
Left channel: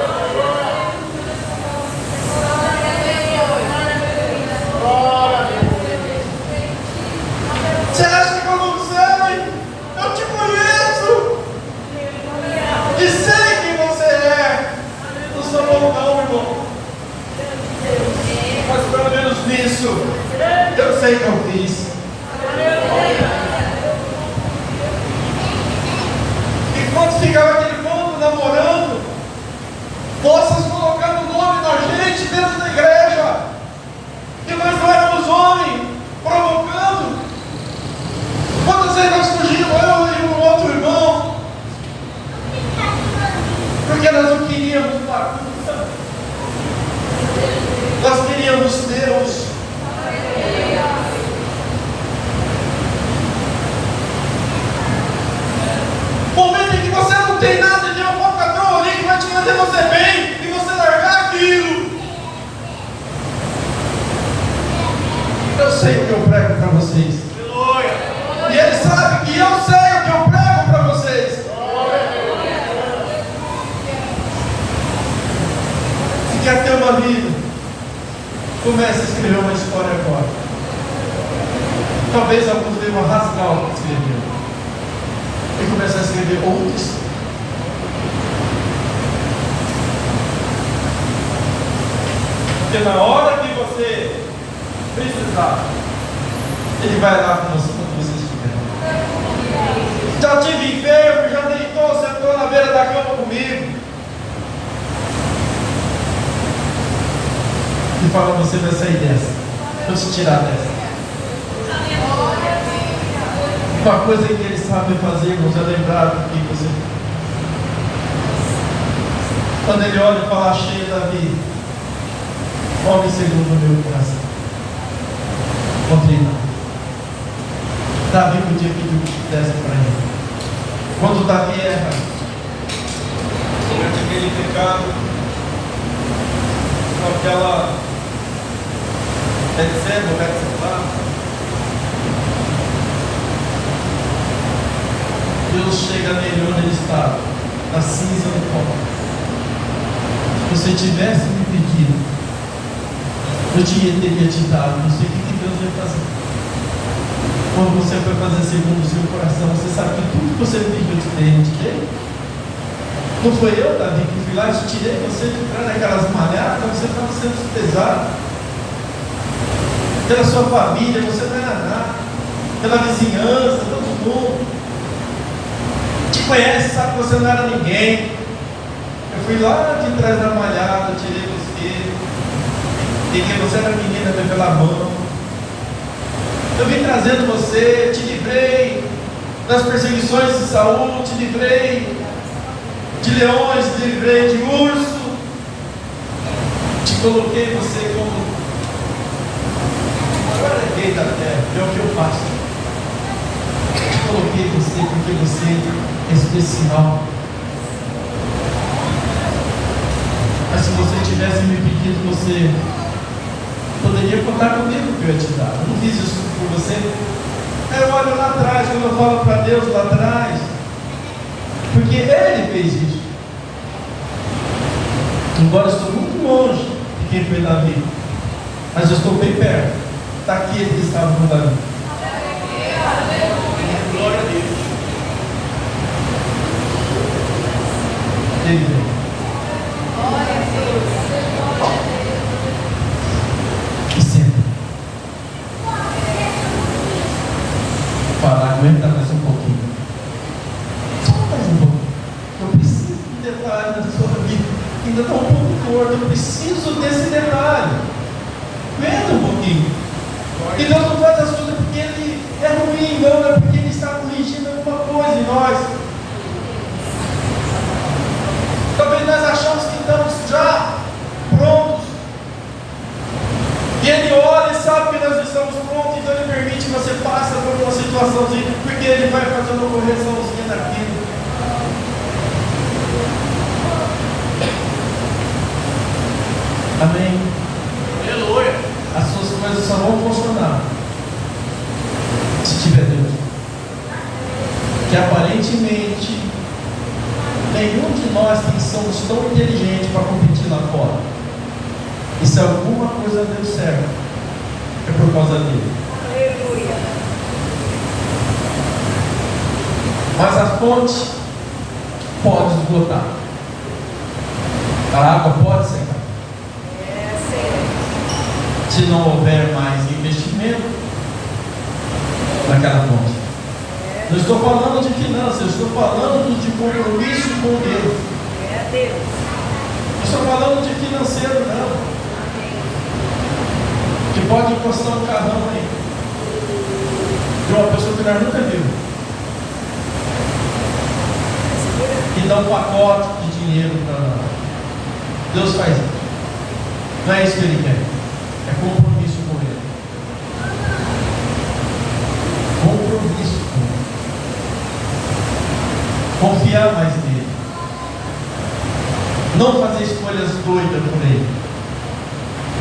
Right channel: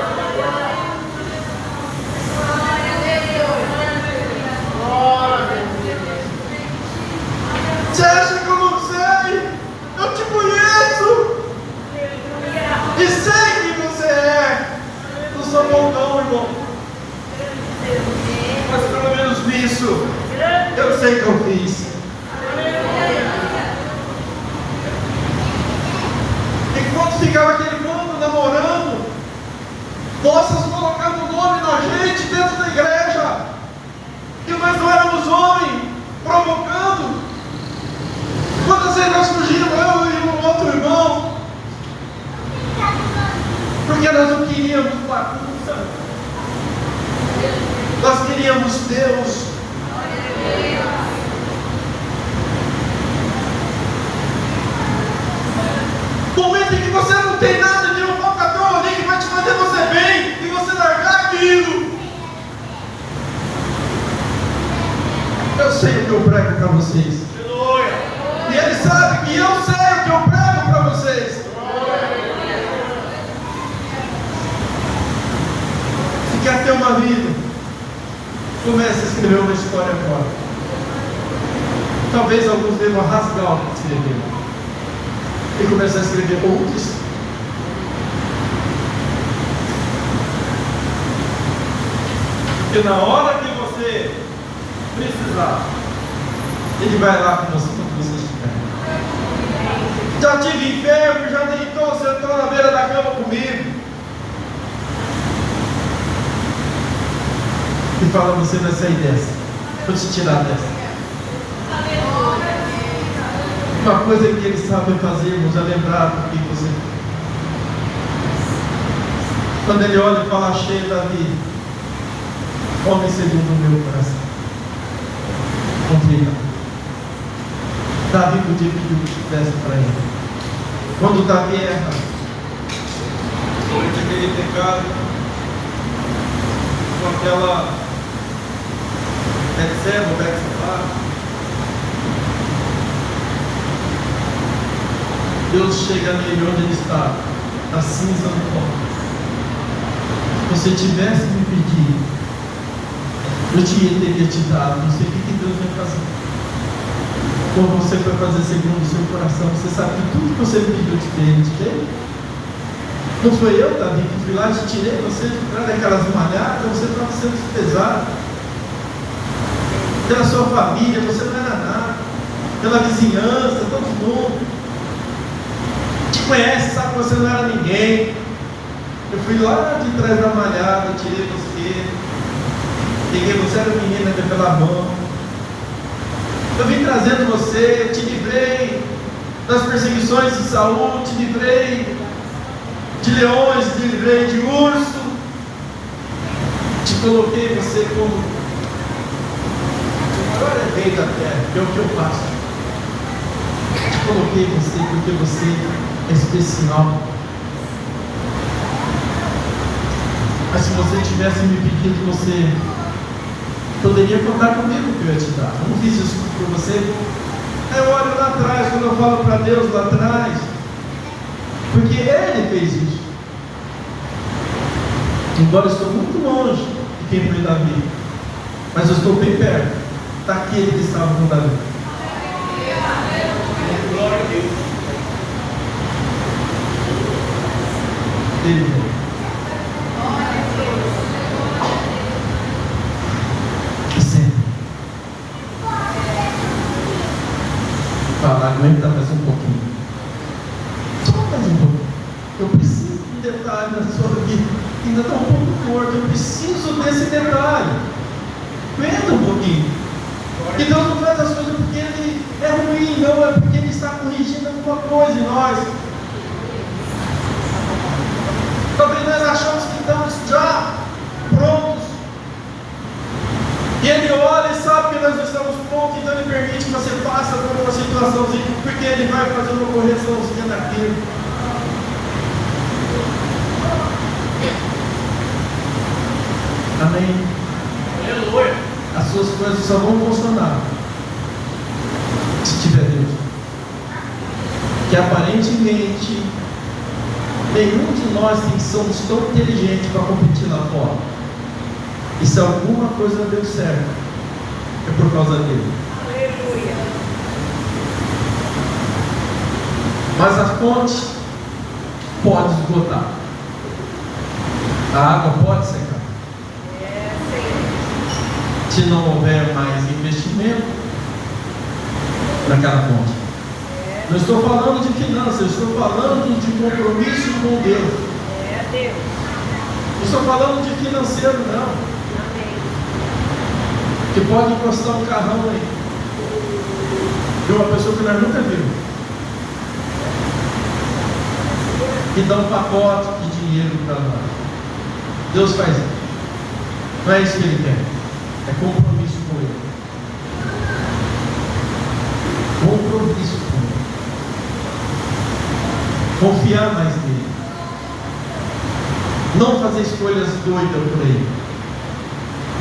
Você acha que eu não sei? Eu te conheço. E sei quem você é. Não sou bom não, irmão. Mas pelo menos nisso, eu sei que eu fiz. E quando ficava aquele mundo namorando, moças colocando o nome da gente dentro da igreja, e nós não éramos homens, provocando. Quantas vezes nós fugimos, eu e um outro irmão, porque nós não queríamos bagunça, nós queríamos Deus. Momento em que você não tem nada de um patrão ali que vai te fazer você bem e você largar aquilo. Eu sei o que eu prego para vocês. Aleluia. E ele sabe que eu sei o que eu prego para vocês. Se quer ter uma vida, comece a escrever uma história agora. Talvez alguns devam rasgar o que escreveram e começar a escrever outros. Porque na hora que você precisar, ele vai lá com você quando você estiver. Já tive enfermo, já deitou, sentou na beira da cama comigo. E fala: você vai sair dessa. Vou te tirar dessa. Uma coisa que ele sabe fazer, irmãos, é lembrar do que você fez. Quando ele olha e fala: cheio Davi, homem segundo o meu coração. Contei não. Davi podia pedir o que desse para ele. Quando Davi erra, durante aquele pecado, com aquela Betseba, Deus chega nele onde ele estava, na cinza do pó. Se você tivesse me pedido, eu teria te dado. Não sei o que Deus vai fazer. Como você foi fazer segundo o seu coração, você sabe que tudo que você me pediu, eu te dei. Não foi eu, Davi, que fui lá e te tirei você de trás daquelas malhadas. Você estava sendo pesado pela sua família, você não era nada, pela vizinhança, todo mundo te conhece, sabe que você não era ninguém. Eu fui lá de trás da malhada, tirei você, peguei você, era menina pela mão. Eu vim trazendo você, te livrei das perseguições de Saul, te livrei de leões, te livrei de urso, te coloquei você como rei da terra, que é o que eu faço. Te coloquei você porque você é especial. Mas se você tivesse me pedido, você poderia contar comigo que eu ia te dar. Eu não fiz isso por você. Eu olho lá atrás, quando eu falo para Deus lá atrás, Porque Ele fez isso. Embora eu estou muito longe de quem foi Davi, mas eu estou bem perto daquele que estava com Davi. Glória a Deus. Ele veio. E senta. Fala, aguenta mais um pouquinho. Só mais um pouco. Eu preciso de um detalhe da sua vida. Ainda está um pouco torto. Eu preciso desse detalhe. Aguenta um pouquinho. E Deus não faz as coisas porque Ele é ruim, não, é porque Ele está corrigindo alguma coisa em nós. Talvez nós achamos que estamos já prontos. E Ele olha e sabe que nós não estamos prontos, então Ele permite que você passe por uma situaçãozinha, porque Ele vai fazer uma correçãozinha naquilo. Amém. Aleluia. As suas coisas só vão funcionar se tiver Deus. Que aparentemente nenhum de nós somos tão inteligentes para competir lá fora. E se alguma coisa deu certo, é por causa dele. Aleluia. Mas a fonte pode esgotar. A água pode secar. Se não houver mais investimento naquela fonte. Não estou falando de finanças, estou falando de compromisso com Deus. Não estou falando de financeiro, não. Que pode encostar um carrão aí de uma pessoa que nós nunca vimos, que dá um pacote de dinheiro para nós. Deus faz isso. Não é isso que Ele quer. É compromisso com Ele. Compromisso com Ele. Confiar mais nele. Não fazer escolhas doidas por Ele.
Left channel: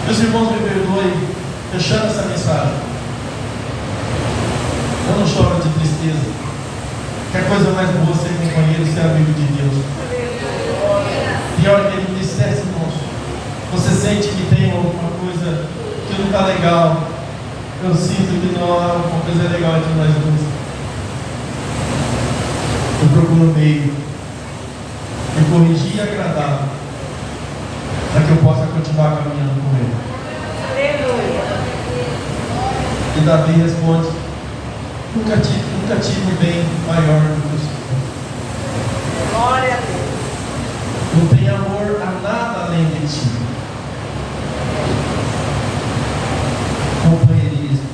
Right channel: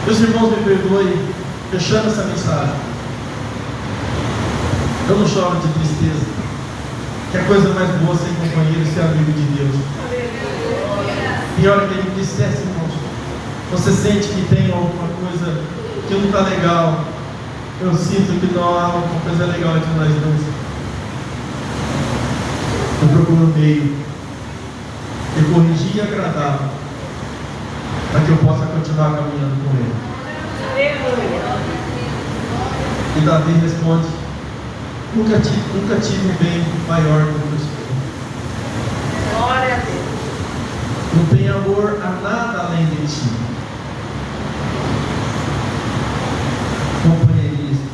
Meus irmãos, me perdoem, fechando essa mensagem. Eu não choro de tristeza. Que a coisa mais boa ser companheiro, ser amigo de Deus. Pior que Ele dissesse, irmãos. Você sente que tem alguma coisa que não está legal. Eu sinto que não há alguma coisa legal entre nós dois. Eu procuro um meio de corrigir e agradar, para que eu possa continuar caminhando com Ele. E Davi responde: nunca tive um bem maior do que o Senhor. Glória a Deus. Não tem amor a nada além de ti. Companheirismo.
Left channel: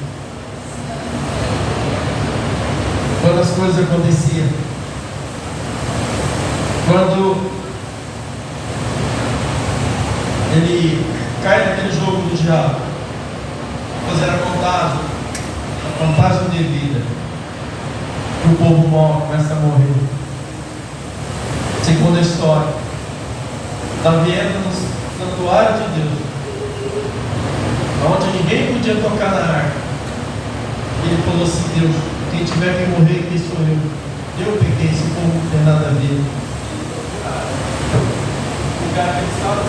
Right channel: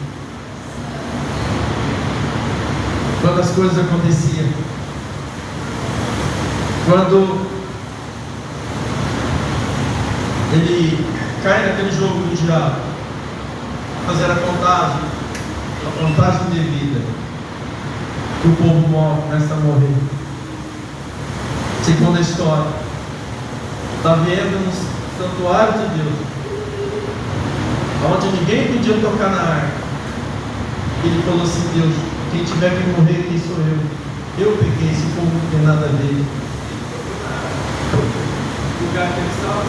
Quando as coisas aconteciam, quando ele cai naquele jogo do diabo, fazer a contagem devida, que o povo começa a morrer. Segunda história, Davi entra no santuário de Deus, onde ninguém podia tocar na arca. Ele falou assim: Deus, quem tiver que morrer aqui sou eu. Eu pequei, esse povo não tem nada a ver. O cara que estava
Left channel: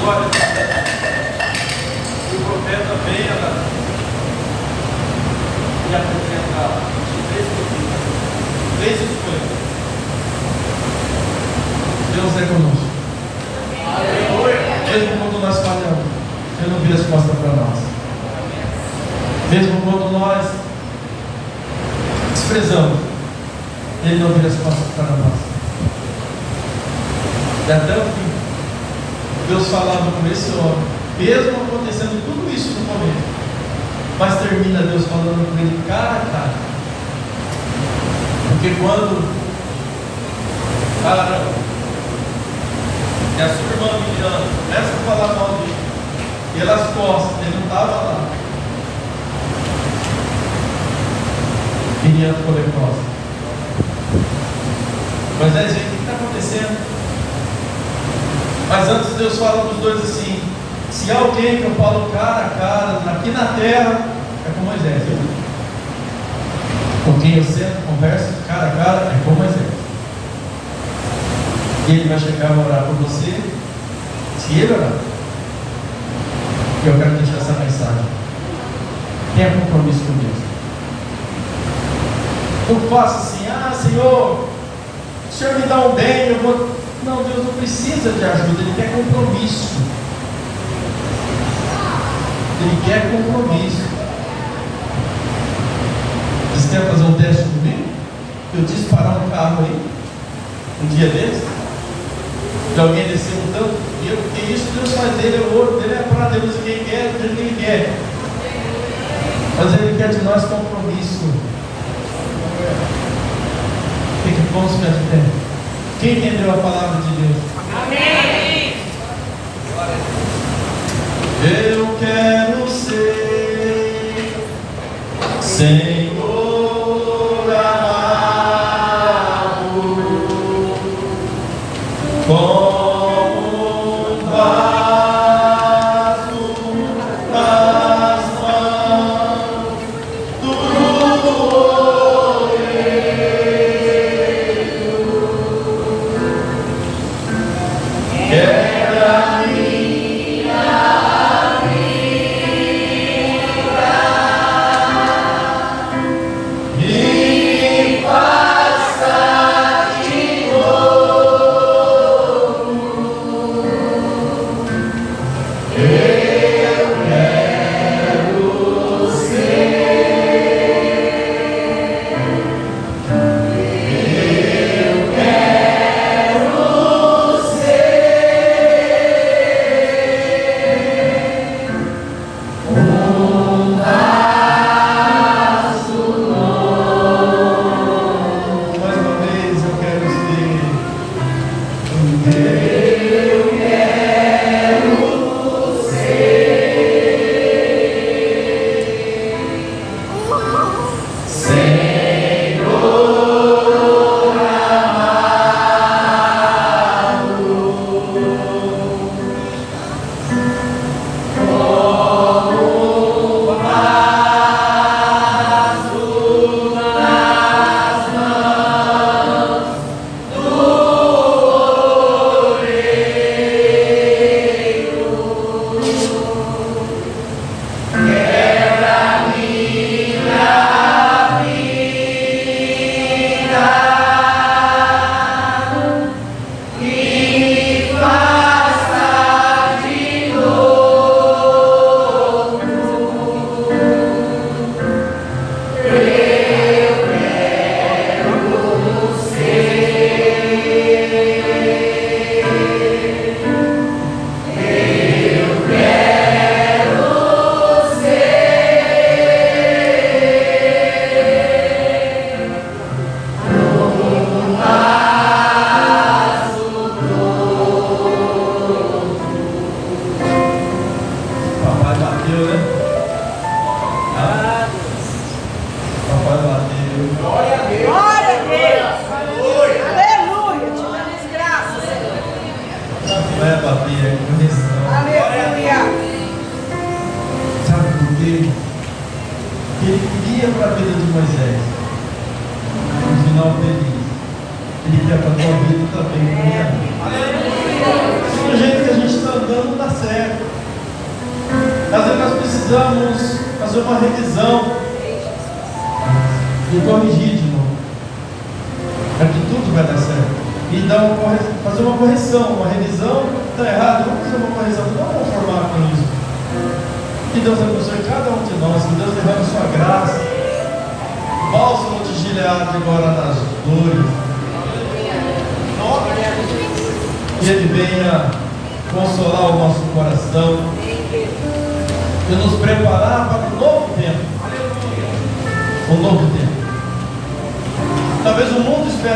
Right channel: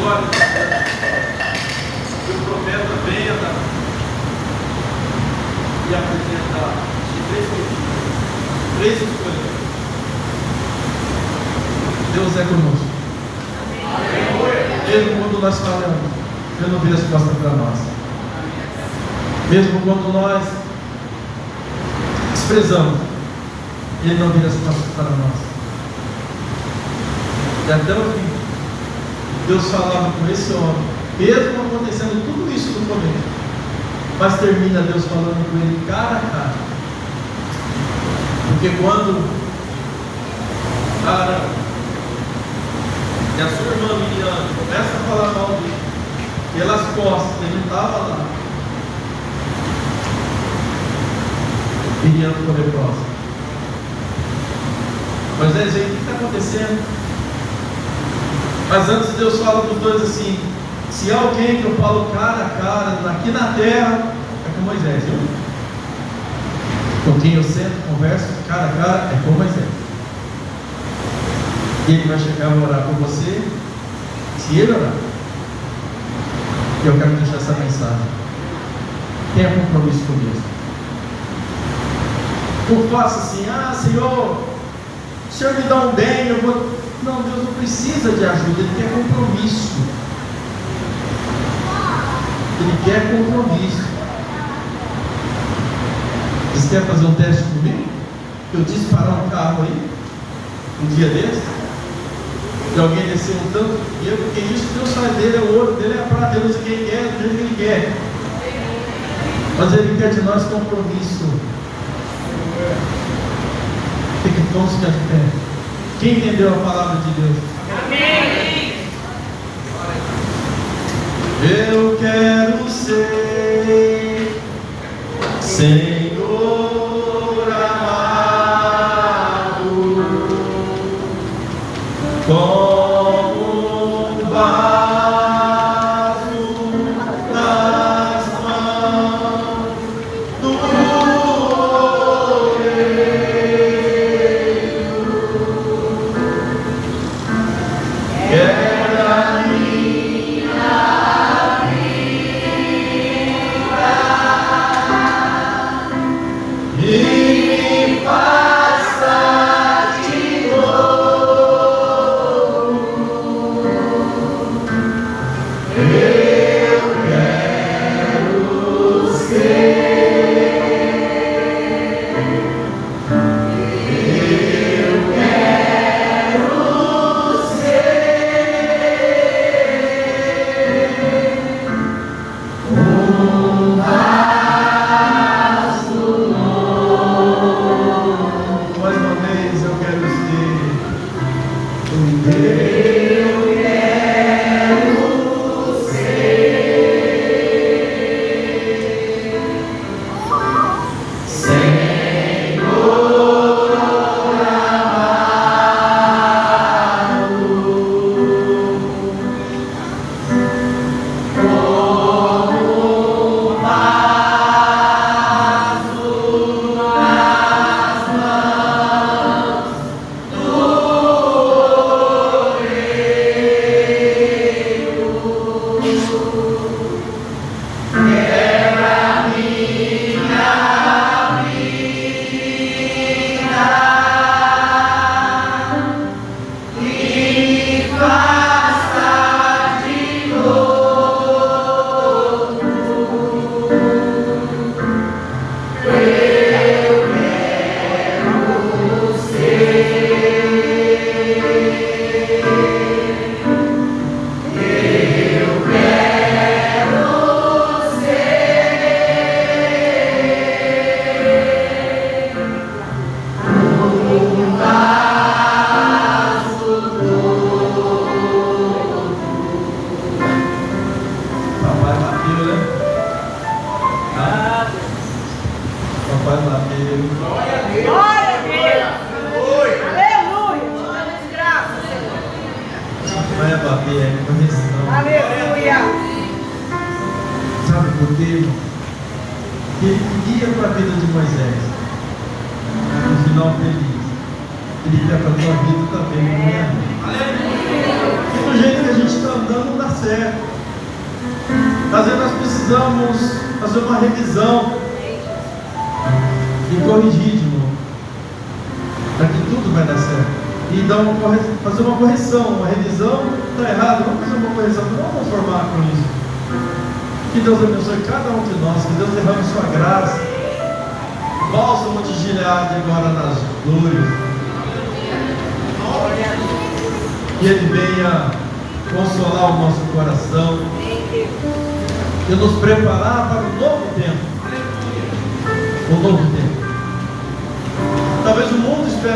glória, o profeta veio e apresenta três escolhas. Deus é conosco. Mesmo quando nós falhamos, Ele não vira as costas para nós. Mesmo quando nós desprezamos, Ele não vira as costas para nós. E até o fim, Deus falava com esse homem, mesmo acontecendo tudo isso no começo, mas termina Deus falando com ele cara a cara. Porque quando e a sua irmã Miriam começa a falar mal dele, pelas costas, ele não estava lá, Miriam ficou leprosa. Mas aí, o que está acontecendo? Mas antes Deus fala para os dois assim: se há alguém que eu falo cara a cara aqui na terra, é com Moisés. com quem eu sento, converso, cara a cara, é com Moisés. E ele vai chegar e vai orar por você, se ele orar. E eu quero deixar essa mensagem. Tenha compromisso com Deus. Não faça assim, Senhor, o Senhor me dá um bem, eu vou... Não, Deus não precisa de ajuda, Ele quer compromisso. Ele quer compromisso. Você quer fazer um teste comigo? Eu disse parar um carro aí, um dia desse, de alguém descer um tanto, e eu, que isso, Deus faz dele, é o outro, dele é para Deus, quem quer, do jeito que Ele quer. Mas Ele quer de nós compromisso. Tem que pôr de pé. Quem entendeu a palavra de Deus? Amém. Eu quero ser Senhor amado, como um vaso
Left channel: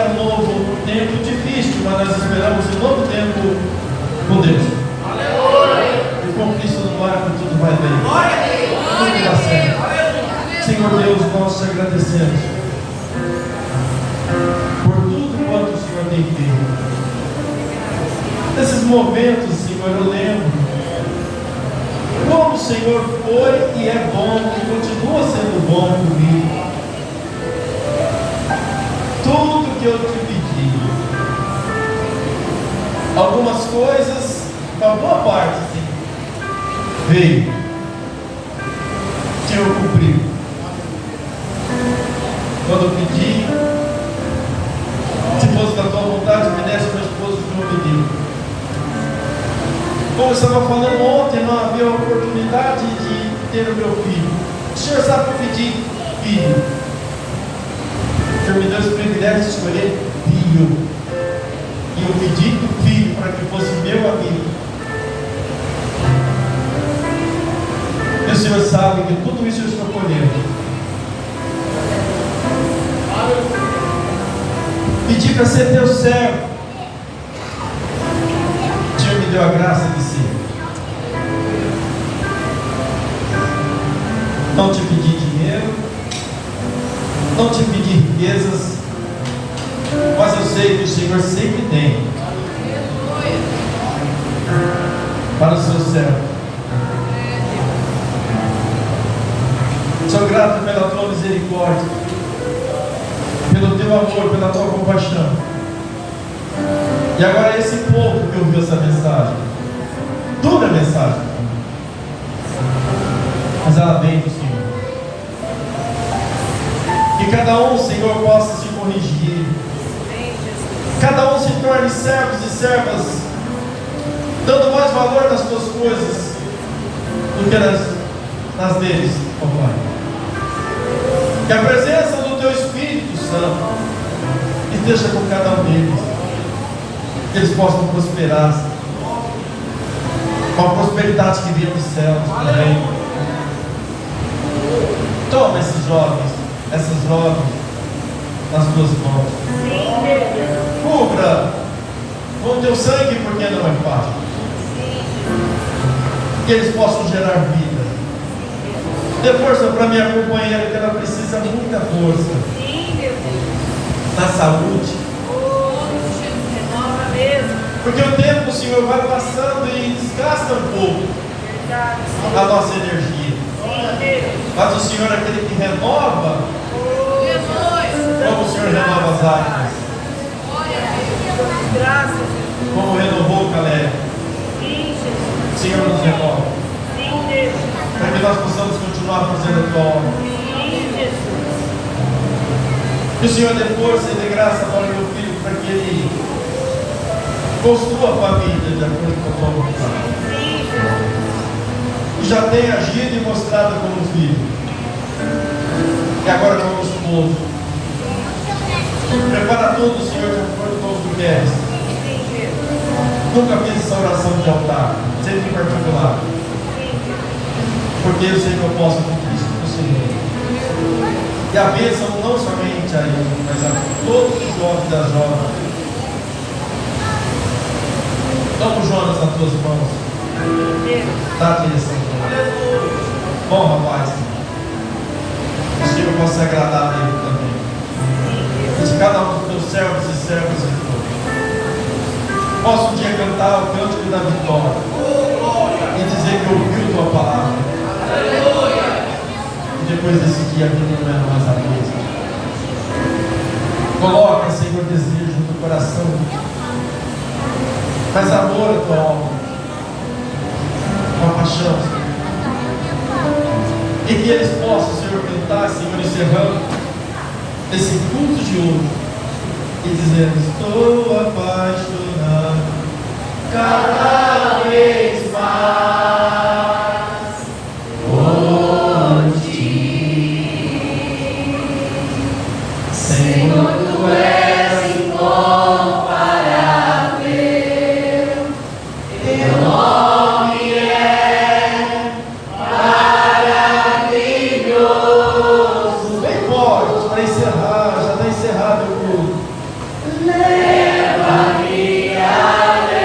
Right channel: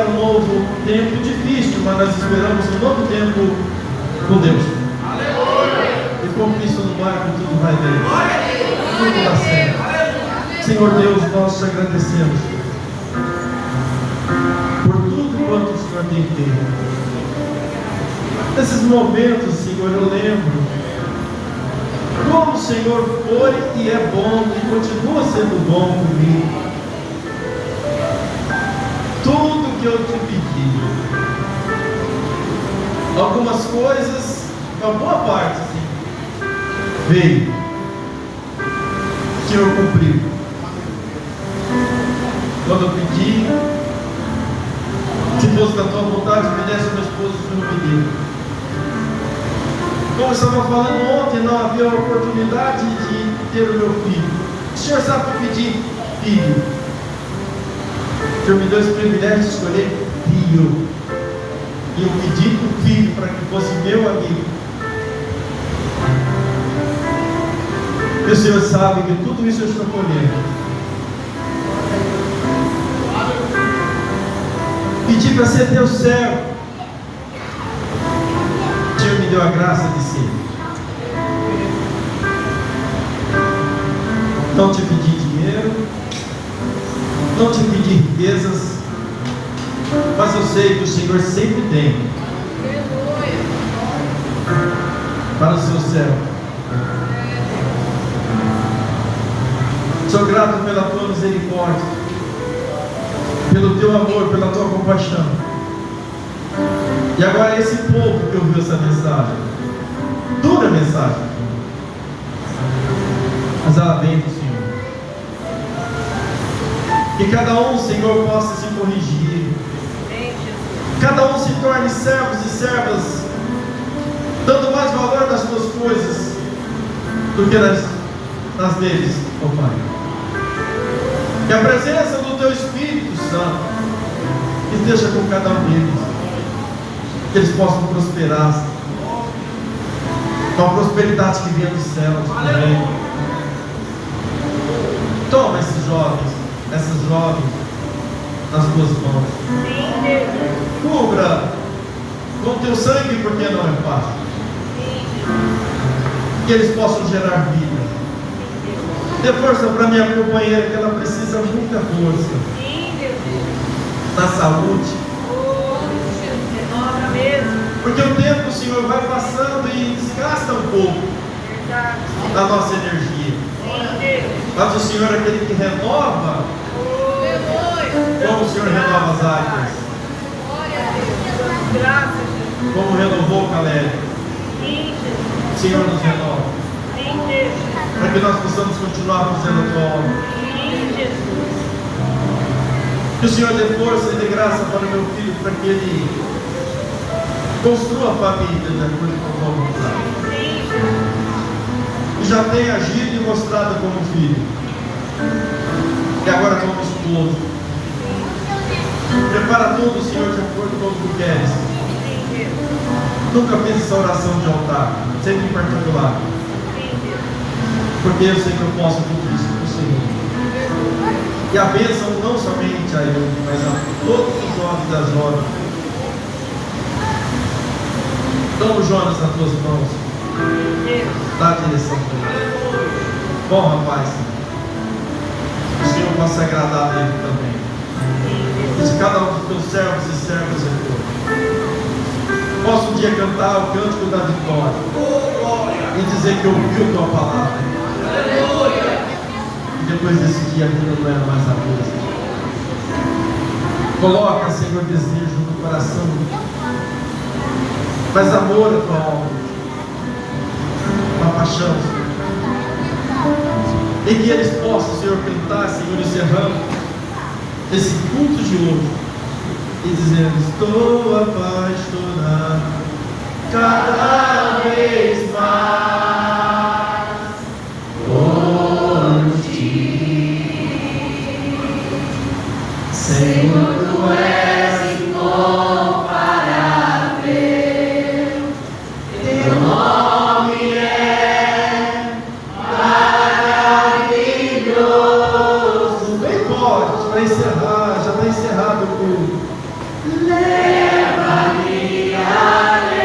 nas mãos do Senhor Deus, nós te agradecemos por tudo quanto o Senhor tem feito. Nesses momentos, Senhor, eu lembro como o Senhor foi e é bom e continua sendo bom comigo. parte, assim, veio. Senhor cumpriu. Quando eu pedi, se fosse da tua vontade, me desse meu esposo que não me deu. Como eu estava falando ontem, não havia oportunidade de ter o meu filho. O Senhor sabe que eu pedi filho. O Senhor me deu esse privilégio de escolher filho. E eu pedi que o filho, para que fosse meu amigo. E o Senhor sabe que tudo isso eu estou colhendo. Pedi para ser teu servo. O Senhor me deu a graça de ser. Não te pedi dinheiro, não te pedi riquezas, mas eu sei que o Senhor sempre tem para o seu servo. Sou grato pela tua misericórdia, pelo teu amor, pela tua compaixão. E agora esse povo que ouviu essa mensagem, toda a mensagem, mas ela vem do Senhor. Que cada um, Senhor, possa se corrigir. Cada um se torne servos e servas, dando mais valor nas tuas coisas do que nas deles, ó Pai. Que a presença do teu Espírito Santo esteja com cada um deles, que eles possam prosperar com a prosperidade que vem dos céus. Amém. Toma esses jovens, essas jovens nas tuas mãos. Cubra com teu sangue, porque não é fácil. Que eles possam gerar vida. Dê força para minha companheira, que ela precisa muita força na saúde. Porque o tempo, Senhor, vai passando e desgasta um pouco a nossa energia. Mas o Senhor é aquele que renova, como o Senhor renova as águas, como renovou o Caleb. O Senhor nos renova, para que nós possamos continuar fazendo a tua obra. Que o Senhor dê força e dê graça para meu filho, para que ele construa a família de acordo com a tua vontade. E já tem agido e mostrado como filho. E agora como esposo. Prepara tudo, Senhor, de acordo com o que queres. Nunca fiz essa oração de altar, sempre em particular. Porque eu sei que eu posso tudo isso para o Senhor. E a bênção não somente a ele, mas a todos os jovens da jovens. Toma o Jonas nas tuas mãos. Dá a direção, Jonas. Bom, rapaz. O Senhor possa agradar a ele também. De cada um dos teus servos e servas aqui. Posso um dia cantar o cântico da vitória e dizer que ouviu tua palavra. E depois desse dia a vida não é mais a mesma. Coloca, Senhor, desejo no coração, mas amor à tua obra, uma paixão, Senhor. E que eles possam, Senhor, cantar, Senhor, encerrando esse culto de hoje e dizendo: estou apaixonado cada vez mais por ti, Senhor, tu és incomparável, teu nome é maravilhoso. Bem forte para encerrar, já está encerrado o culto. Leva-me além.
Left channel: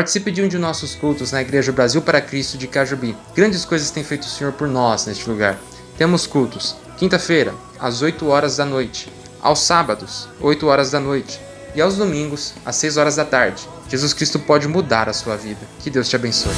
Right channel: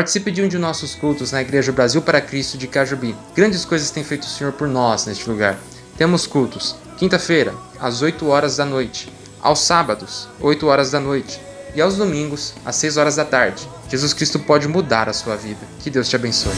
Participe de um de nossos cultos na Igreja Brasil para Cristo de Cajubi. Grandes coisas tem feito o Senhor por nós neste lugar. Temos cultos, quinta-feira, às 8 horas da noite, aos sábados, 8 horas da noite, e aos domingos, às 6 horas da tarde. Jesus Cristo pode mudar a sua vida. Que Deus te abençoe.